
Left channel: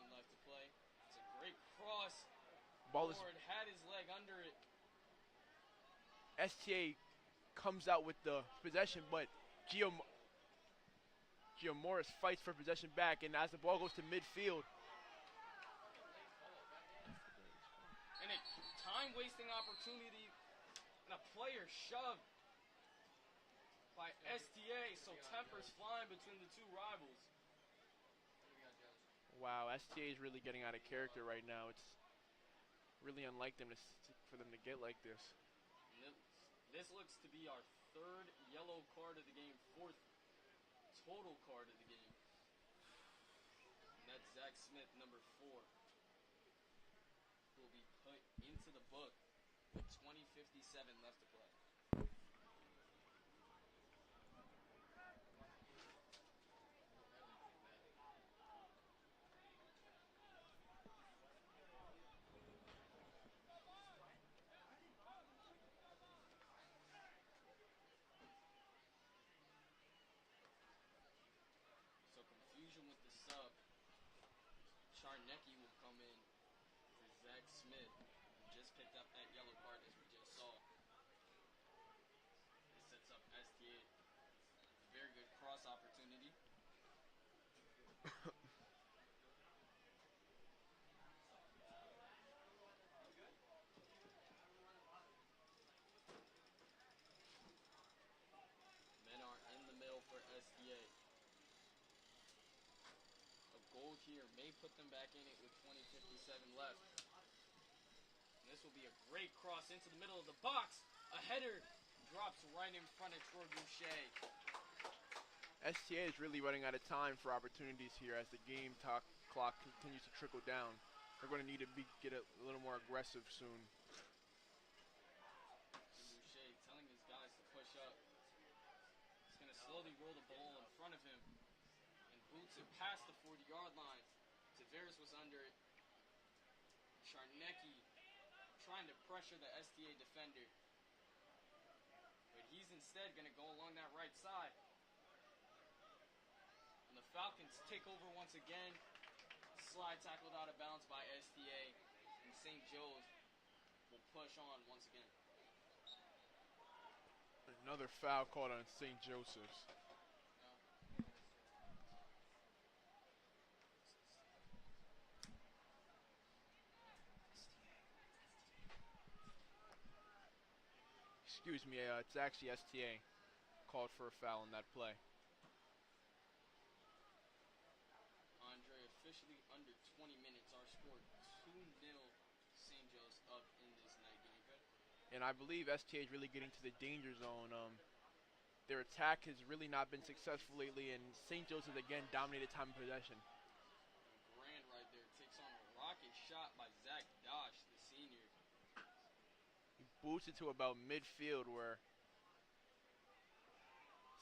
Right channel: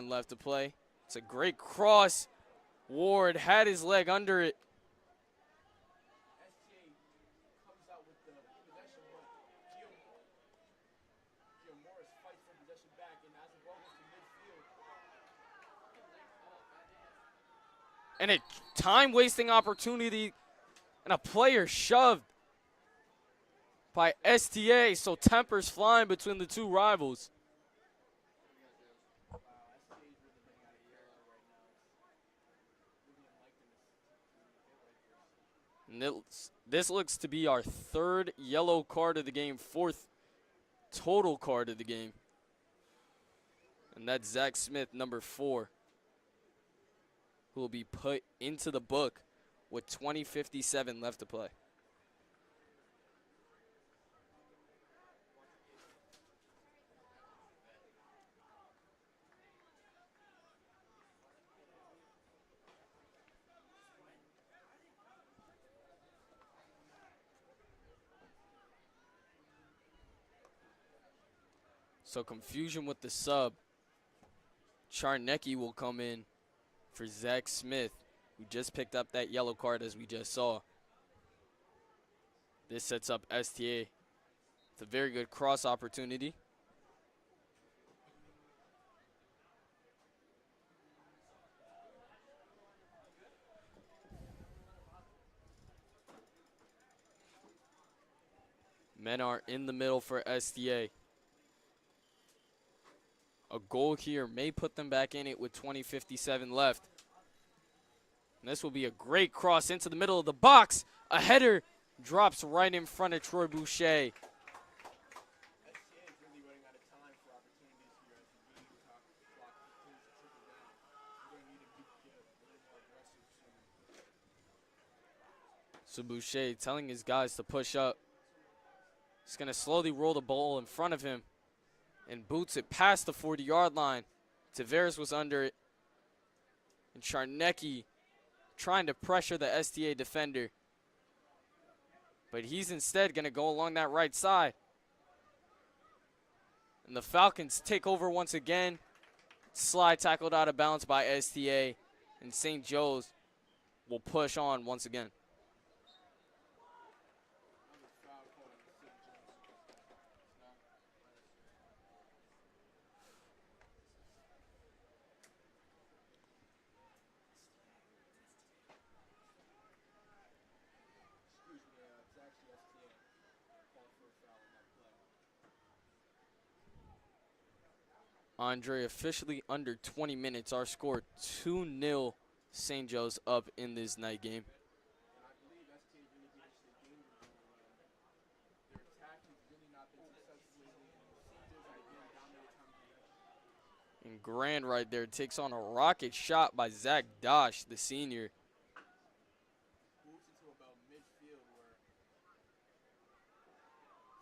left to play. It's a great cross. Ward had his leg under it. STA comes out with the possession, but Gio Morris fights for possession back, and as the ball goes to midfield, And a time-wasting opportunity and a player shoved by STA, so tempers flying between the two rivals. wow, STA is really getting out of character right now. It's really unlike them for them to get like this. And this looks to be our third yellow card of the game, fourth total card of the game. And that's Zach Smith, number 4, who will be put into the book with 20:57 left to play. So confusion with the sub. Charnecki will come in for Zach Smith, who just picked up that yellow card as we just saw. This sets up STA. It's a very good cross opportunity. Men are in the middle for STA. A goal here may put them back in it with 20:57 left. And this will be a great cross into the middle of the box. A header drops right in front of Troy Boucher. STA is really running out of time for opportunities here as the game clock continues to trickle down. They're going to need to get a little more aggressive soon. So Boucher telling his guys to push up. He's going to slowly roll the ball in front of him and boots it past the 40-yard line. Tavares was under it. And Charnecki trying to pressure the STA defender. But he's instead going to go along that right side. And the Falcons take over once again. Slide tackled out of bounds by STA. And St. Joe's will push on once again. Another foul called on St. Joseph's. Excuse me, it's actually STA called for a foul in that play. Andre, officially under 20 minutes. Our score 2-0. St. Joe's up in this night game. And I believe STA is really getting to the danger zone. Their attack has really not been successful lately, and St. Joe's has again dominated time of possession. And Grand right there takes on a rocket shot by Zach Dosh, the senior. Boots it to about midfield where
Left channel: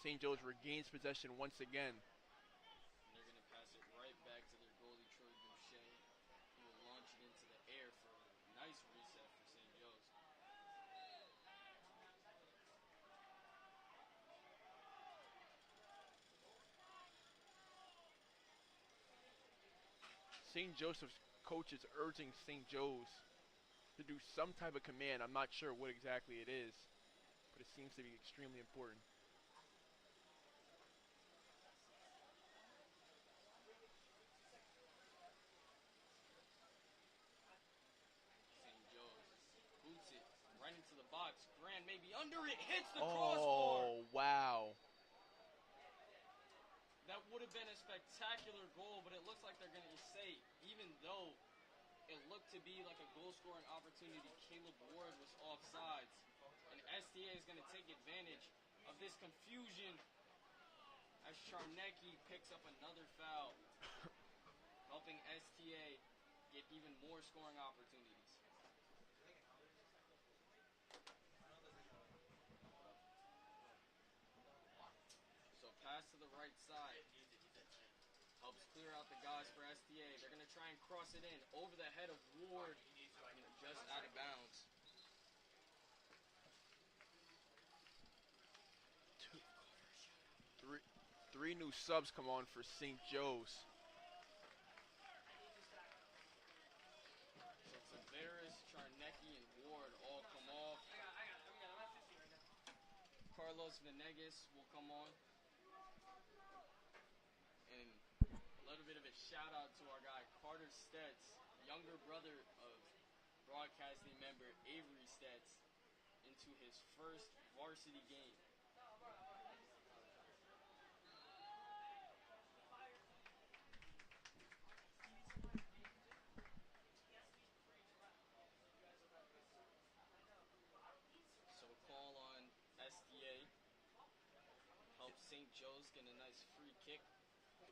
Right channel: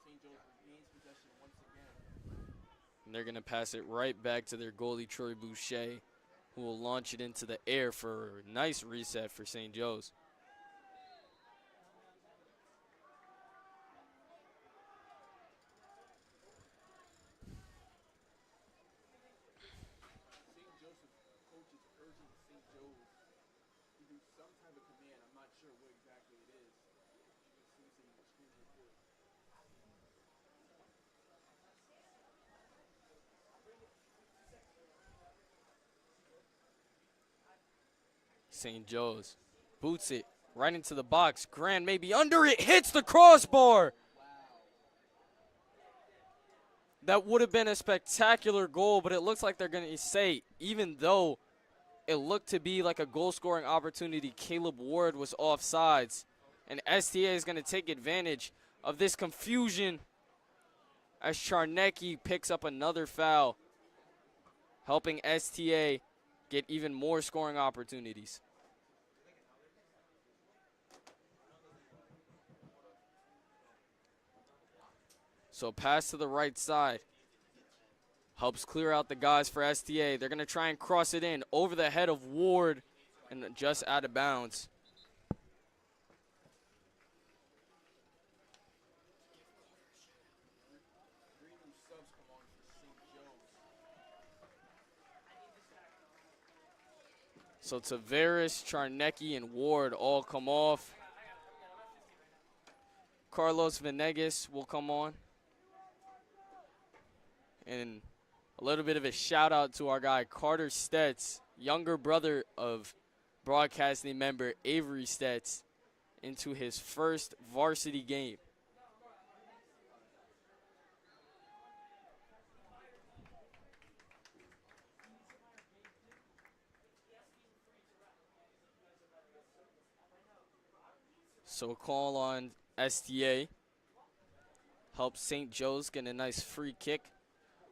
St. Joe's regains possession once again. And they're going to pass it right back to their goalie, Troy Boucher, who will launch it into the air for a nice reset for St. Joe's. St. Joseph's coach is urging St. Joe's to do some type of command. I'm not sure what exactly it is, but it seems to be extremely important. St. Joe's boots it right into the box. Grand maybe under it, hits the crossbar. Oh, wow. That would have been a spectacular goal, but it looks like they're going to say, even though it looked to be like a goal-scoring opportunity, Caleb Ward was offsides. And STA is going to take advantage of this confusion as Charnecki picks up another foul, helping STA get even more scoring opportunities. So pass to the right side. Helps clear out the guys for STA. They're going to try and cross it in over the head of Ward and just out of bounds. Three new subs come on for St. Joe's. So Tavares, Charnecki, and Ward all come off. Carlos Venegas will come on. And a little bit of a shout out to our guy Carter Stetz, younger brother of broadcasting member Avery Stetz, into his first varsity game. So a call on STA helps St. Joe's get a nice free kick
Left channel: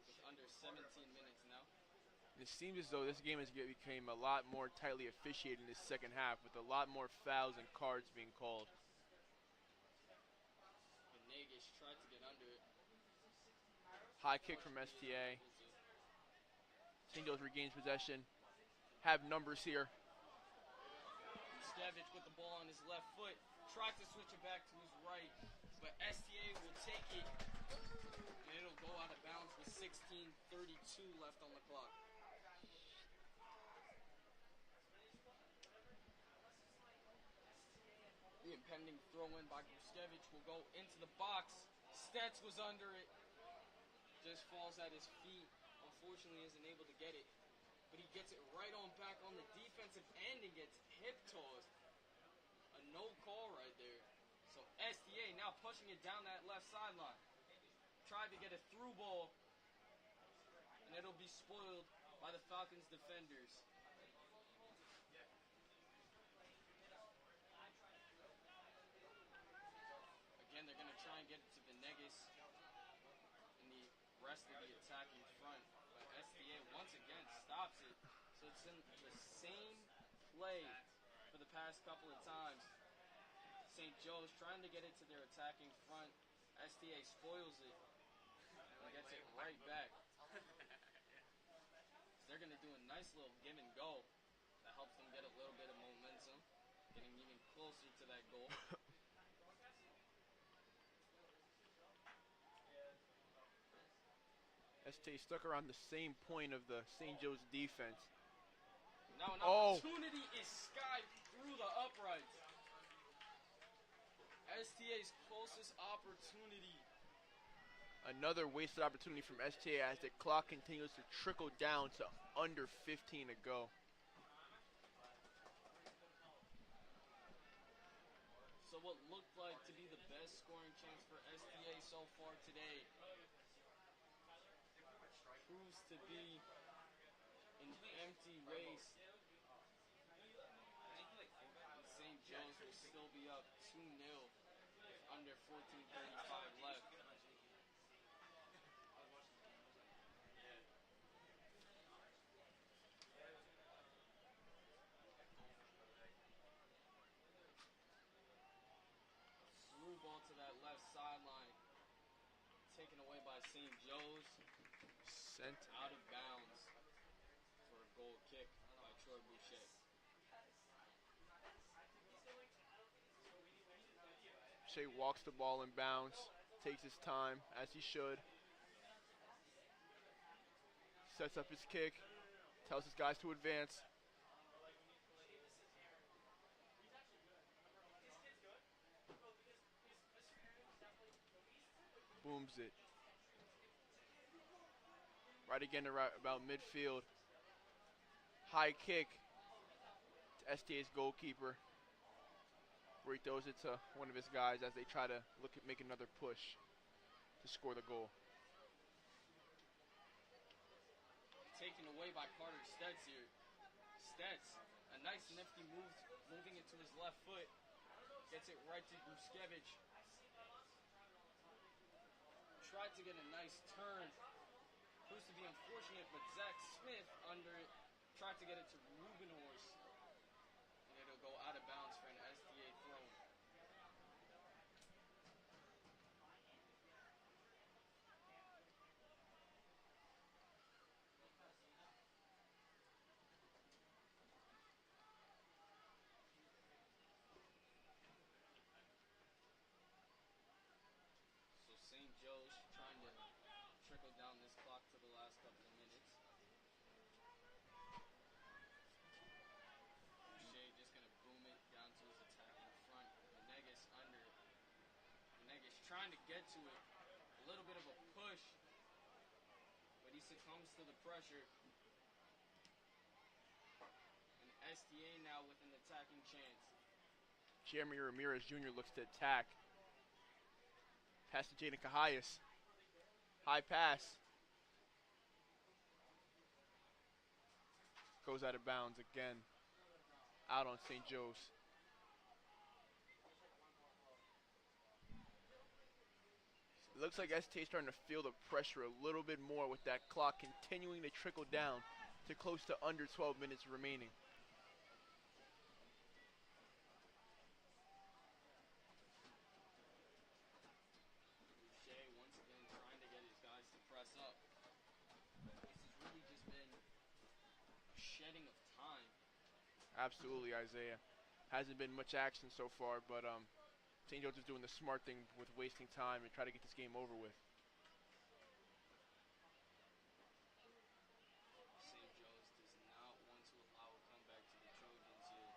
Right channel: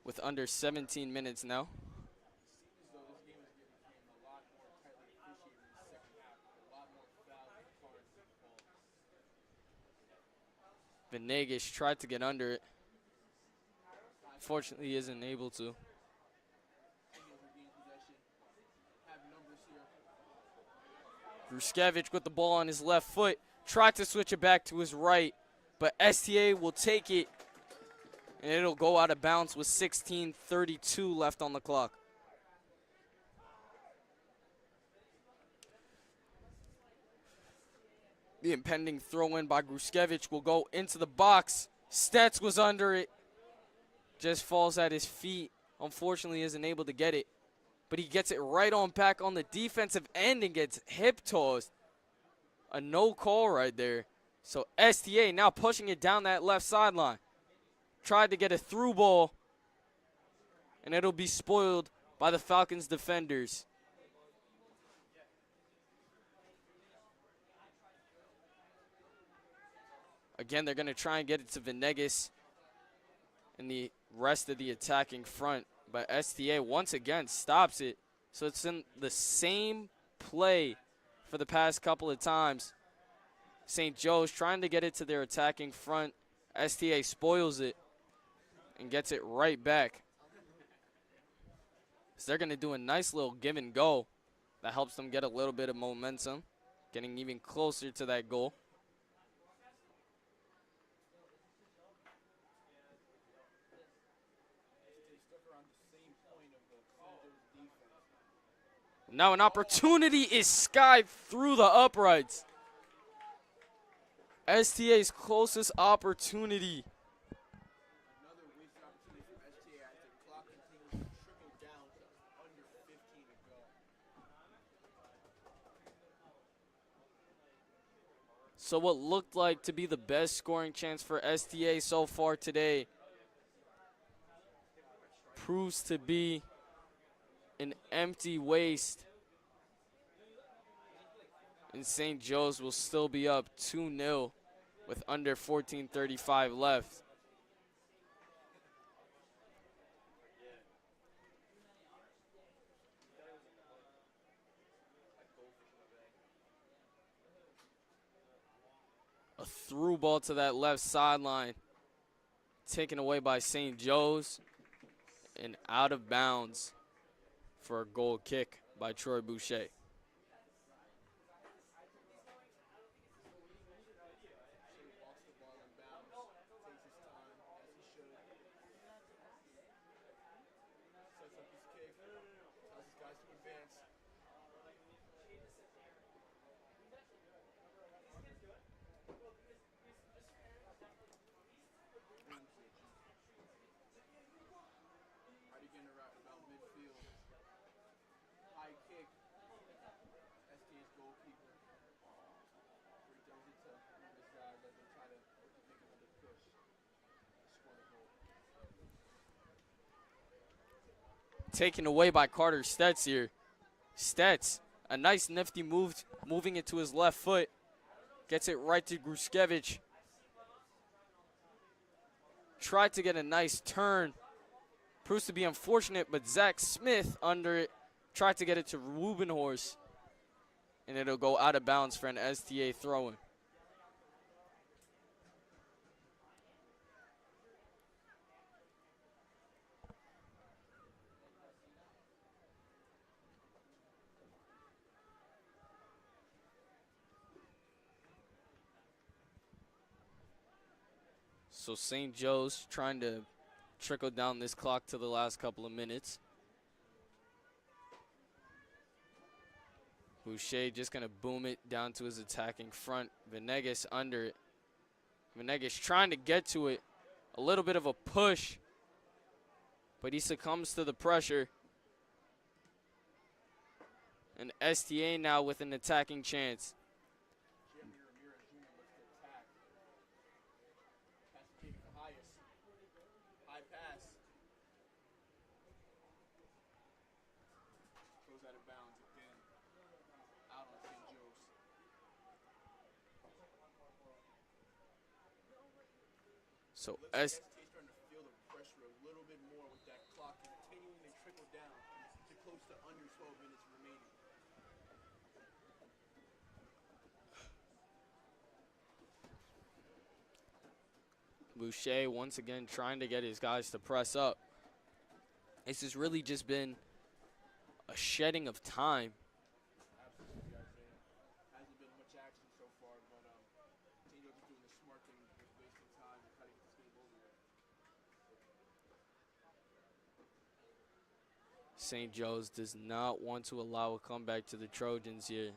with under 17 minutes now. It seems as though this game has become a lot more tightly officiated in this second half, with a lot more fouls and cards being called. Venegas tried to get under it. High kick from Fortunately, isn't STA. able to. St. Joe's regains possession. Have numbers here. Gruskevich with the ball on his left foot. Tried to switch it back to his right, but STA will take it, and it'll go out of bounds with 16:32 left on the clock. The impending throw-in by Gruskevich will go into the box. Stetz was under it. Just falls at his feet. Unfortunately, isn't able to get it. But he gets it right on back on the defensive end and gets hip tossed. A no call right there. So STA now pushing it down that left sideline. Tried to get a through ball, and it'll be spoiled by the Falcons defenders. Again, they're going to try and get it to Venegas and the rest of the attacking front. But STA once again stops it. So it's in the same play for the past couple of times. St. Joe's trying to get it to their attacking front. STA spoils it and gets it right back. So they're going to do a nice little give and go that helps them get a little bit of momentum, getting even closer to that goal. STA stuck around the same point of the St. Joe's defense. Now an opportunity is skied through the uprights. STA's closest opportunity. Another wasted opportunity from STA as the clock continues to trickle down to under 15 to go. So what looked like to be the best scoring chance for STA so far today proves to be an empty waste. And St. Joe's will still be up 2-0 with under 14:35 left. A through ball to that left sideline, taken away by St. Joe's and out of bounds for a goal kick by Troy Boucher. Shea walks the ball in bounds, takes his time, as he should. Sets up his kick, tells his guys to advance. Booms it. Right again about midfield. High kick to STA's goalkeeper, where he throws it to one of his guys as they try to make another push to score the goal. Taken away by Carter Stetz here. Stetz, a nice nifty move, moving it to his left foot. Gets it right to Gruskevich. tried to get a nice turn. Proves to be unfortunate, but Zach Smith under it tried to get it to Rubenhorst, and it'll go out of bounds for an STA throw-in. So St. Joe's trying to trickle down this clock to the last couple of minutes. Boucher just going to boom it down to his attacking front. Venegas under it. Venegas trying to get to it. A little bit of a push, but he succumbs to the pressure. And STA now with an attacking chance. Jeremy Ramirez Jr. looks to attack. Pass to Jaden Cahias. High pass. Goes out of bounds again. Out on St. Joe's. So It looks like STA starting to feel the pressure a little bit more with that clock continuing to trickle down to close to under 12 minutes remaining. Boucher once again trying to get his guys to press up. This has really just been a shedding of time. Absolutely, Isaiah. Hasn't been much action so far, but St. Joe's is doing the smart thing with wasting time and try to get this game over with. St. Joe's does not want to allow a comeback to the Trojans here.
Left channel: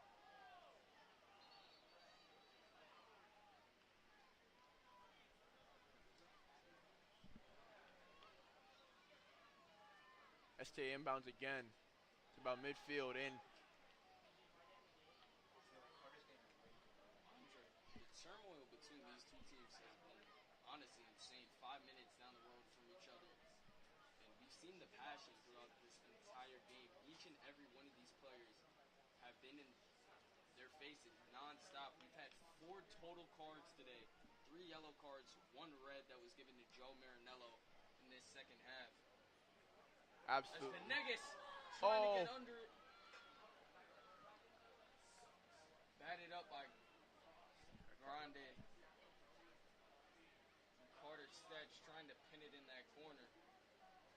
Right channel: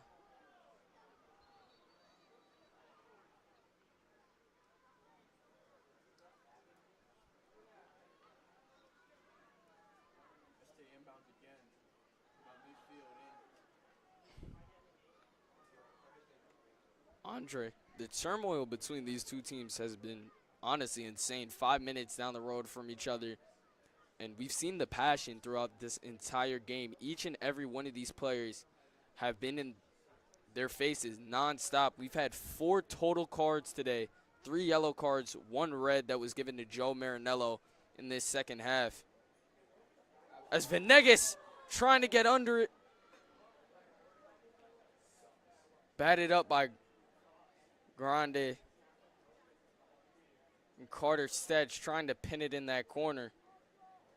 STA inbounds again. It's about midfield in. Andre, the turmoil between these two teams has been honestly insane. 5 minutes down the road from each other, and we've seen the passion throughout this entire game. Each and every one of these players have been in their faces nonstop. We've had 4 total cards today, 3 yellow cards, 1 red that was given to Joe Marinello in this second half. Absolutely. As Venegas trying to get under it. Batted up by Grande. And Carter Stedge trying to pin it in that corner.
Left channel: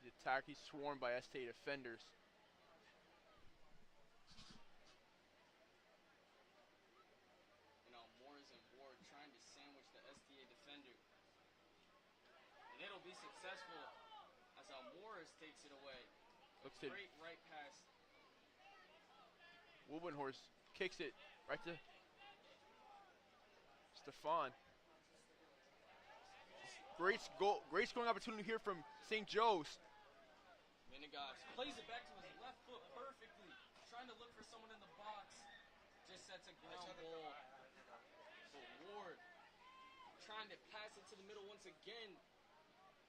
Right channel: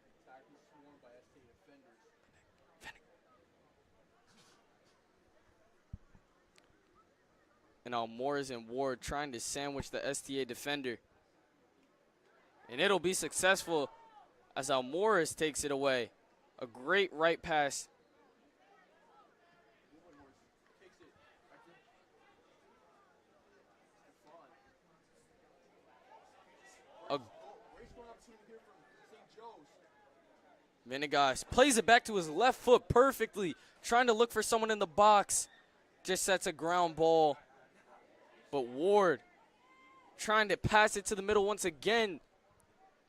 The attack, he's swarmed by STA defenders. And Almores and Ward trying to sandwich the STA defender. And it'll be successful as Almores takes it away. A great right pass. Wubenhorst kicks it right to Stefan. Great scoring opportunity here from St. Joe's. Venegas plays it back to his left foot perfectly. Trying to look for someone in the box. Just sets a ground ball. But Ward trying to pass it to the middle once again.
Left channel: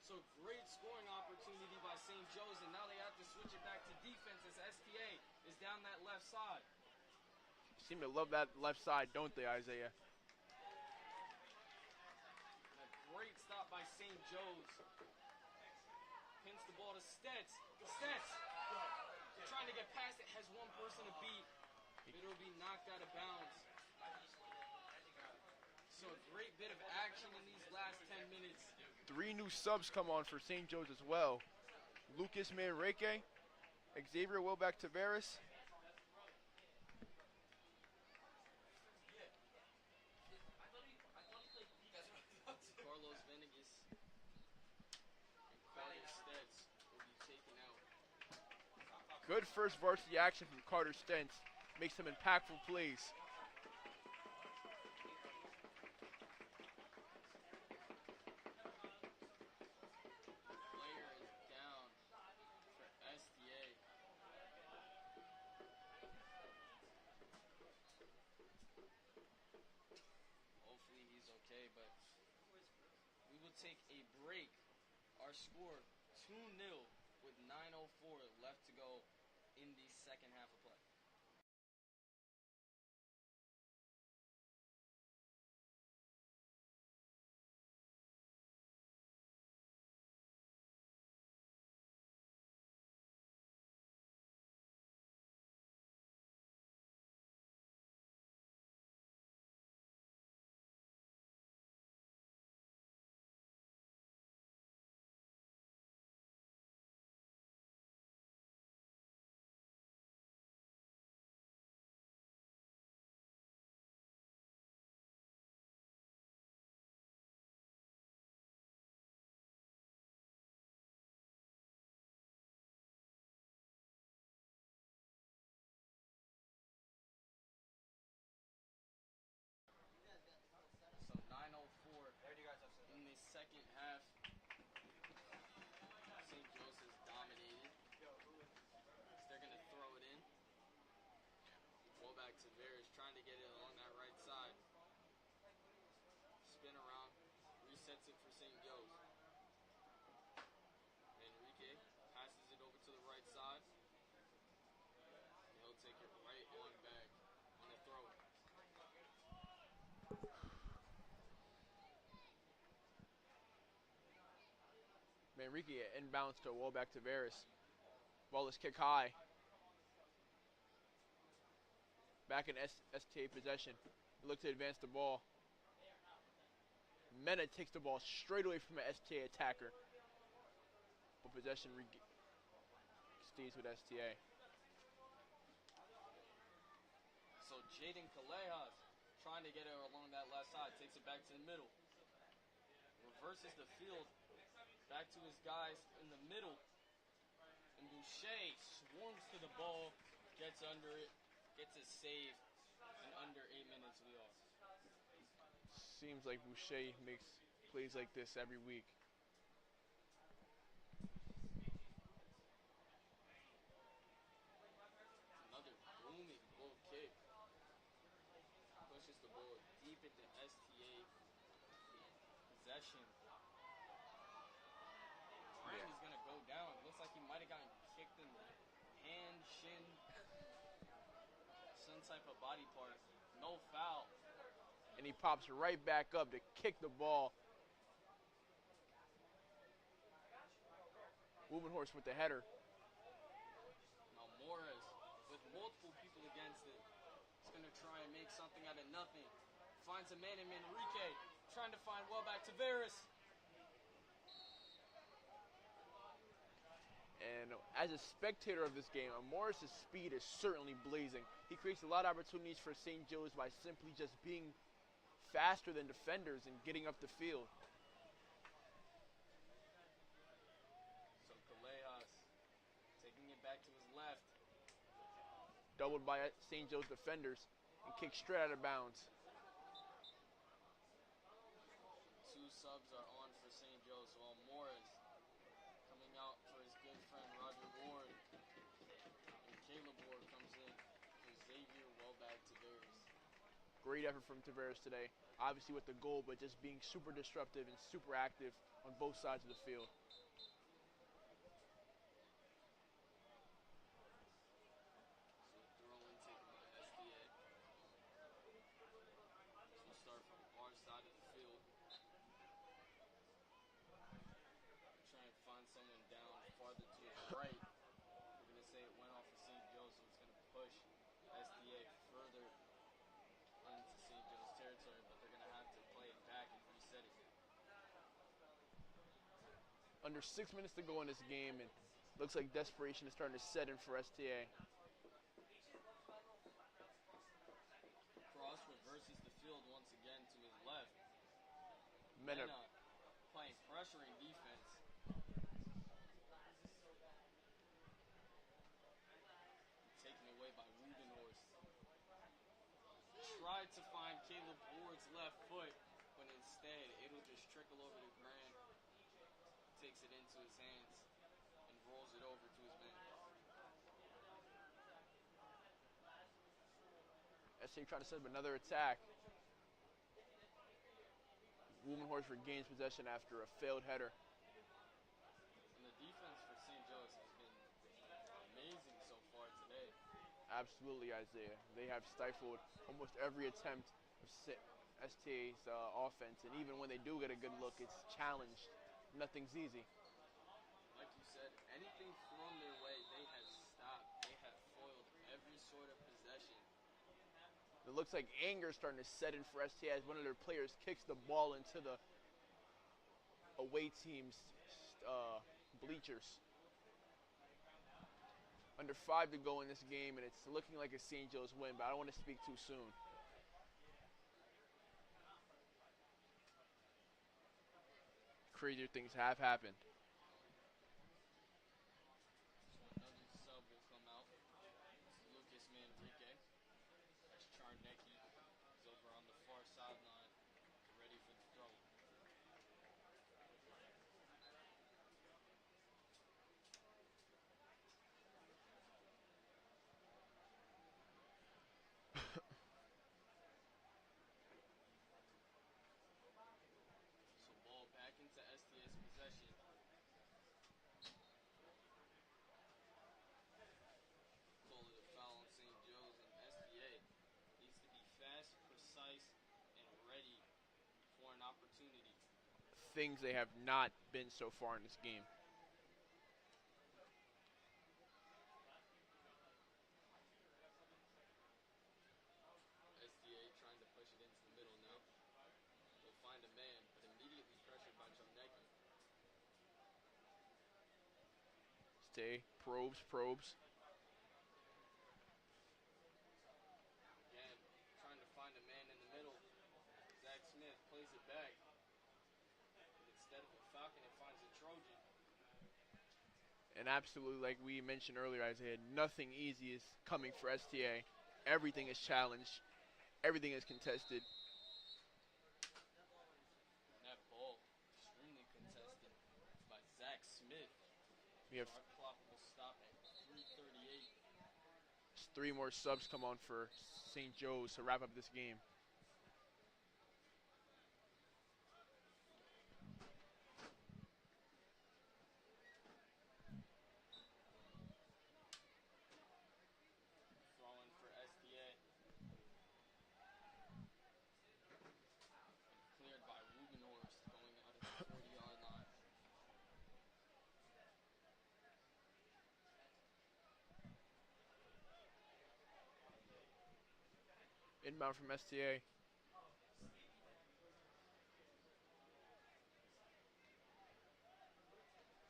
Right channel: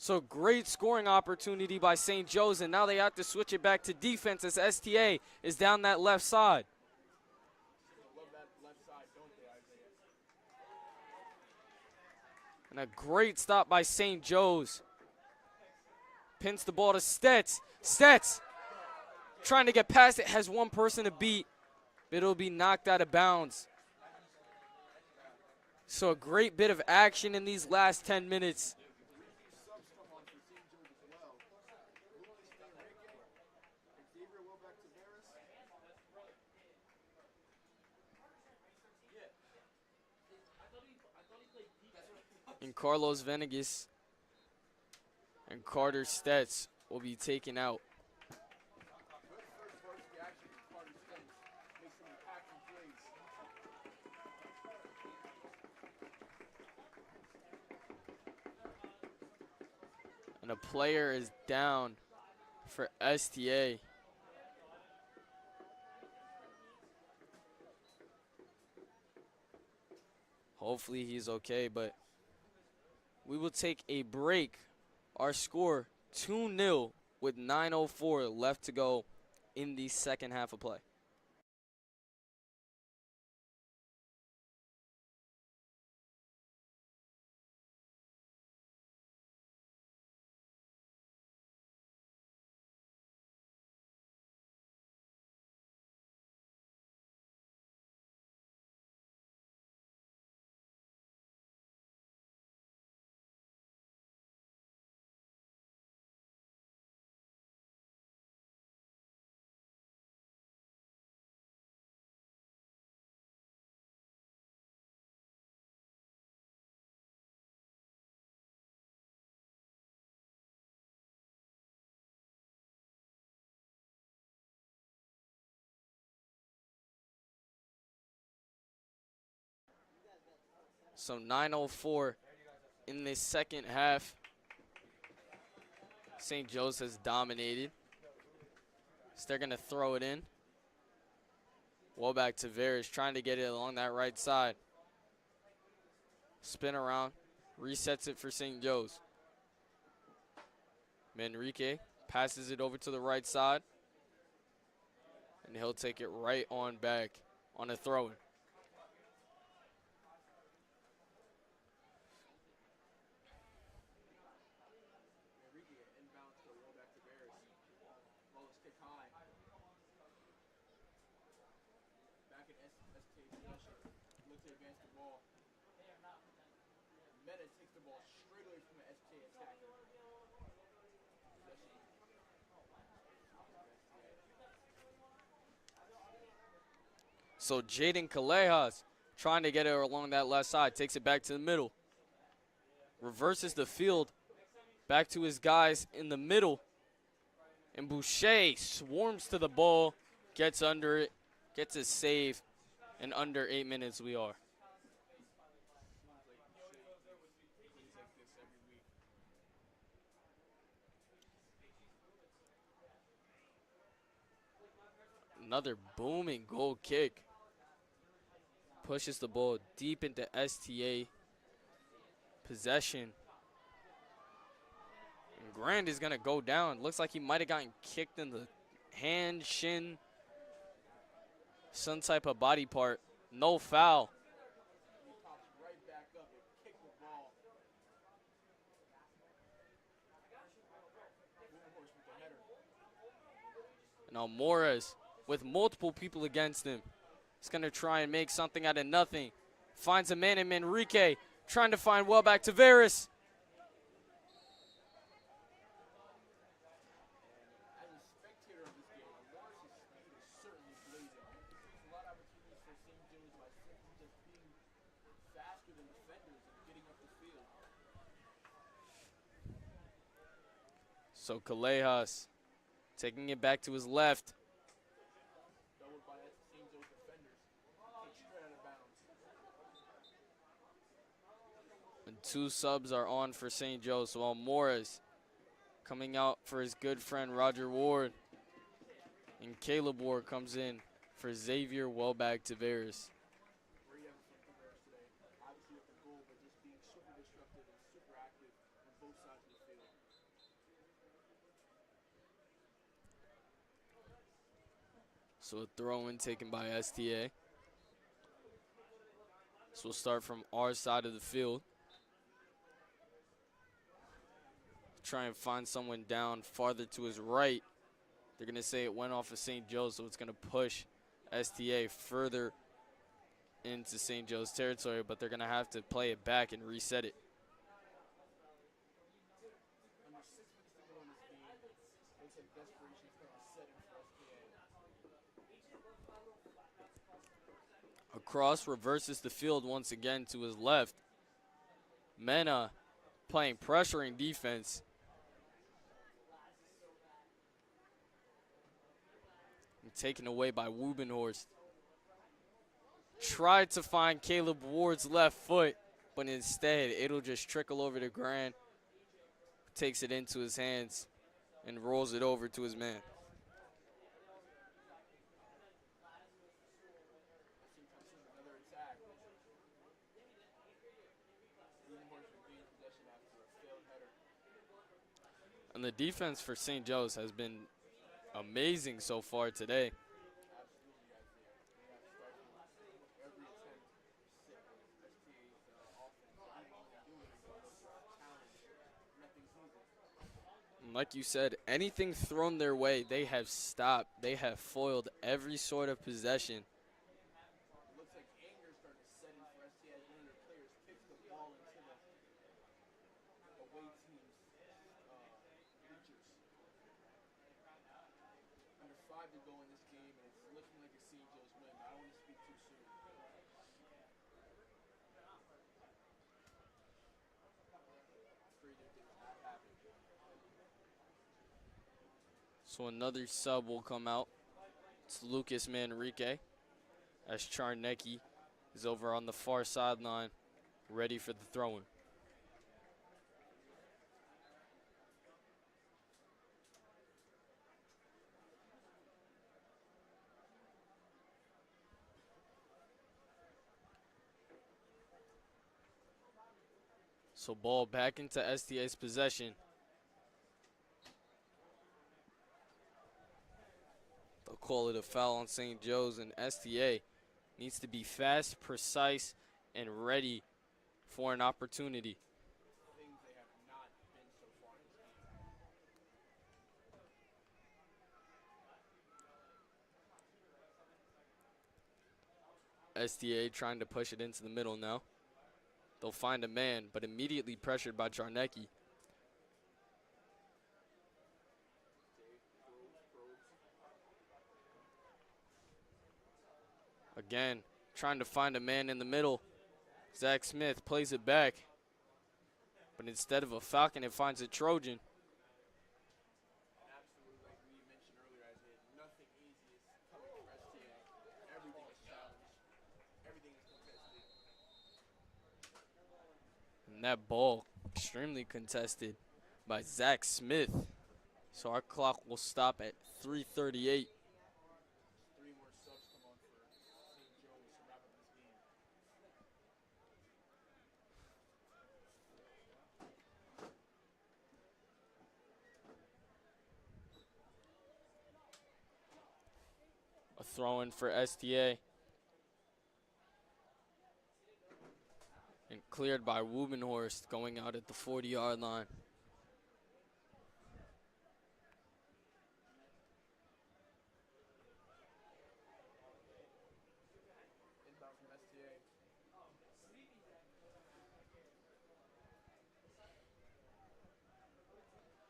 So great scoring opportunity by St. Joe's, and now they have to switch it back to defense as STA is down that left side. Seem to love that left side, don't they, Isaiah? And a great stop by St. Joe's. Pins the ball to Stetz. Stetz trying to get past it, has one person to beat. It'll be knocked out of bounds. So a great bit of action in these last 10 minutes. 3 new subs come on for St. Joe's as well. Lucas Manrique, Xavier Wilbeck Tavares. And Carlos Venegas and Carter Stetz will be taken out. Good first varsity action from Carter Stentz. Makes some impactful plays. And a player is down for STA. Hopefully he's okay, but we will take a break. Our score 2-0 with 9:04 left to go in the second half of play. So 9:04 in the second half. St. Joe's has dominated. So they're going to throw it in. Well, back to Veras, trying to get it along that right side. Spin around, resets it for St. Joe's. Manrique passes it over to the right side. And he'll take it right on back on a throw-in. Manrique inbounds to wall back to Veras. Ball is kicked high. Back in STA possession. Look to advance the ball. Mena takes the ball straight away from an STA attacker. But possession stays with STA. So Jaden Callejas trying to get it along that left side. Takes it back to the middle. Reverses the field. Back to his guys in the middle. And Boucher swarms to the ball. Gets under it. Gets a save. In under 8 minutes we are. Seems like Boucher makes plays like this every week. Another booming goal kick. Pushes the ball deep into STA possession. And Grand is going to go down. Looks like he might have gotten kicked in the hand, shin, some type of body part. No foul. And he pops right back up to kick the ball. Wubenhorst with the header. Now Morris with multiple people against him. He's going to try and make something out of nothing. Finds a man in Manrique. Trying to find well back to Veras. And as a spectator of this game, Morris's speed is certainly blazing. He creates a lot of opportunities for St. Joe's by simply just being faster than defenders and getting up the field. So Callejas taking it back to his left. Doubled by St. Joe's defenders and kicked straight out of bounds. And 2 subs are on for St. Joe's, while Morris coming out for his good friend Roger Ward. And Caleb Ward comes in for Xavier Welbag Taveras. Great effort from Taveras today. Obviously with the goal, but just being super disruptive and super active on both sides of the field. So a throw-in taken by STA. So we'll start from our side of the field. Try and find someone down farther to his right. They're going to say it went off of St. Joe's, so it's going to push STA further into St. Joe's territory, but they're going to have to play it back and reset it. Under 6 minutes to go in this game, and looks like desperation is starting to set in for STA. Across, reverses the field once again to his left. Mena playing pressuring defense. And taken away by Wubenhorst. Tried to find Caleb Ward's left foot, but instead it'll just trickle over to Grant. Takes it into his hands and rolls it over to his man. STA trying to set up another attack. Wubenhorst regains possession after a failed header. And the defense for St. Joe's has been amazing so far today. Absolutely, Isaiah. They have stifled almost every attempt of STA's offense, and even when they do get a good look, it's challenged. Nothing's easy. And like you said, anything thrown their way, they have stopped. They have foiled every sort of possession. It looks like anger is starting to set in for STA as one of their players kicks the ball into the away team's bleachers. Under 5 to go in this game, and it's looking like a St. Joe's win, but I don't want to speak too soon. Crazier things have happened. So another sub will come out. It's Lucas Manrique, as Charnecki is over on the far sideline ready for the throw-in. So ball back into STA's possession. They'll call it a foul on St. Joe's, and STA needs to be fast, precise, and ready for an opportunity. Things they have not been so far in this game. STA trying to push it into the middle now. They'll find a man, but immediately pressured by Charnecki. Stay, probes. Again, trying to find a man in the middle. Zach Smith plays it back. But instead of a Falcon, it finds a Trojan. And absolutely, like we mentioned earlier, Isaiah, nothing easy is coming for STA. Everything is challenged. Everything is contested. And that ball, extremely contested by Zach Smith. Yep. So our clock will stop at 3:38. Just 3 more subs come on for St. Joe's to wrap up this game. A throw in for STA. And cleared by Wubenhorst going out at the 40-yard line. Inbound from STA.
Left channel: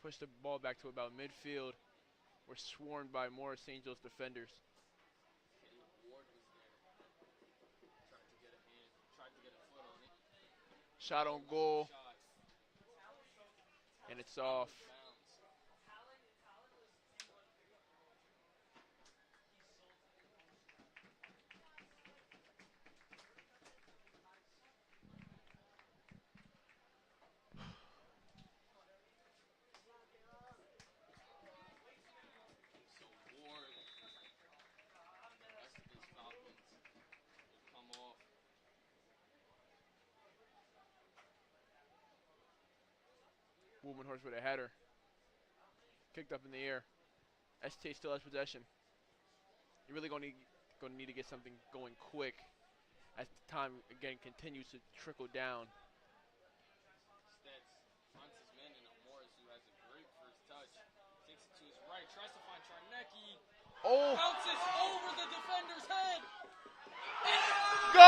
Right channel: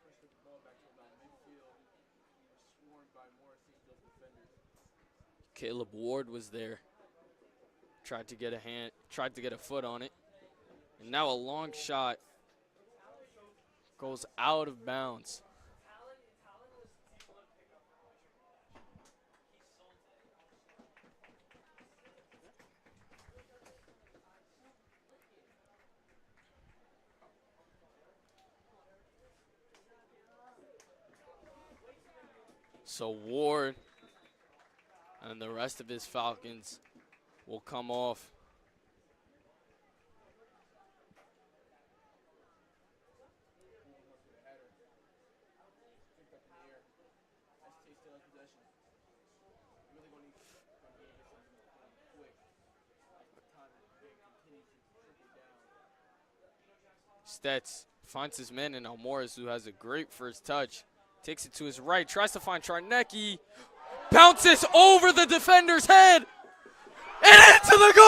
Push the ball back to about midfield. We're swarmed by more St. Joe's defenders. Caleb Ward was there. Tried to get a foot on it. And Shot now a on long goal. shot goes it's out off. of bounds. So Ward and the rest of his Falcons will come off. Wubenhorst with a header. Kicked up in the air. STA still has possession. You're really going to need to get something going quick as the time again continues to trickle down. Stetz finds his man in Almoras, who has a great first touch. Takes it to his right, tries to find Charnecki. Oh. Bounces over the defender's head. And into the goal!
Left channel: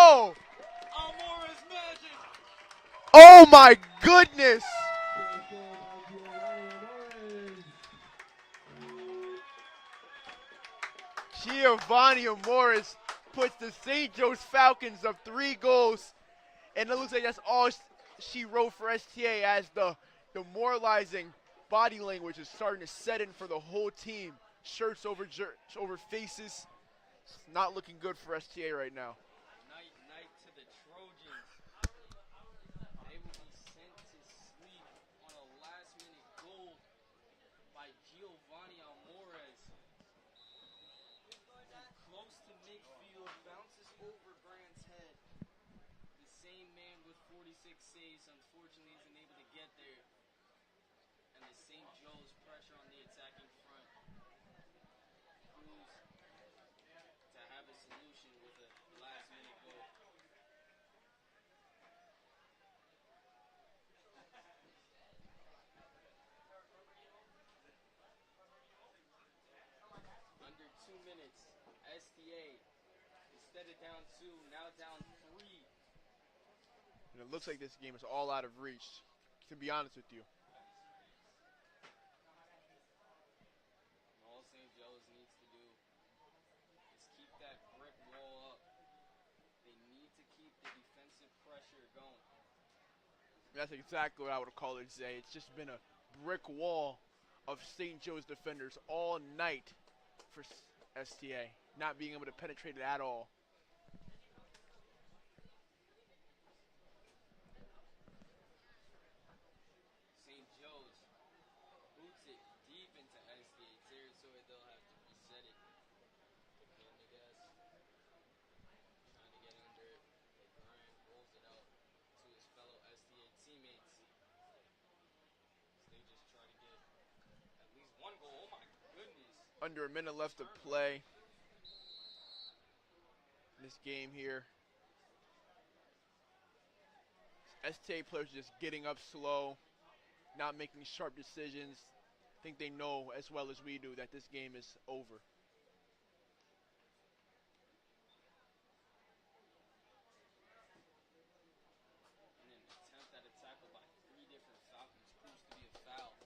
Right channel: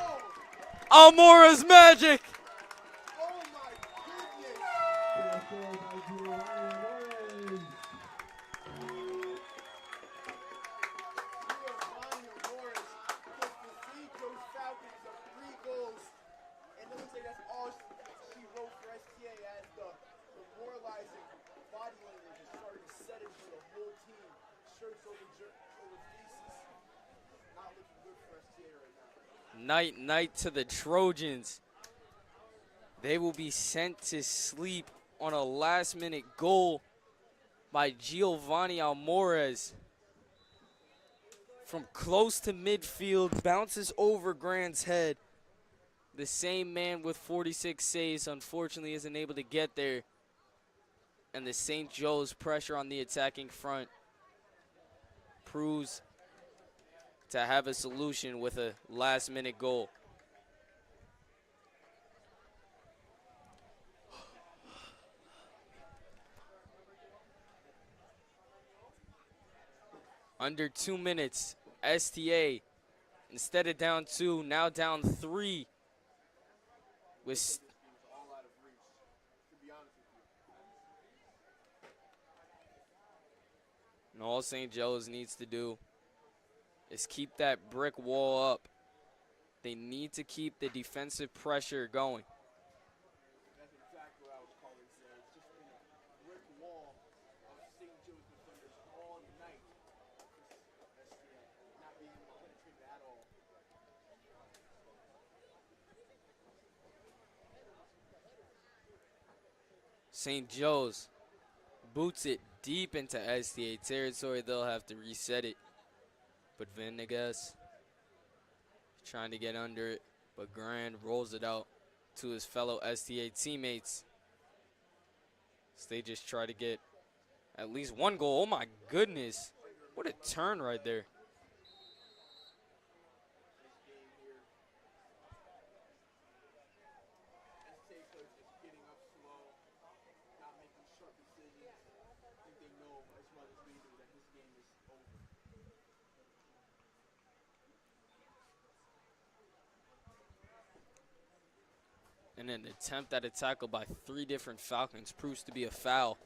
Oh! Almora's magic. Oh my goodness! Giovanni Morris puts the St. Joe's Falcons up 3 goals, and it looks like that's all she wrote for STA as the demoralizing body language is starting to set in for the whole team. Shirts over faces. It's not looking good for STA right now. Night to the Trojans. They will be sent to sleep on a last-minute goal by Giovanni Almoras. From close to midfield, bounces over Grant's head. The same man with 46 saves, unfortunately, isn't able to get there. And the St. Joe's pressure on the attacking front proves to have a solution with a last-minute goal. Under 2 minutes, STA, instead of down 2, now down 3. It looks like this game is all out of reach, to be honest with you. And all St. Joe's needs to do is keep that brick wall up. They need to keep the defensive pressure going. That's exactly what I would call it, Zay. It's just been a brick wall of St. Joe's defenders all night for STA, not being able to penetrate it at all. St. Joe's boots it deep into STA territory. They'll have to reset it. But Venegas trying to get under it. But Grand rolls it out to his fellow STA teammates. So they just try to get at least one goal. Oh my goodness. Under a What minute a left turn to right play there. this game here. STA players just getting up slow, not making sharp decisions. I think they know as well as we do that this game is over. And an attempt at a tackle by 3 different Falcons proves to be a foul.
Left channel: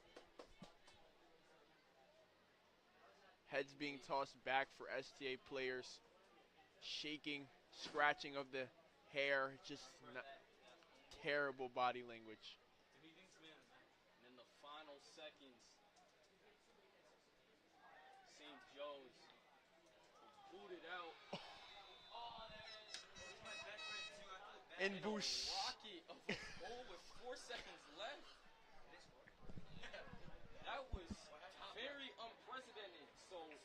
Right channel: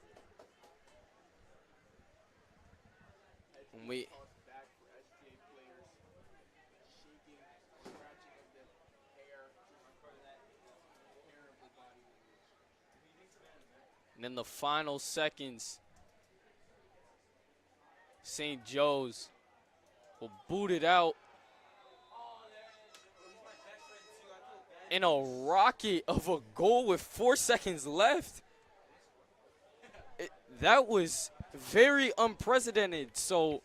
Heads being tossed back for STA players. Shaking, scratching of the hair, just terrible body language. And in the final seconds, St. Joe's will boot it out in a rocket of a goal with 4 seconds left. That was very unprecedented. So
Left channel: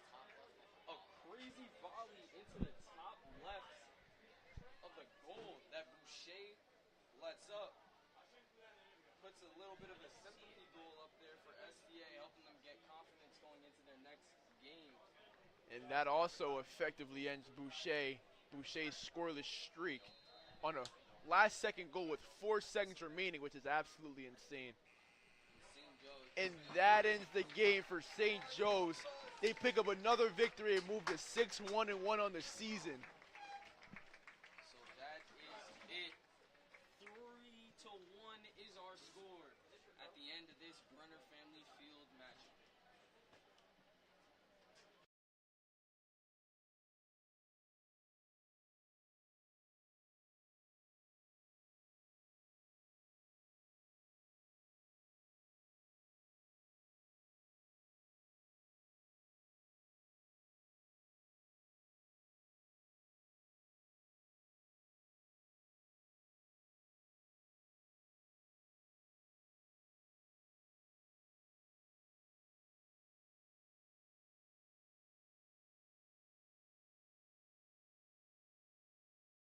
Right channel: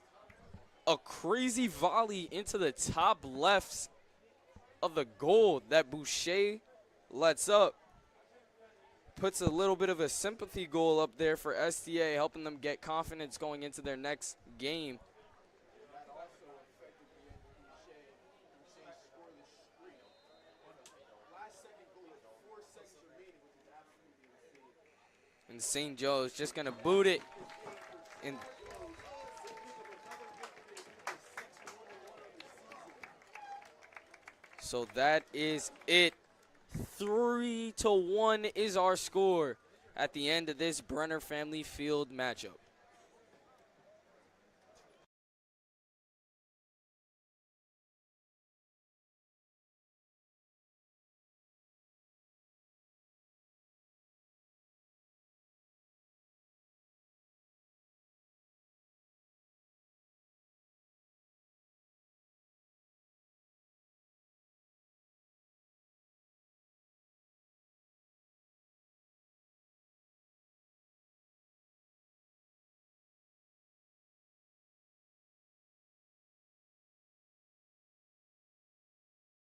a crazy volley into the top left of the goal that Boucher lets up. Puts a little bit of a sympathy goal up there for STA, helping them get confidence going into their next game. And that also effectively ends Boucher's scoreless streak on a last-second goal with 4 seconds remaining, which is absolutely insane. And St. Joe's just going to that boot it. ends the game for St. Joe's. They pick up another victory and move to 6-1-1 on the season. So that is it. 3-1 is our score at the end of this Brenner Family Field matchup.